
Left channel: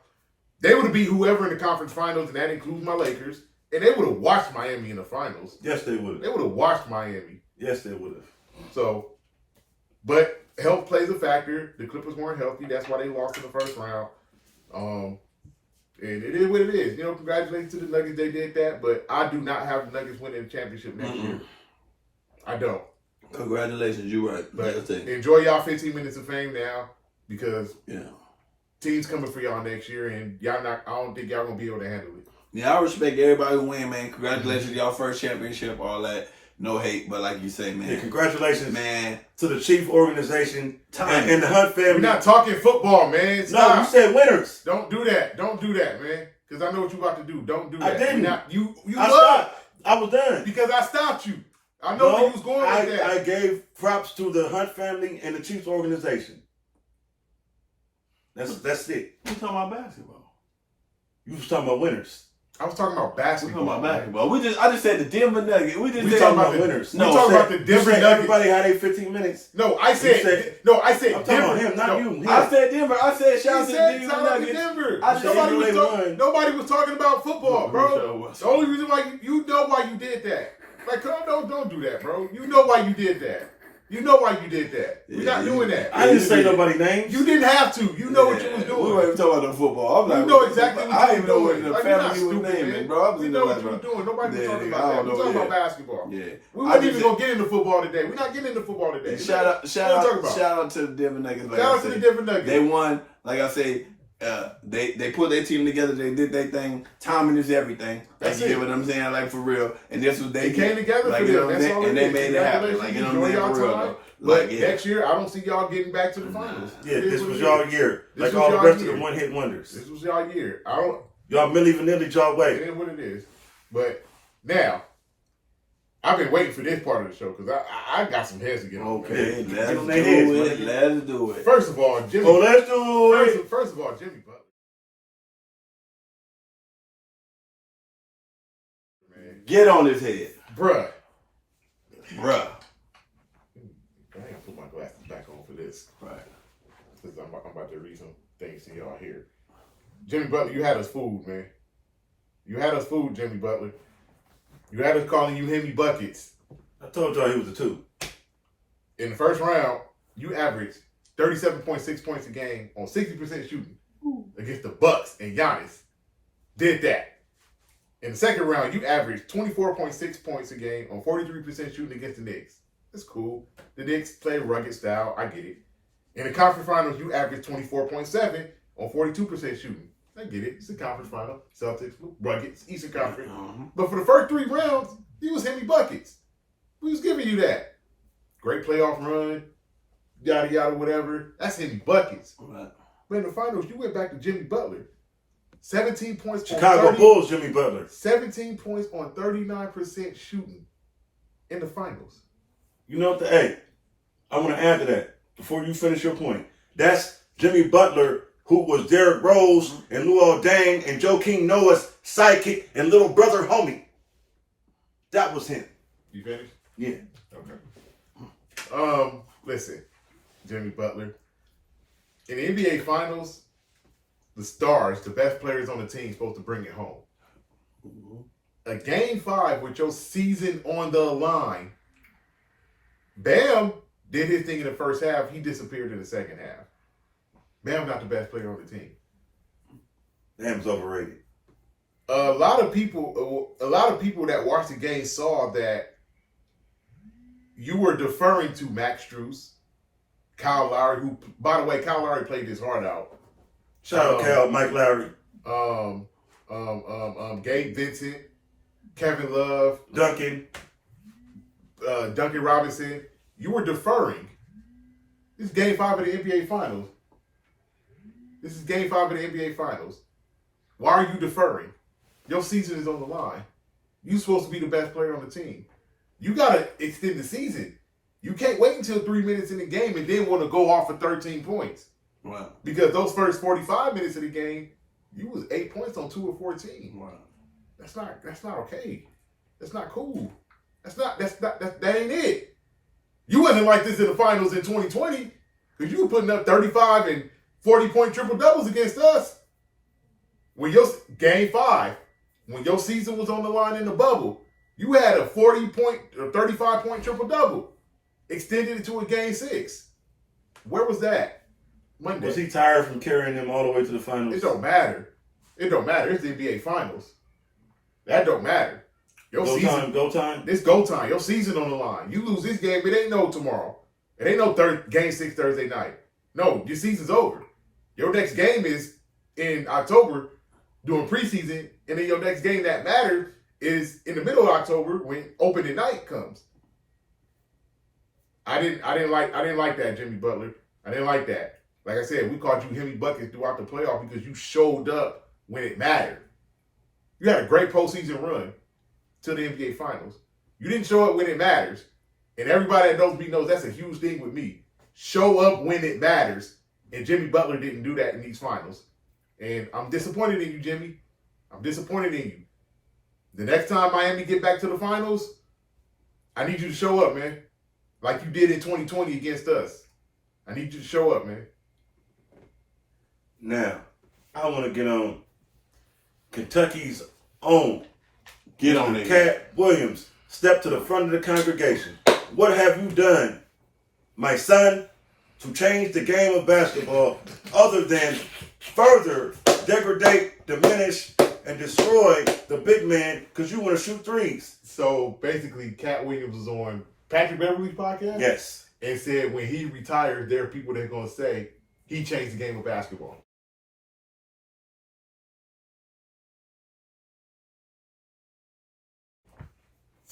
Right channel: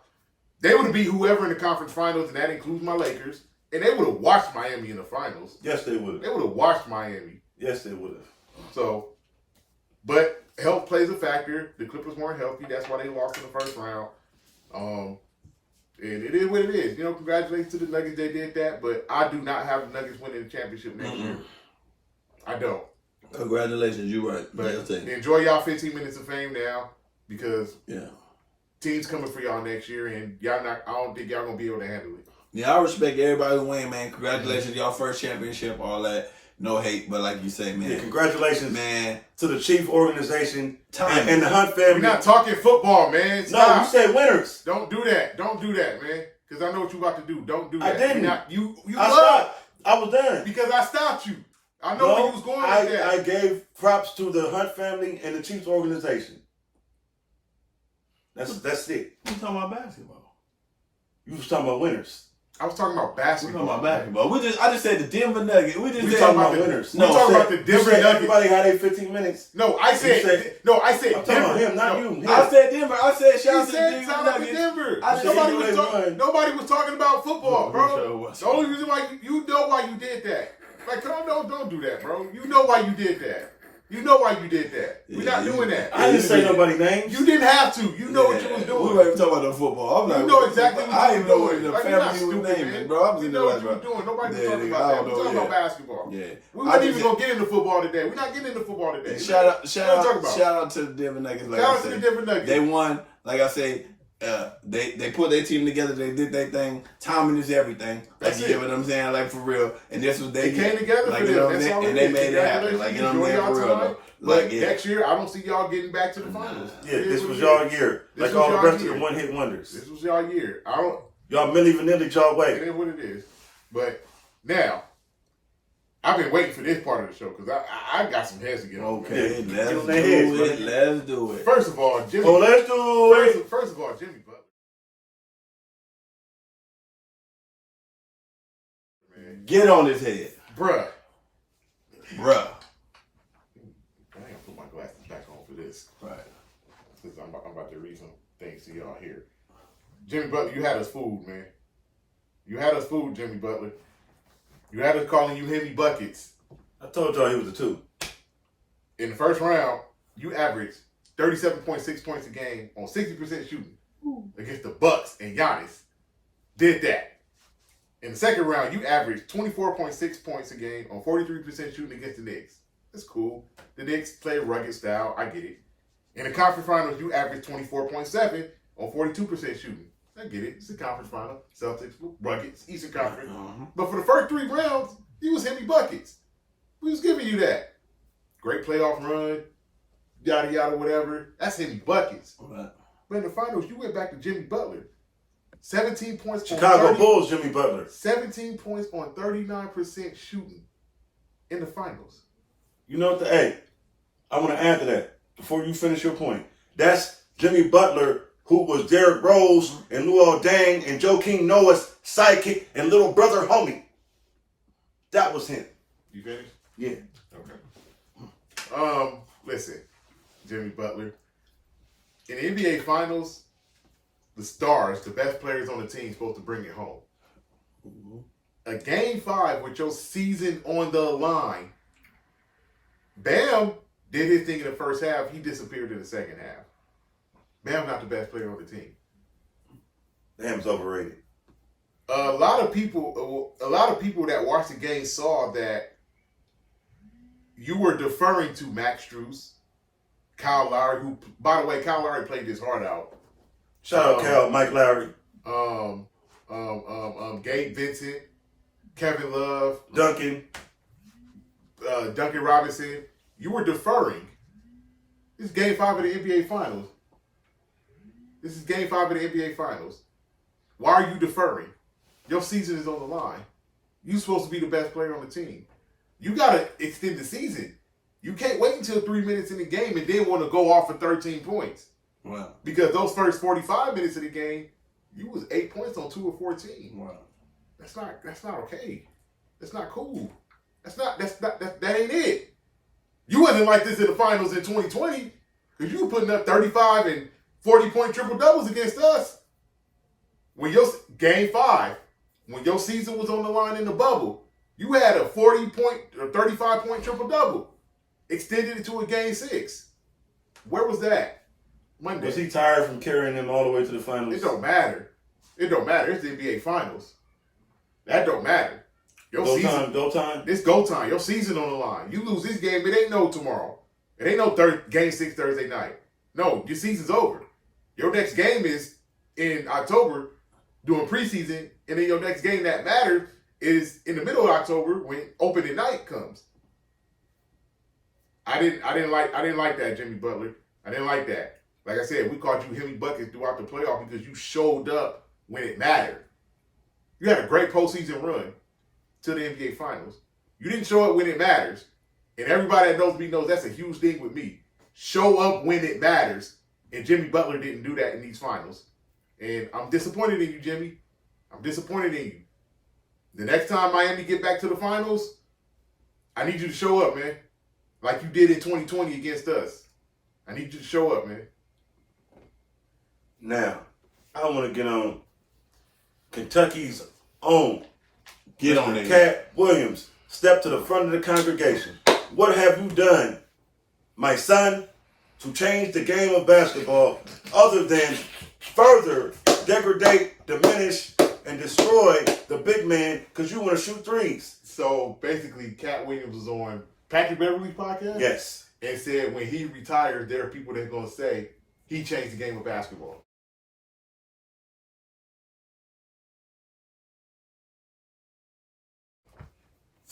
They would have beat whoever in the conference finals, and that includes my Lakers. And they would have watched Miami in the finals. Yes, they would They have. would have watched Miami. Yes, they would have. So, but health plays a factor. The Clippers weren't healthy. That's why they lost in the first round. And it is what it is. You know, congratulations to the Nuggets. They did that. But I do not have the Nuggets winning the championship next year. I don't. Congratulations, you're right. But enjoy y'all 15 minutes of fame now because teams coming for y'all next year, and y'all not. I don't think y'all gonna be able to handle it. Yeah, I respect everybody who win, man. Congratulations, y'all first championship, all that. No hate, but like you say, man. Yeah, congratulations, man, to the Chief organization and the Hunt family. We're not talking football, man. Stop. No, you said winners. Don't do that. Don't do that, man. Because I know what you about to do. Don't do that. I didn't. You I was. stopped. I was done. Because I stopped you. I know where you was going with that. I gave props to the Hunt family and the Chiefs organization. That's it. we talking about basketball. You was talking about winners. I was talking about We basketball. talking about basketball. I just said the Denver Nuggets. We talking about winners. We talking about the Denver Nuggets. Everybody had their 15 minutes. No, I said I'm Denver. talking about him, not you. Him. I said Denver. I said shout out He to said the shout Denver out to Nuggets. Denver. I said Nobody was talking about football, bro. was. The only reason why you know why you did that. Like, come on, don't do that, bro. You know why you did that. You know why you did that. We're not doing that. I didn't say nobody's names. You didn't have to. You know what you was We doing. weren't talking about the football. I'm You like, know exactly what I you ain't were know doing. the Like, you're not family was stupid, naming, man. bro. You know what you were doing. Nobody was talking about that. We're talking about basketball. Yeah. We weren't even going to get into football today. We're not getting into football today. Shout out to the Denver Nuggets. Like Shout I out to the said. Denver Nuggets. They won, like I say, They put their team together. They did their thing. Timing is everything. That's you it. get what I'm saying? Like, for real. And this was they came together like, for you know them. That's all and it they is. made it happen. Like, you know what I'm Enjoy saying? For y'all real, time. though. But Like, next year, I don't see y'all getting back to the finals. Yeah, It is this what was it y'all is. year. This Like was all the y'all rest year. of the one-hit wonders. This was y'all year. I don't. Y'all Milli Vanilli y'all way. It is what it is. But now, I've been waiting for this part of the show because I got some heads to get on. Okay, Man. let's do it. First of all, Jimmy. Oh, let's do it. First of all, Jimmy Butler. Man. Get on his head. Bruh. Bruh. I ain't gonna put my glasses back on for this. Right. Because I'm about to read some things to y'all here. Jimmy Butler, you had us fooled, man. You had us fooled, Jimmy Butler. You had us calling you Hemi Buckets. I told y'all he was a 2. In the first round, you averaged 37.6 points a game on 60% shooting against the Bucks, and Giannis did that. In the second round, you averaged 24.6 points a game on 43% shooting against the Knicks. That's cool. The Knicks play a rugged style. I get it. In the conference finals, you averaged 24.7 on 42% shooting. I get it. It's a conference final. Celtics, rugged, Eastern Conference. Mm-hmm. But for the first 3 rounds, you was Hemi Buckets. We was giving you that. Great playoff run, yada, yada, whatever. That's Hemi Buckets. Right. But in the finals, you went back to Jimmy Butler. 17 points Chicago on 30, Bulls, Jimmy Butler. 17 points on 39% shooting in the finals. You know what? Hey, I want to add to that before you finish your point. That's Jimmy Butler, who was Derrick Rose and Luol Deng and Joakim Noah's sidekick and little brother homie. That was him. You finished? Yeah. Okay. Listen, Jimmy Butler. In the NBA Finals, the stars, the best players on the team, supposed to bring it home. Mm-hmm. A game 5 with your season on the line. Bam did his thing in the first half. He disappeared in the second half. Bam not the best player on the team. Bam's overrated. A lot of people that watched the game saw that you were deferring to Max Strus, Kyle Lowry, who, by the way, Kyle Lowry played his heart out. Shout out Cal, Mike Lowry, Gabe Vincent, Kevin Love, Duncan Robinson. You were deferring. This is Game 5 of the NBA Finals. Why are you deferring? Your season is on the line. You're supposed to be the best player on the team. You got to extend the season. You can't wait until 3 minutes in the game and then want to go off for 13 points. Wow. Because those first 45 minutes of the game, you was 8 points on 2 of 14. Wow. That's not okay. That's not cool. That ain't it. You wasn't like this in the finals in 2020 because you were putting up 35 and 40-point triple doubles against us. When your game 5, when your season was on the line in the bubble, you had a 40-point or 35-point triple double. Extended it to a game 6. Where was that? Monday. Was he tired from carrying them all the way to the finals? It don't matter. It's the NBA Finals. That don't matter. Your Go season, time. It's go time. Your season on the line. You lose this game, it ain't no tomorrow. It ain't no game 6 Thursday night. No, your season's over. Your next game is in October doing preseason, and then your next game that matters is in the middle of October when opening night comes. I didn't like that, Jimmy Butler. I didn't like that. Like I said, we called you Hemi Buckets throughout the playoff because you showed up when it mattered. You had a great postseason run to the NBA Finals. You didn't show up when it matters. And everybody that knows me knows that's a huge thing with me. Show up when it matters. And Jimmy Butler didn't do that in these finals. And I'm disappointed in you, Jimmy. I'm disappointed in you. The next time Miami get back to the finals, I need you to show up, man. Like you did in 2020 against us. I need you to show up, man. Now, I want to get on Kentucky's own. Get on there. Cat Williams, step to the front of the congregation. What have you done, my son, to change the game of basketball other than further degrade, diminish, and destroy the big man because you want to shoot threes? So basically, Cat Williams was on Patrick Beverly's podcast? Yes. And said when he retires, there are people that are going to say he changed the game of basketball.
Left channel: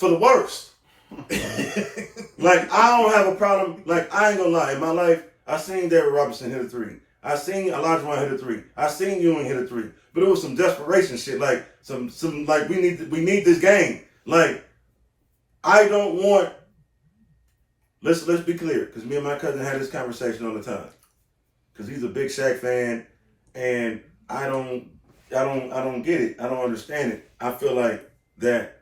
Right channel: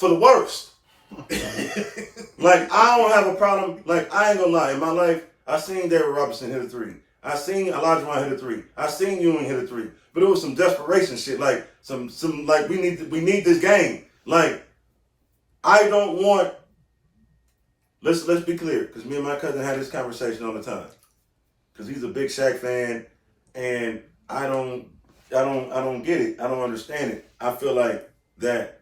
for the worst. Like, I don't have a problem. Like, I ain't gonna lie. In my life, I seen David Robinson hit a three. I seen Elijah Wan hit a three. I seen Ewing hit a three. But it was some desperation shit. Like, some like, we need this game. Like, I don't want, let's be clear, because me and my cousin had this conversation all the time. Because he's a big Shaq fan, and I don't get it. I don't understand it. I feel like that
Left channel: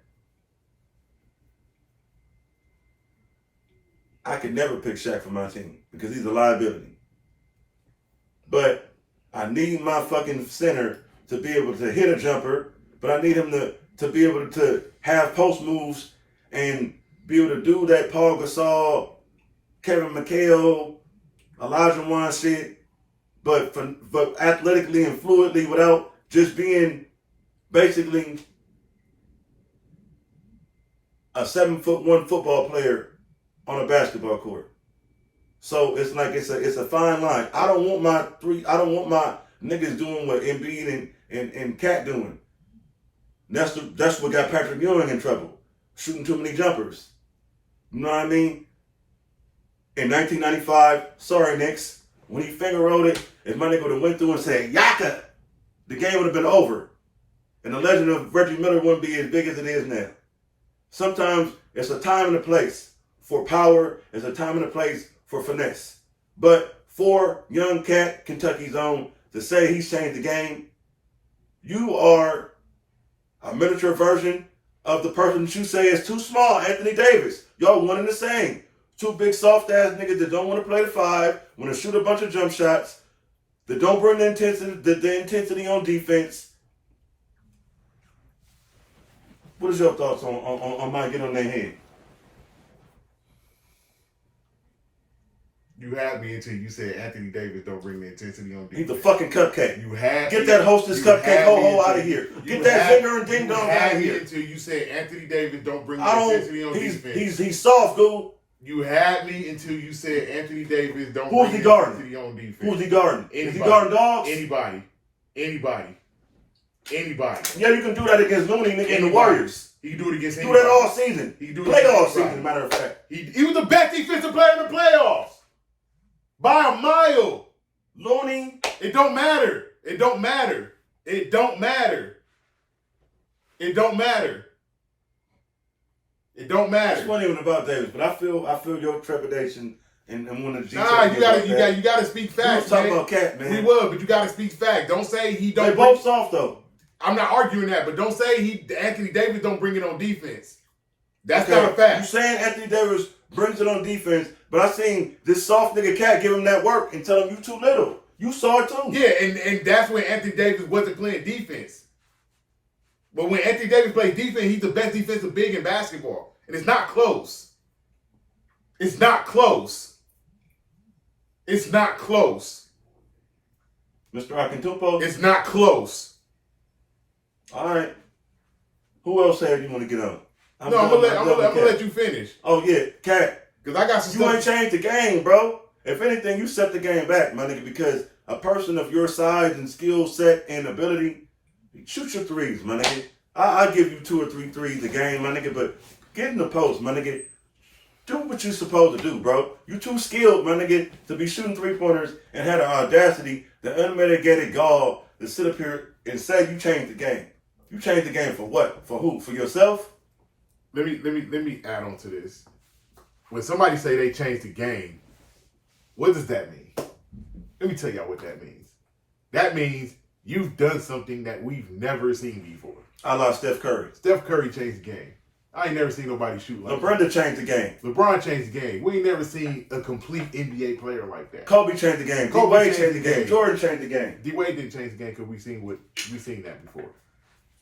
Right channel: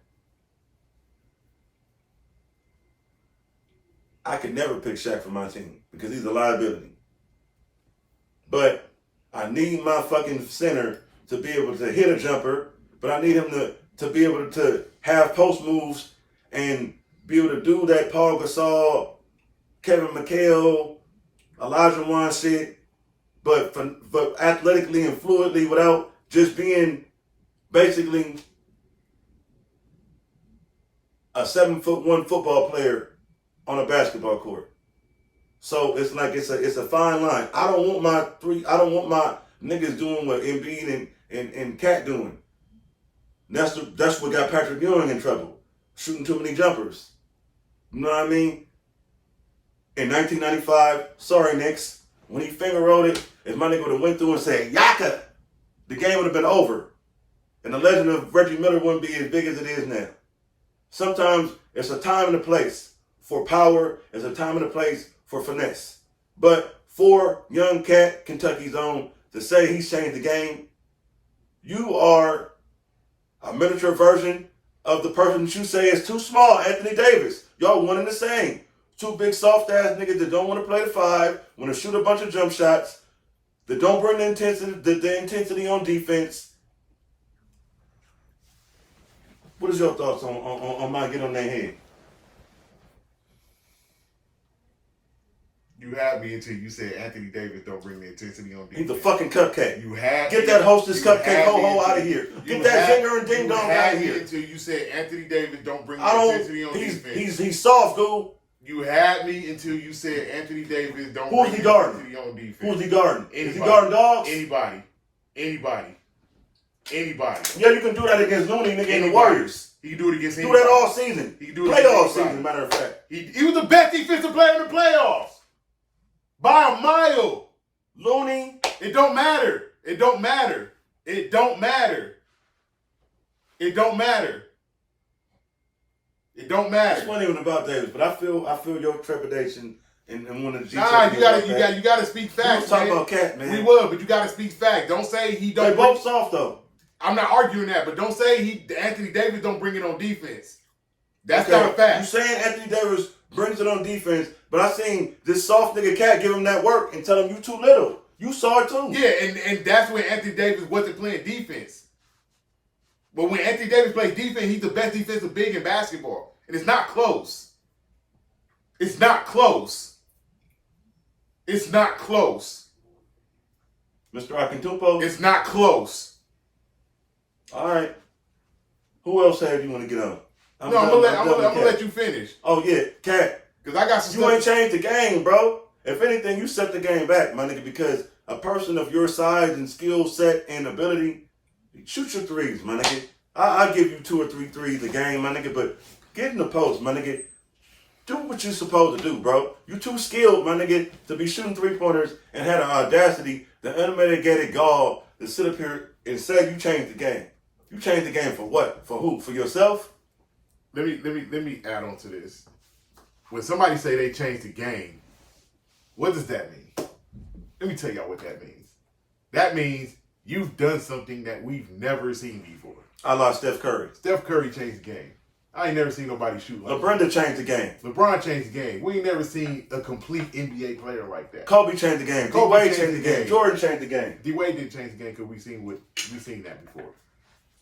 I could never pick Shaq for my team because he's a liability. But I need my fucking center to be able to hit a jumper, but I need him to be able to have post moves and be able to do that Paul Gasol, Kevin McHale, Elijah Wan shit, but athletically and fluidly without just being basically a 7'1" football player on a basketball court. So it's like it's a fine line. I don't want my niggas doing what Embiid and Cat doing. That's what got Patrick Ewing in trouble. Shooting too many jumpers. You know what I mean? In 1995, sorry Knicks, when he finger rolled it, if my nigga would have went through and said Yaka, the game would have been over. And the legend of Reggie Miller wouldn't be as big as it is now. Sometimes it's a time and a place for power. It's a time and a place for finesse. But for young Cat, Kentucky's own, to say he's changed the game, you are a miniature version of the person that you say is too small, Anthony Davis. Y'all one and the same. Two big soft-ass niggas that don't want to play the five, want to shoot a bunch of jump shots, that don't bring the intensity on defense. What is your thoughts on my get on their head? You had me until you said Anthony Davis don't bring the intensity on defense. He's the fucking cupcake. You had Get that hostess cupcake ho-ho out of here. Get that finger and ding dong out of here. Until you said Anthony Davis don't bring the intensity on defense. He's soft, dude. You had me until you said Anthony Davis don't bring the intensity on defense. Who's he guarding? Anybody. Is he guarding dogs? Anybody. Yeah, you can do that against Looney and the Warriors. He can do it against anybody. Do that all season. He can do it playoff season, matter of fact. He was the best defensive player in the playoffs. By a mile. Looney. It don't matter. It don't matter. It don't matter. It don't matter. It don't matter. It's not even about Davis, but I feel your trepidation and one of the details. Nah, you gotta speak facts. We were talking about Cat, man. We will, but you gotta speak facts. Don't say he don't. They both soft though. I'm not arguing that, but don't say Anthony Davis don't bring it on defense. That's not a fact. You saying Anthony Davis brings it on defense, but I seen this soft nigga Cat give him that work and tell him you too little. You saw it too. Yeah, and that's when Anthony Davis wasn't playing defense. But when Anthony Davis plays defense, he's the best defensive big in basketball. And it's not close. It's not close. It's not close. Mr. Akintupo? It's not close. All right. Who else have you want to get on? I'm gonna let you finish. Oh, yeah, Cat. Because I got some You ain't changed the game, bro. If anything, you set the game back, my nigga, because a person of your size and skill set and ability, shoot your threes, my nigga. I'll give you 2 or 3 threes a game, my nigga, but get in the post, my nigga. Do what you're supposed to do, bro. You too skilled, my nigga, to be shooting 3-pointers and had the audacity, the unmitigated gall to sit up here and say you changed the game. You changed the game for what? For who? For yourself? Let me add on to this. When somebody say they changed the game, what does that mean? Let me tell y'all what that means. That means you've done something that we've never seen before. I lost Steph Curry. Steph Curry changed the game. I ain't never seen nobody shoot like LeBron that. changed the game. LeBron changed the game. We ain't never seen a complete NBA player like that. Kobe changed the game. D-Wade changed the game. Jordan changed the game. D-Wade didn't change the game because we seen that before.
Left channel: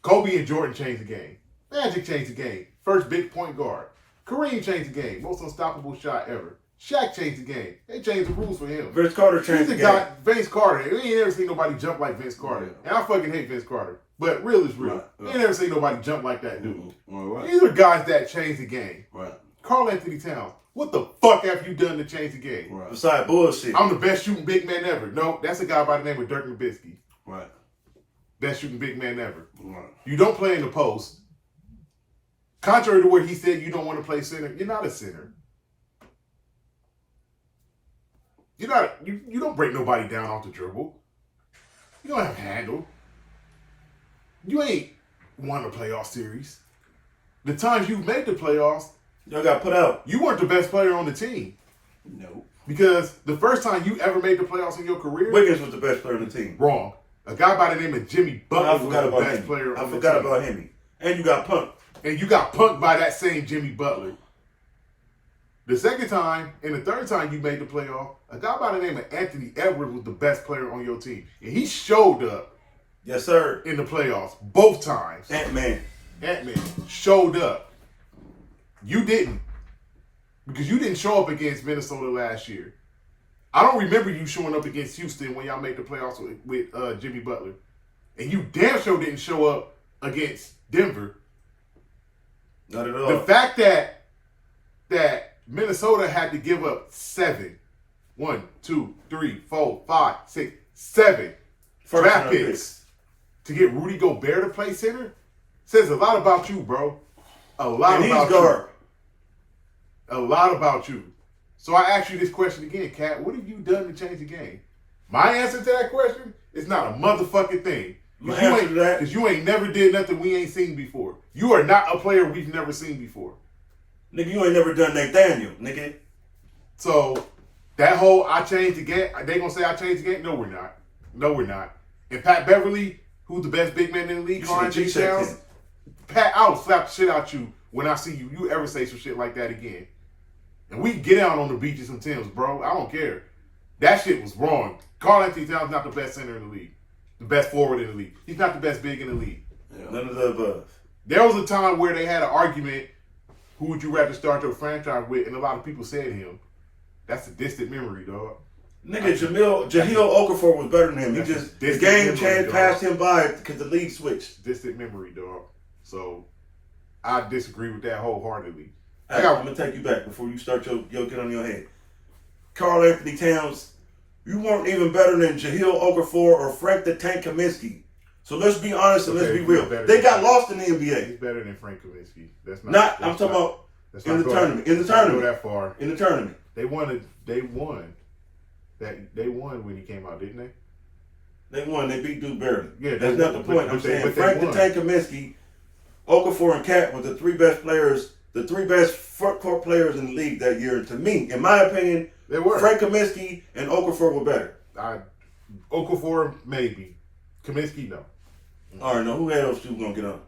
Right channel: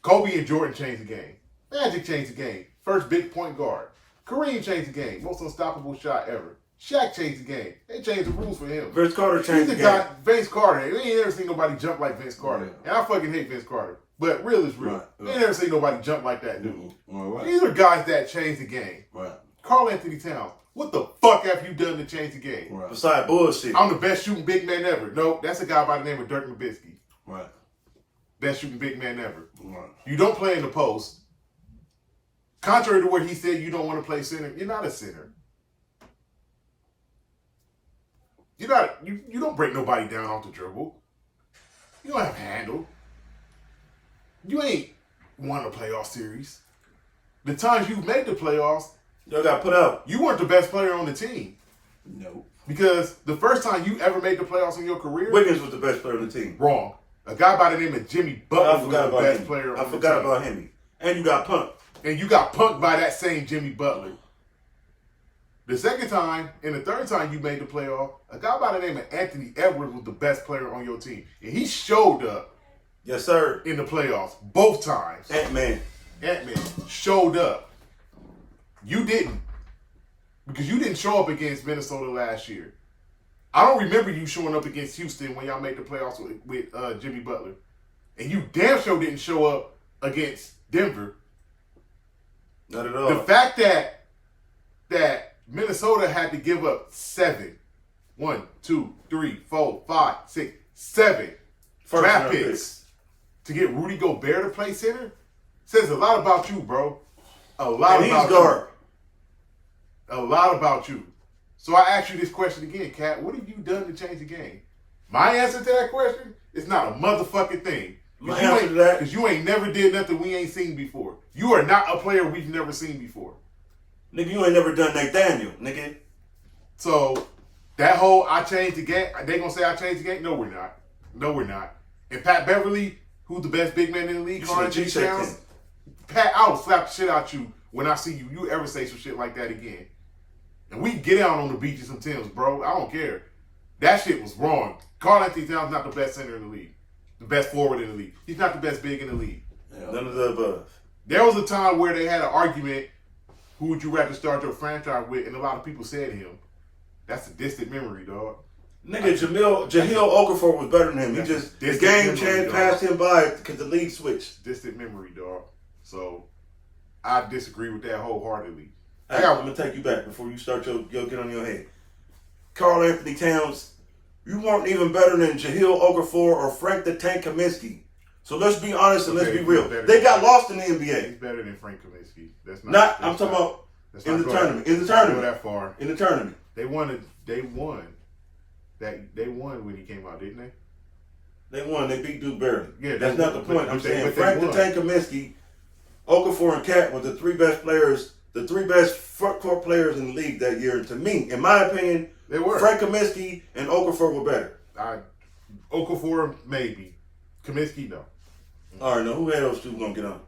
Kobe and Jordan changed the game. Magic changed the game. First big point guard. Kareem changed the game. Most unstoppable shot ever. Shaq changed the game. They changed the rules for him. Vince Carter changed the game. Vince Carter. We ain't never seen nobody jump like Vince Carter. And I fucking hate Vince Carter. But real is real. We ain't never seen nobody jump like that dude. These are guys that changed the game. Right. Karl Anthony Towns. What the fuck have you done to change the game? Right. Besides bullshit. I'm the best shooting big man ever. No, that's a guy by the name of Dirk Nowitzki. Right. Best shooting big man ever. Right. You don't play in the post. Contrary to what he said, you don't want to play center. You're not a center. You don't break nobody down off the dribble. You don't have a handle. You ain't won a playoff series. The times you made the playoffs, you got put out. You weren't the best player on the team. No. Because the first time you ever made the playoffs in your career, Wiggins was the best player on the team. Wrong. A guy by the name of Jimmy Butler was the best player on the team. I forgot about him. And you got punked. And you got punked by that same Jimmy Butler. The second time and the third time you made the playoff, a guy by the name of Anthony Edwards was the best player on your team. And he showed up. Yes, sir. In the playoffs. Both times. Ant-Man showed up. You didn't. Because you didn't show up against Minnesota last year. I don't remember you showing up against Houston when y'all made the playoffs with Jimmy Butler. And you damn sure didn't show up against Denver. Not at all. The fact that Minnesota had to give up 7 draft picks to get Rudy Gobert to play center says a lot about you, bro. A lot about you. So I ask you this question again, Kat. What have you done to change the game? My answer to that question is not a motherfucking thing. Because you ain't never did nothing we ain't seen before. You are not a player we've never seen before. Nigga, you ain't never done Nathaniel, nigga. So that whole I changed the game, they gonna say I changed the game? No, we're not. No, we're not. And Pat Beverly, who's the best big man in the league, Carl-Anthony Towns, Pat, I will slap the shit out you when I see you ever say some shit like that again. And we get out on the beaches and Timbs, bro. I don't care. That shit was wrong. Carl-Anthony Towns not the best center in the league. The best forward in the league. He's not the best big in the league. Yeah. None of the above. There was a time where they had an argument, who would you rather start your franchise with, and a lot of people said him. That's a distant memory, dog. Nigga, Jahlil Okafor was better than him. He just, his game changed, passed him by because the league switched. Distant memory, dog. So, I disagree with that wholeheartedly. I'm going to take you back before you start your get on your head. Carl-Anthony Towns, you weren't even better than Jahlil Okafor or Frank the Tank Kaminsky. So let's be honest and let's be real. They got lost in the NBA. He's better than Frank Kaminsky. I'm talking about in the tournament. In the tournament. Go that far. In the tournament. They won when he came out, didn't they? They won. They beat Duke barely. Yeah, that's not the point. I'm saying Frank the Tank Kaminsky, Okafor, and Cat were the three best players, the three best front court players in the league that year. To me, in my opinion, they were. Frank Kaminsky and Okafor were better. Okafor maybe, Kaminsky no. All right, now who had those two gonna get on?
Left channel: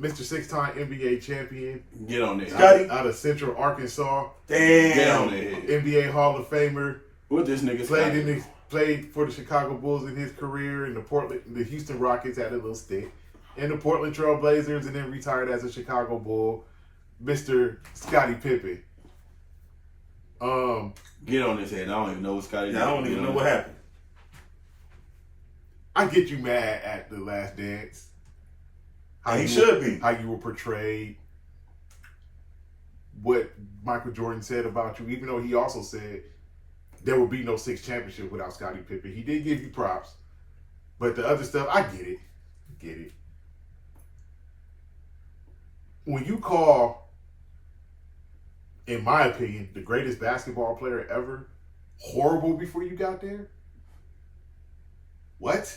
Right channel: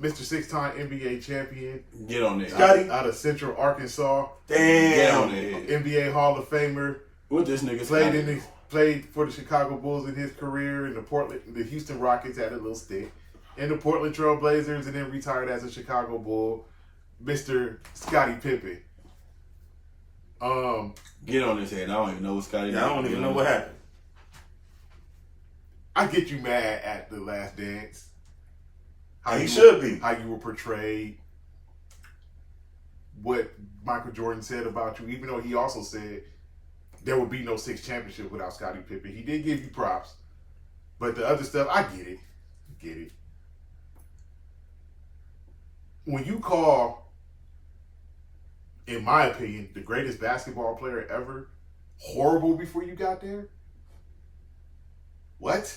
Mr. 6-time NBA champion. Get on there. Scotty out of Central Arkansas. Damn. Get on there. NBA Hall of Famer. What this nigga played for the Chicago Bulls in his career, and the Houston Rockets had a little stint, and the Portland Trail Blazers, and then retired as a Chicago Bull. Mr. Scottie Pippen. Get on this head. I don't even know what Scottie. Yeah, I don't even know what happened. I get you mad at The Last Dance. How you were portrayed. What Michael Jordan said about you, even though he also said there would be no 6 championship without Scottie Pippen. He did give you props. But the other stuff, I get it. When you call, in my opinion, the greatest basketball player ever horrible before you got there, what?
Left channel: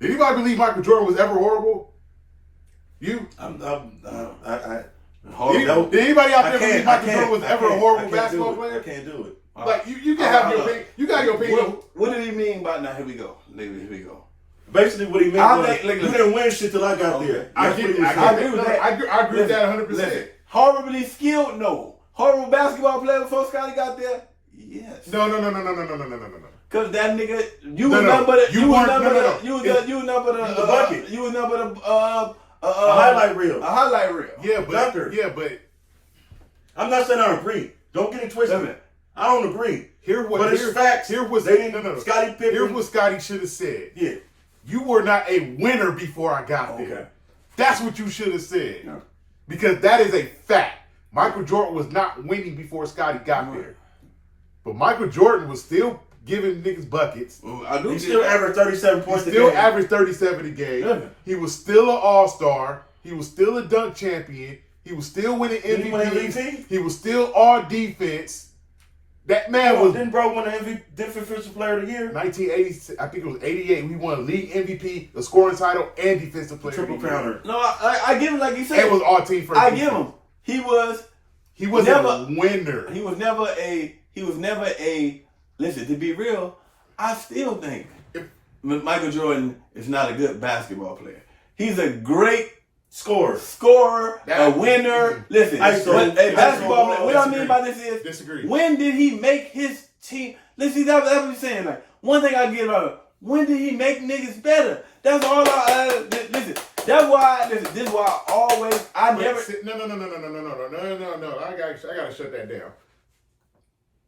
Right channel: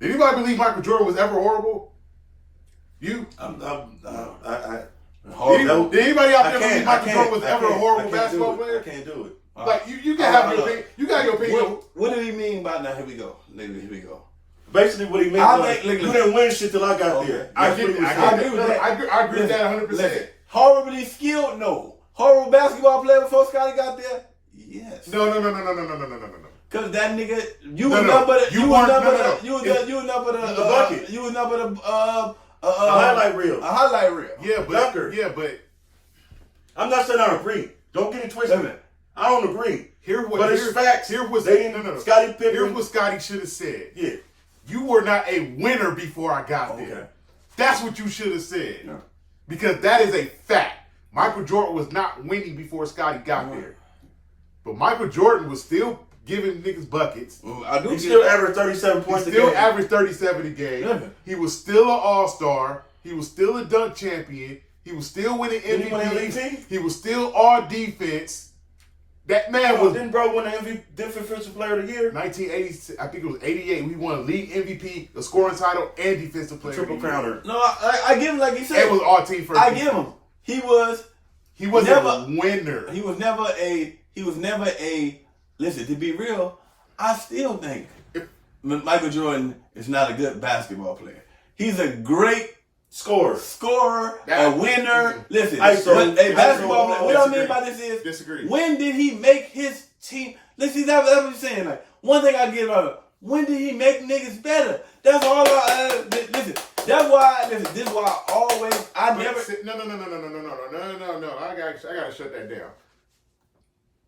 Did anybody believe Michael Jordan was ever horrible? You? Did anybody out there believe Michael Jordan was ever a horrible basketball player? I can't do it. Like, you can have your opinion. You got your opinion. What did he mean by now? Here we go. Basically, what he meant was, you didn't win shit till I got there. I agree with that 100%. Horribly skilled? No. Horrible basketball player before Scottie got there? Yes. No. Cause that nigga, you was number a highlight reel. A highlight reel. Yeah, but I'm not saying I agree. Don't get it twisted. I don't agree. It's facts. Scottie Pippen. Here's what Scottie should have said. Yeah. You were not a winner before I got there. That's what you should have said. Yeah. Because that is a fact. Michael Jordan was not winning before Scottie got there. But Michael Jordan was still giving niggas buckets. He still averaged 37 points a game. He still averaged 37 a game. Yeah. He was still an all-star. He was still a dunk champion. He was still winning Didn't he win MVPs. MVP? He was still all defense. That man was Didn't Bro win the MVP Defensive Player of the Year? 1980. I think it was 88. We won league MVP, the scoring title, and defensive player. Triple of the year. counter. No, I give him like he said. It was all team first. I give him. He wasn't never a winner. He was never a. Listen, to be real, I still think Michael Jordan is not a good basketball player. He's a great Scorer. a winner. Listen, basketball player. What I mean by this is, disagree. When did he make his team? Listen, that's what I'm saying. Like, one thing I get about him, when did he make niggas better? That's all listen, that's why, this is why I always, No. I gotta shut that down.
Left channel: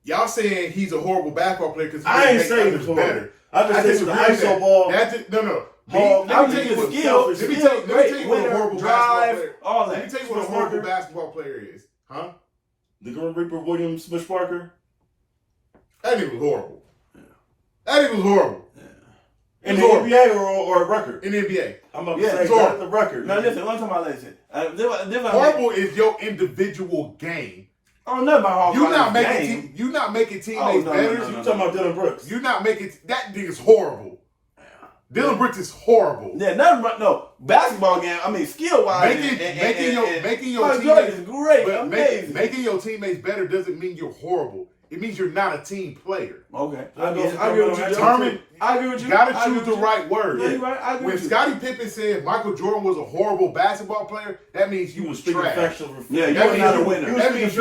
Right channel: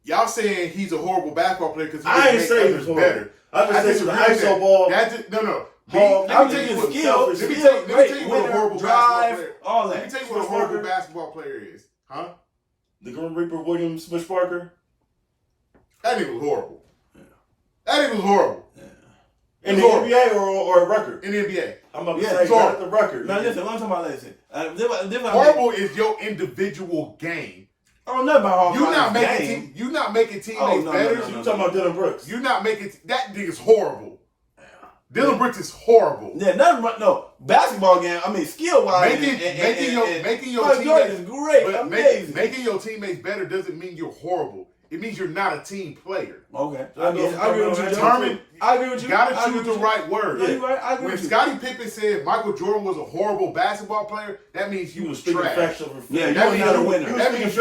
Y'all saying he's a horrible basketball player because I ain't saying he's better. I just think the ISO ball. Let me tell you what a horrible basketball player. All Let that. me tell you what a horrible basketball player is, huh? The Grim Reaper Williams Smith Parker. That nigga was horrible. That nigga was horrible. In the NBA or a record? In the NBA. I'm about to say, not the record. No, listen, what I'm talking about, listen. Horrible is your individual game. Oh, nothing about horrible. You're not making teammates better. You talking about Dylan Brooks? You're not making that nigga's horrible. Dylan Brooks is horrible. Yeah, no basketball game. I mean, skill wise, making your teammates is great, but amazing. making your teammates better doesn't mean you're horrible. It means you're not a team player. Okay, I agree with you. I agree with you. Gotta choose the right word. Yeah, right. I agree When with you. Scottie Pippen said Michael Jordan was a horrible basketball player, that means you was trash. Yeah, that was not a winner. That means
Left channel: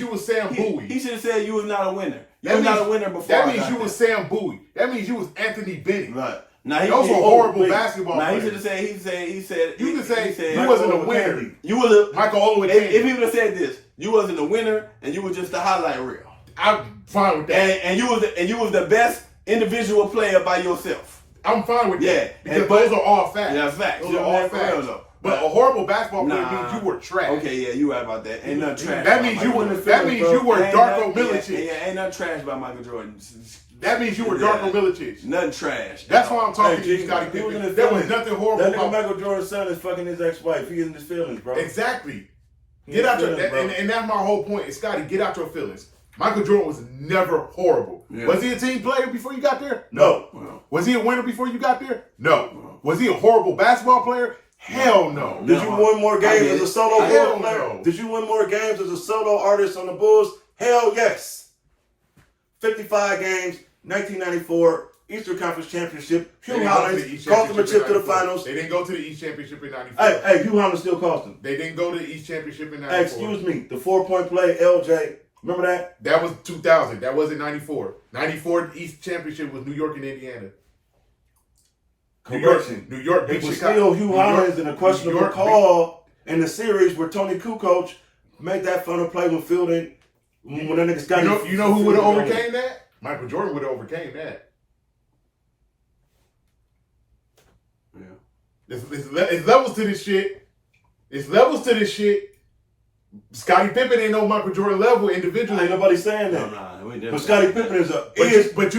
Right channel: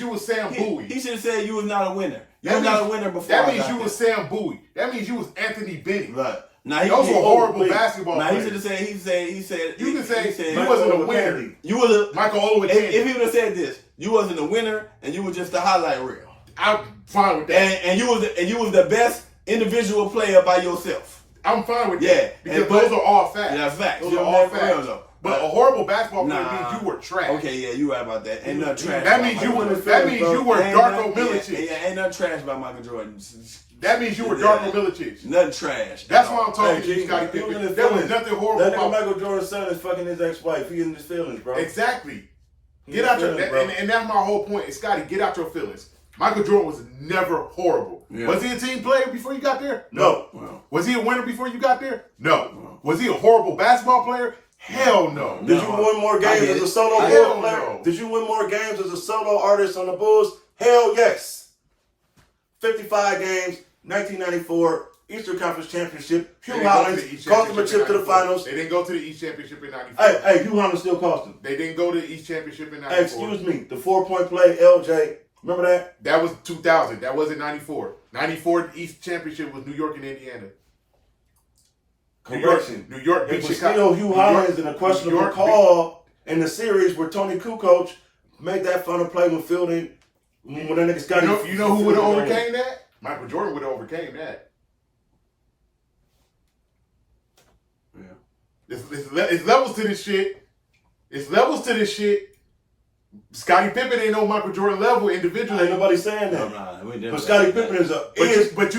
you was Sam Bowie. He should have said you was not a winner. You was not a winner before. That means you was Sam Bowie. That means you was Anthony Bennett. Right. Those were horrible basketball now players. He should have said. He said. You can say he you wasn't a winner. You was a Michael Oloway. If he would have said this, you wasn't a winner, and you were just a highlight reel. I'm fine with that. And you was the best individual player by yourself. I'm fine with that. Yeah, because those are all facts. Yeah, facts. Those are all facts. But a horrible basketball player means you were trash. Okay, yeah, you right about that. Ain't nothing trash. That means you were Darko Milicic. Yeah, ain't nothing trash about Michael Jordan. That means you were Darko Milicic. Nothing trash. That's why I'm talking to you, Scottie Pippen. There was nothing horrible that about Michael Jordan's son is fucking his ex-wife. He in his feelings, bro. Exactly. Get out your and that's my whole point. Is Scottie, get out your feelings. Michael Jordan was never horrible. Yeah. Was he a team player before you got there? No. Was he a winner before you got there? No. Was he a horrible basketball player? Hell no. Did you win more games as a solo Bulls player? No. Did you win more games as a solo artist on the Bulls? Hell yes. 55 games, 1994, Eastern Conference Championship. Hugh Hollins cost them a chip to the finals. They didn't go to the East Championship in 94. Hey, Hugh Hollins still cost them. They didn't go to the East Championship in 94. Hey, excuse me, the 4-point play, LJ. Remember that? That was 2000. That wasn't 94. 94 East Championship was New York and Indiana. Correction. New York beat it was Chicago. Still Hugh Hollins in a questionable call in the series where Tony Kukoc made that final play with Fielding when that nigga Scottie. You know who would have overcame that? Michael Jordan would have overcame that. Yeah. It's levels to this shit. It's levels to this shit. Scottie Pippen ain't no Michael Jordan level individually. Ain't nobody saying that. But Scottie Pippen is a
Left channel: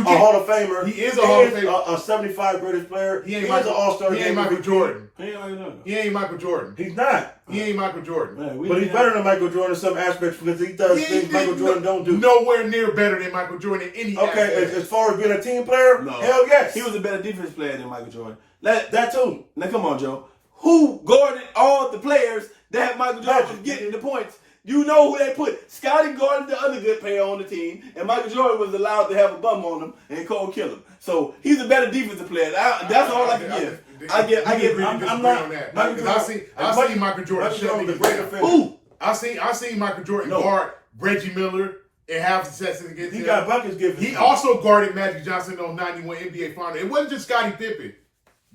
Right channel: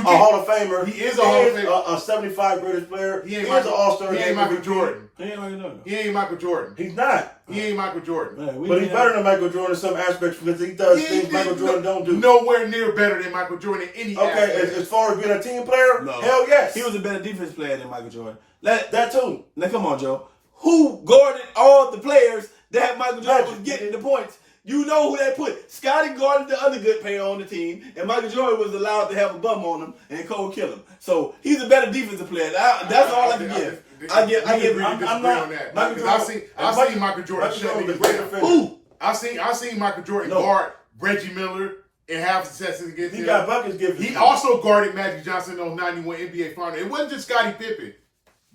Hall of Famer. He is a Hall of Famer. A 75 greatest player. He ain't an All-Star. He ain't Michael Jordan. He ain't Michael Jordan. He's not. He ain't Michael Jordan. But he's better than Michael Jordan in some aspects because he does things Michael Jordan don't do. Nowhere near better than Michael Jordan in any aspect. As far as being a team player, hell yes. He was a better defense player than Michael Jordan. That too. Now come on, Joe. Who guarded all the players that Michael Jordan was getting the points? You know who they put. Scottie guarded the other good player on the team, and Michael Jordan was allowed to have a bum on him and cold kill him. So he's a better defensive player. That's all I can give. I get. I'm not on that. I seen Michael Jordan shut niggas down. Who? I seen Michael Jordan guard Reggie Miller and have successes against him. He got buckets given. He also guarded Magic Johnson on 91 NBA Finals. It wasn't just Scottie Pippen.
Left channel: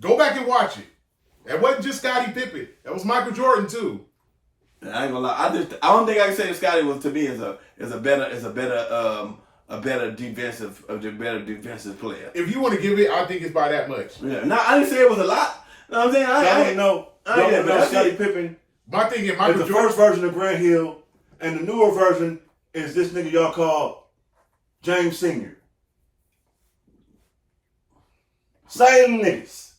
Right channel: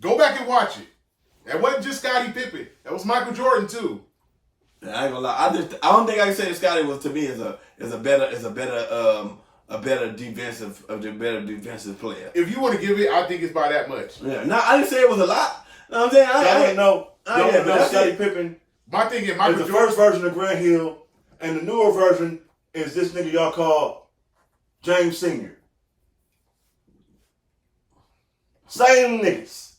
Go back and watch it. That wasn't just Scottie Pippen. That was Michael Jordan too. I ain't gonna lie. I don't think I can say that Scottie was to me as a better defensive player. If you want to give it, I think it's by that much. Yeah. No, I didn't say it was a lot. You know what I'm saying? Y'all know Scottie Pippen. My thing is Michael Jordan. The first version of Grant Hill, and the newer version is this nigga y'all call James Sr. Same niggas.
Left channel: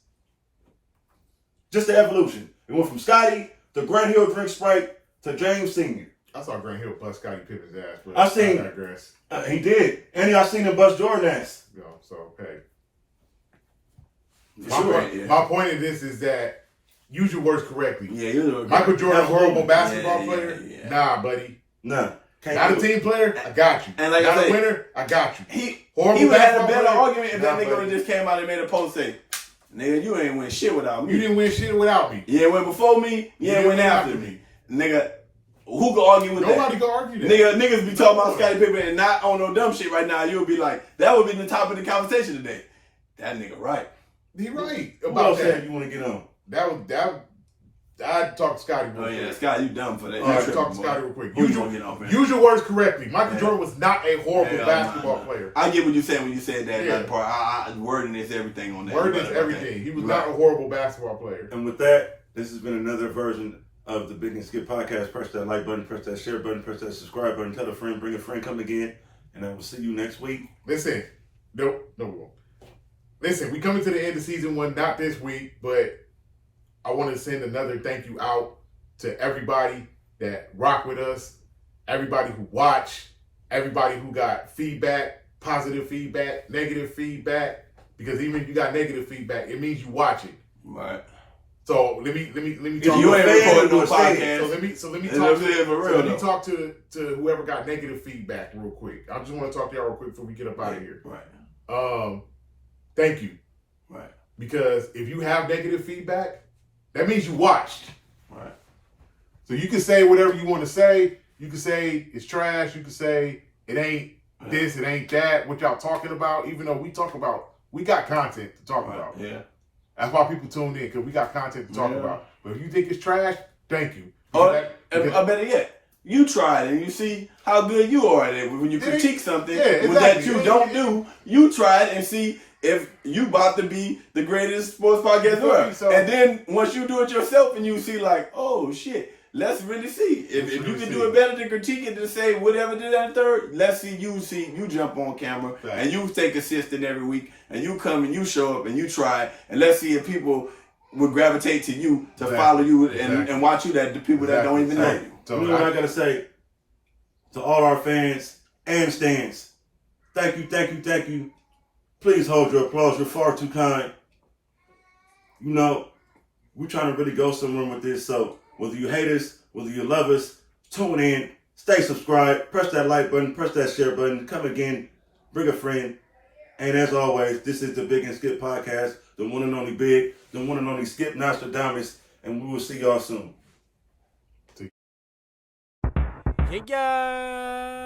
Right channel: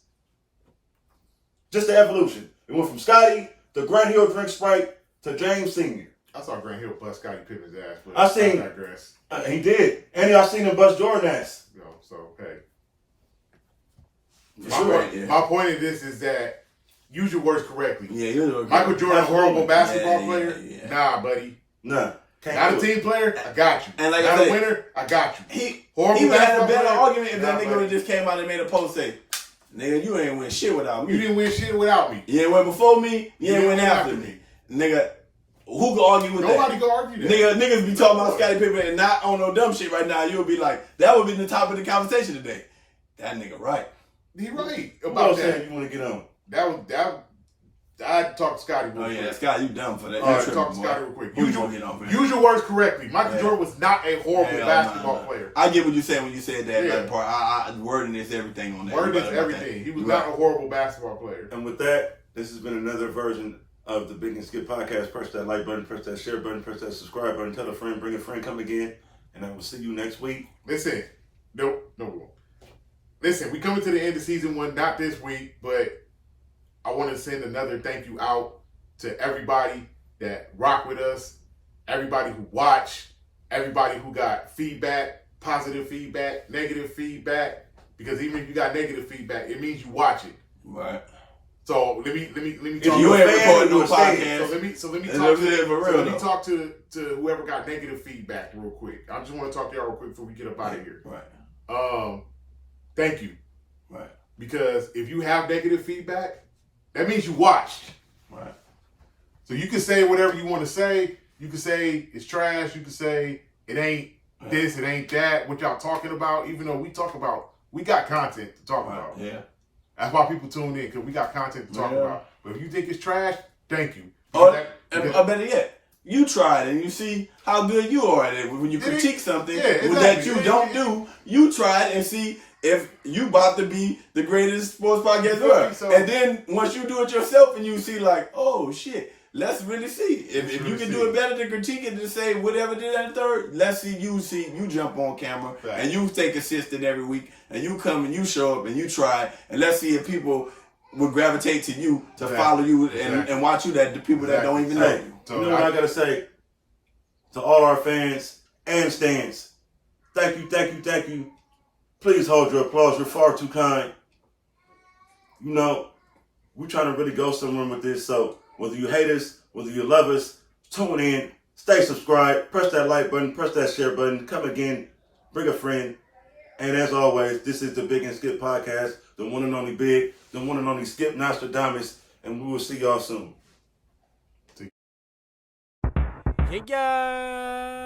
Just the evolution. It went from Scotty to Grant Hill drink Sprite to James Sr. I saw Grant Hill bust Scottie Pippen's ass, but I seen. I digress. He did. And I seen him bust Jordan ass. You know, so, hey. Sure, My point of this is that use your words correctly. Yeah, Michael Jordan, a horrible basketball Yeah, player? yeah. Nah, buddy. Nah. Not a team player? I got you. And like Not I say, a winner? I got you. He Horrible would have had a basketball better player? argument if that nigga would have just came out and made a post say, nigga, you ain't win shit without me. You didn't win shit without me. You ain't win before me, you ain't win after me. Nigga, who can argue with Nobody that? can argue that. Niggas be talking about Scottie Pippen and not on no dumb shit right now. You'll be like, that would be the top of the conversation today. That nigga right. He right Who about else that. said you want to get on? I'd talk to Scotty real Oh quick. yeah, Scott, you dumb for that. All right, talk to Scotty real quick. Who Use you gonna get on, man? use your words correctly. Michael Yeah. Jordan was not a horrible Hell basketball nah. player. I get what you said when you said that Yeah. like, part. Wording is everything on that. Word is Right about everything. that. He was Right. not a horrible basketball player. And with that, this has been another version of the Big and Skip podcast. Press that like button, press that share button, press that subscribe button. Tell a friend, bring a friend, come again. And I will see you next week. Listen, no, we won't. Listen, we coming to the end of season 1, not this week, but I want to send another thank you out to everybody that rock with us, everybody who watched, everybody who got feedback, positive feedback, negative feedback. Because even if you got negative feedback, it means you watch it. Right. So let me If talk. you ain't a fan, recording no you a fan. podcast. So let me And talk. I'm saying for real, Let me though. talk to whoever got negative feedback real quick. I just want to talk to y'all real quick before we get up out of here. Right. Thank you. Right. Because if you have negative feedback, that means you watched. Right. So you can say whatever you want to say. You can say it's trash. You can say it ain't this, it ain't that. What y'all talking about? Even though we got content to talk about. Yeah. That's why people tune in, because we got content to talk about. But if you think it's trash, thank you. Or, better yet, you try it and you see how good you are at it. When you critique something that you don't do, you try it and see if you about to be the greatest sports podcast ever. So, and then once you do it yourself and you see like, oh shit, let's really see. If you can do it better than critique it to say whatever did that third, let's see you jump on camera and you take assistant every week and you come and you show up and you try it and let's see if people would gravitate to you to follow you and watch you, that the people that don't even know you. So you know what I gotta say to all our fans and stands. Thank you. Please hold your applause. You're far too kind. You know, we're trying to really go somewhere with this. So whether you hate us, whether you love us, tune in, stay subscribed, press that like button, press that share button, come again, bring a friend. And as always, this is the Big and Skip podcast, the one and only Big, the one and only Skip Nostradamus, and we will see y'all soon. Yeah.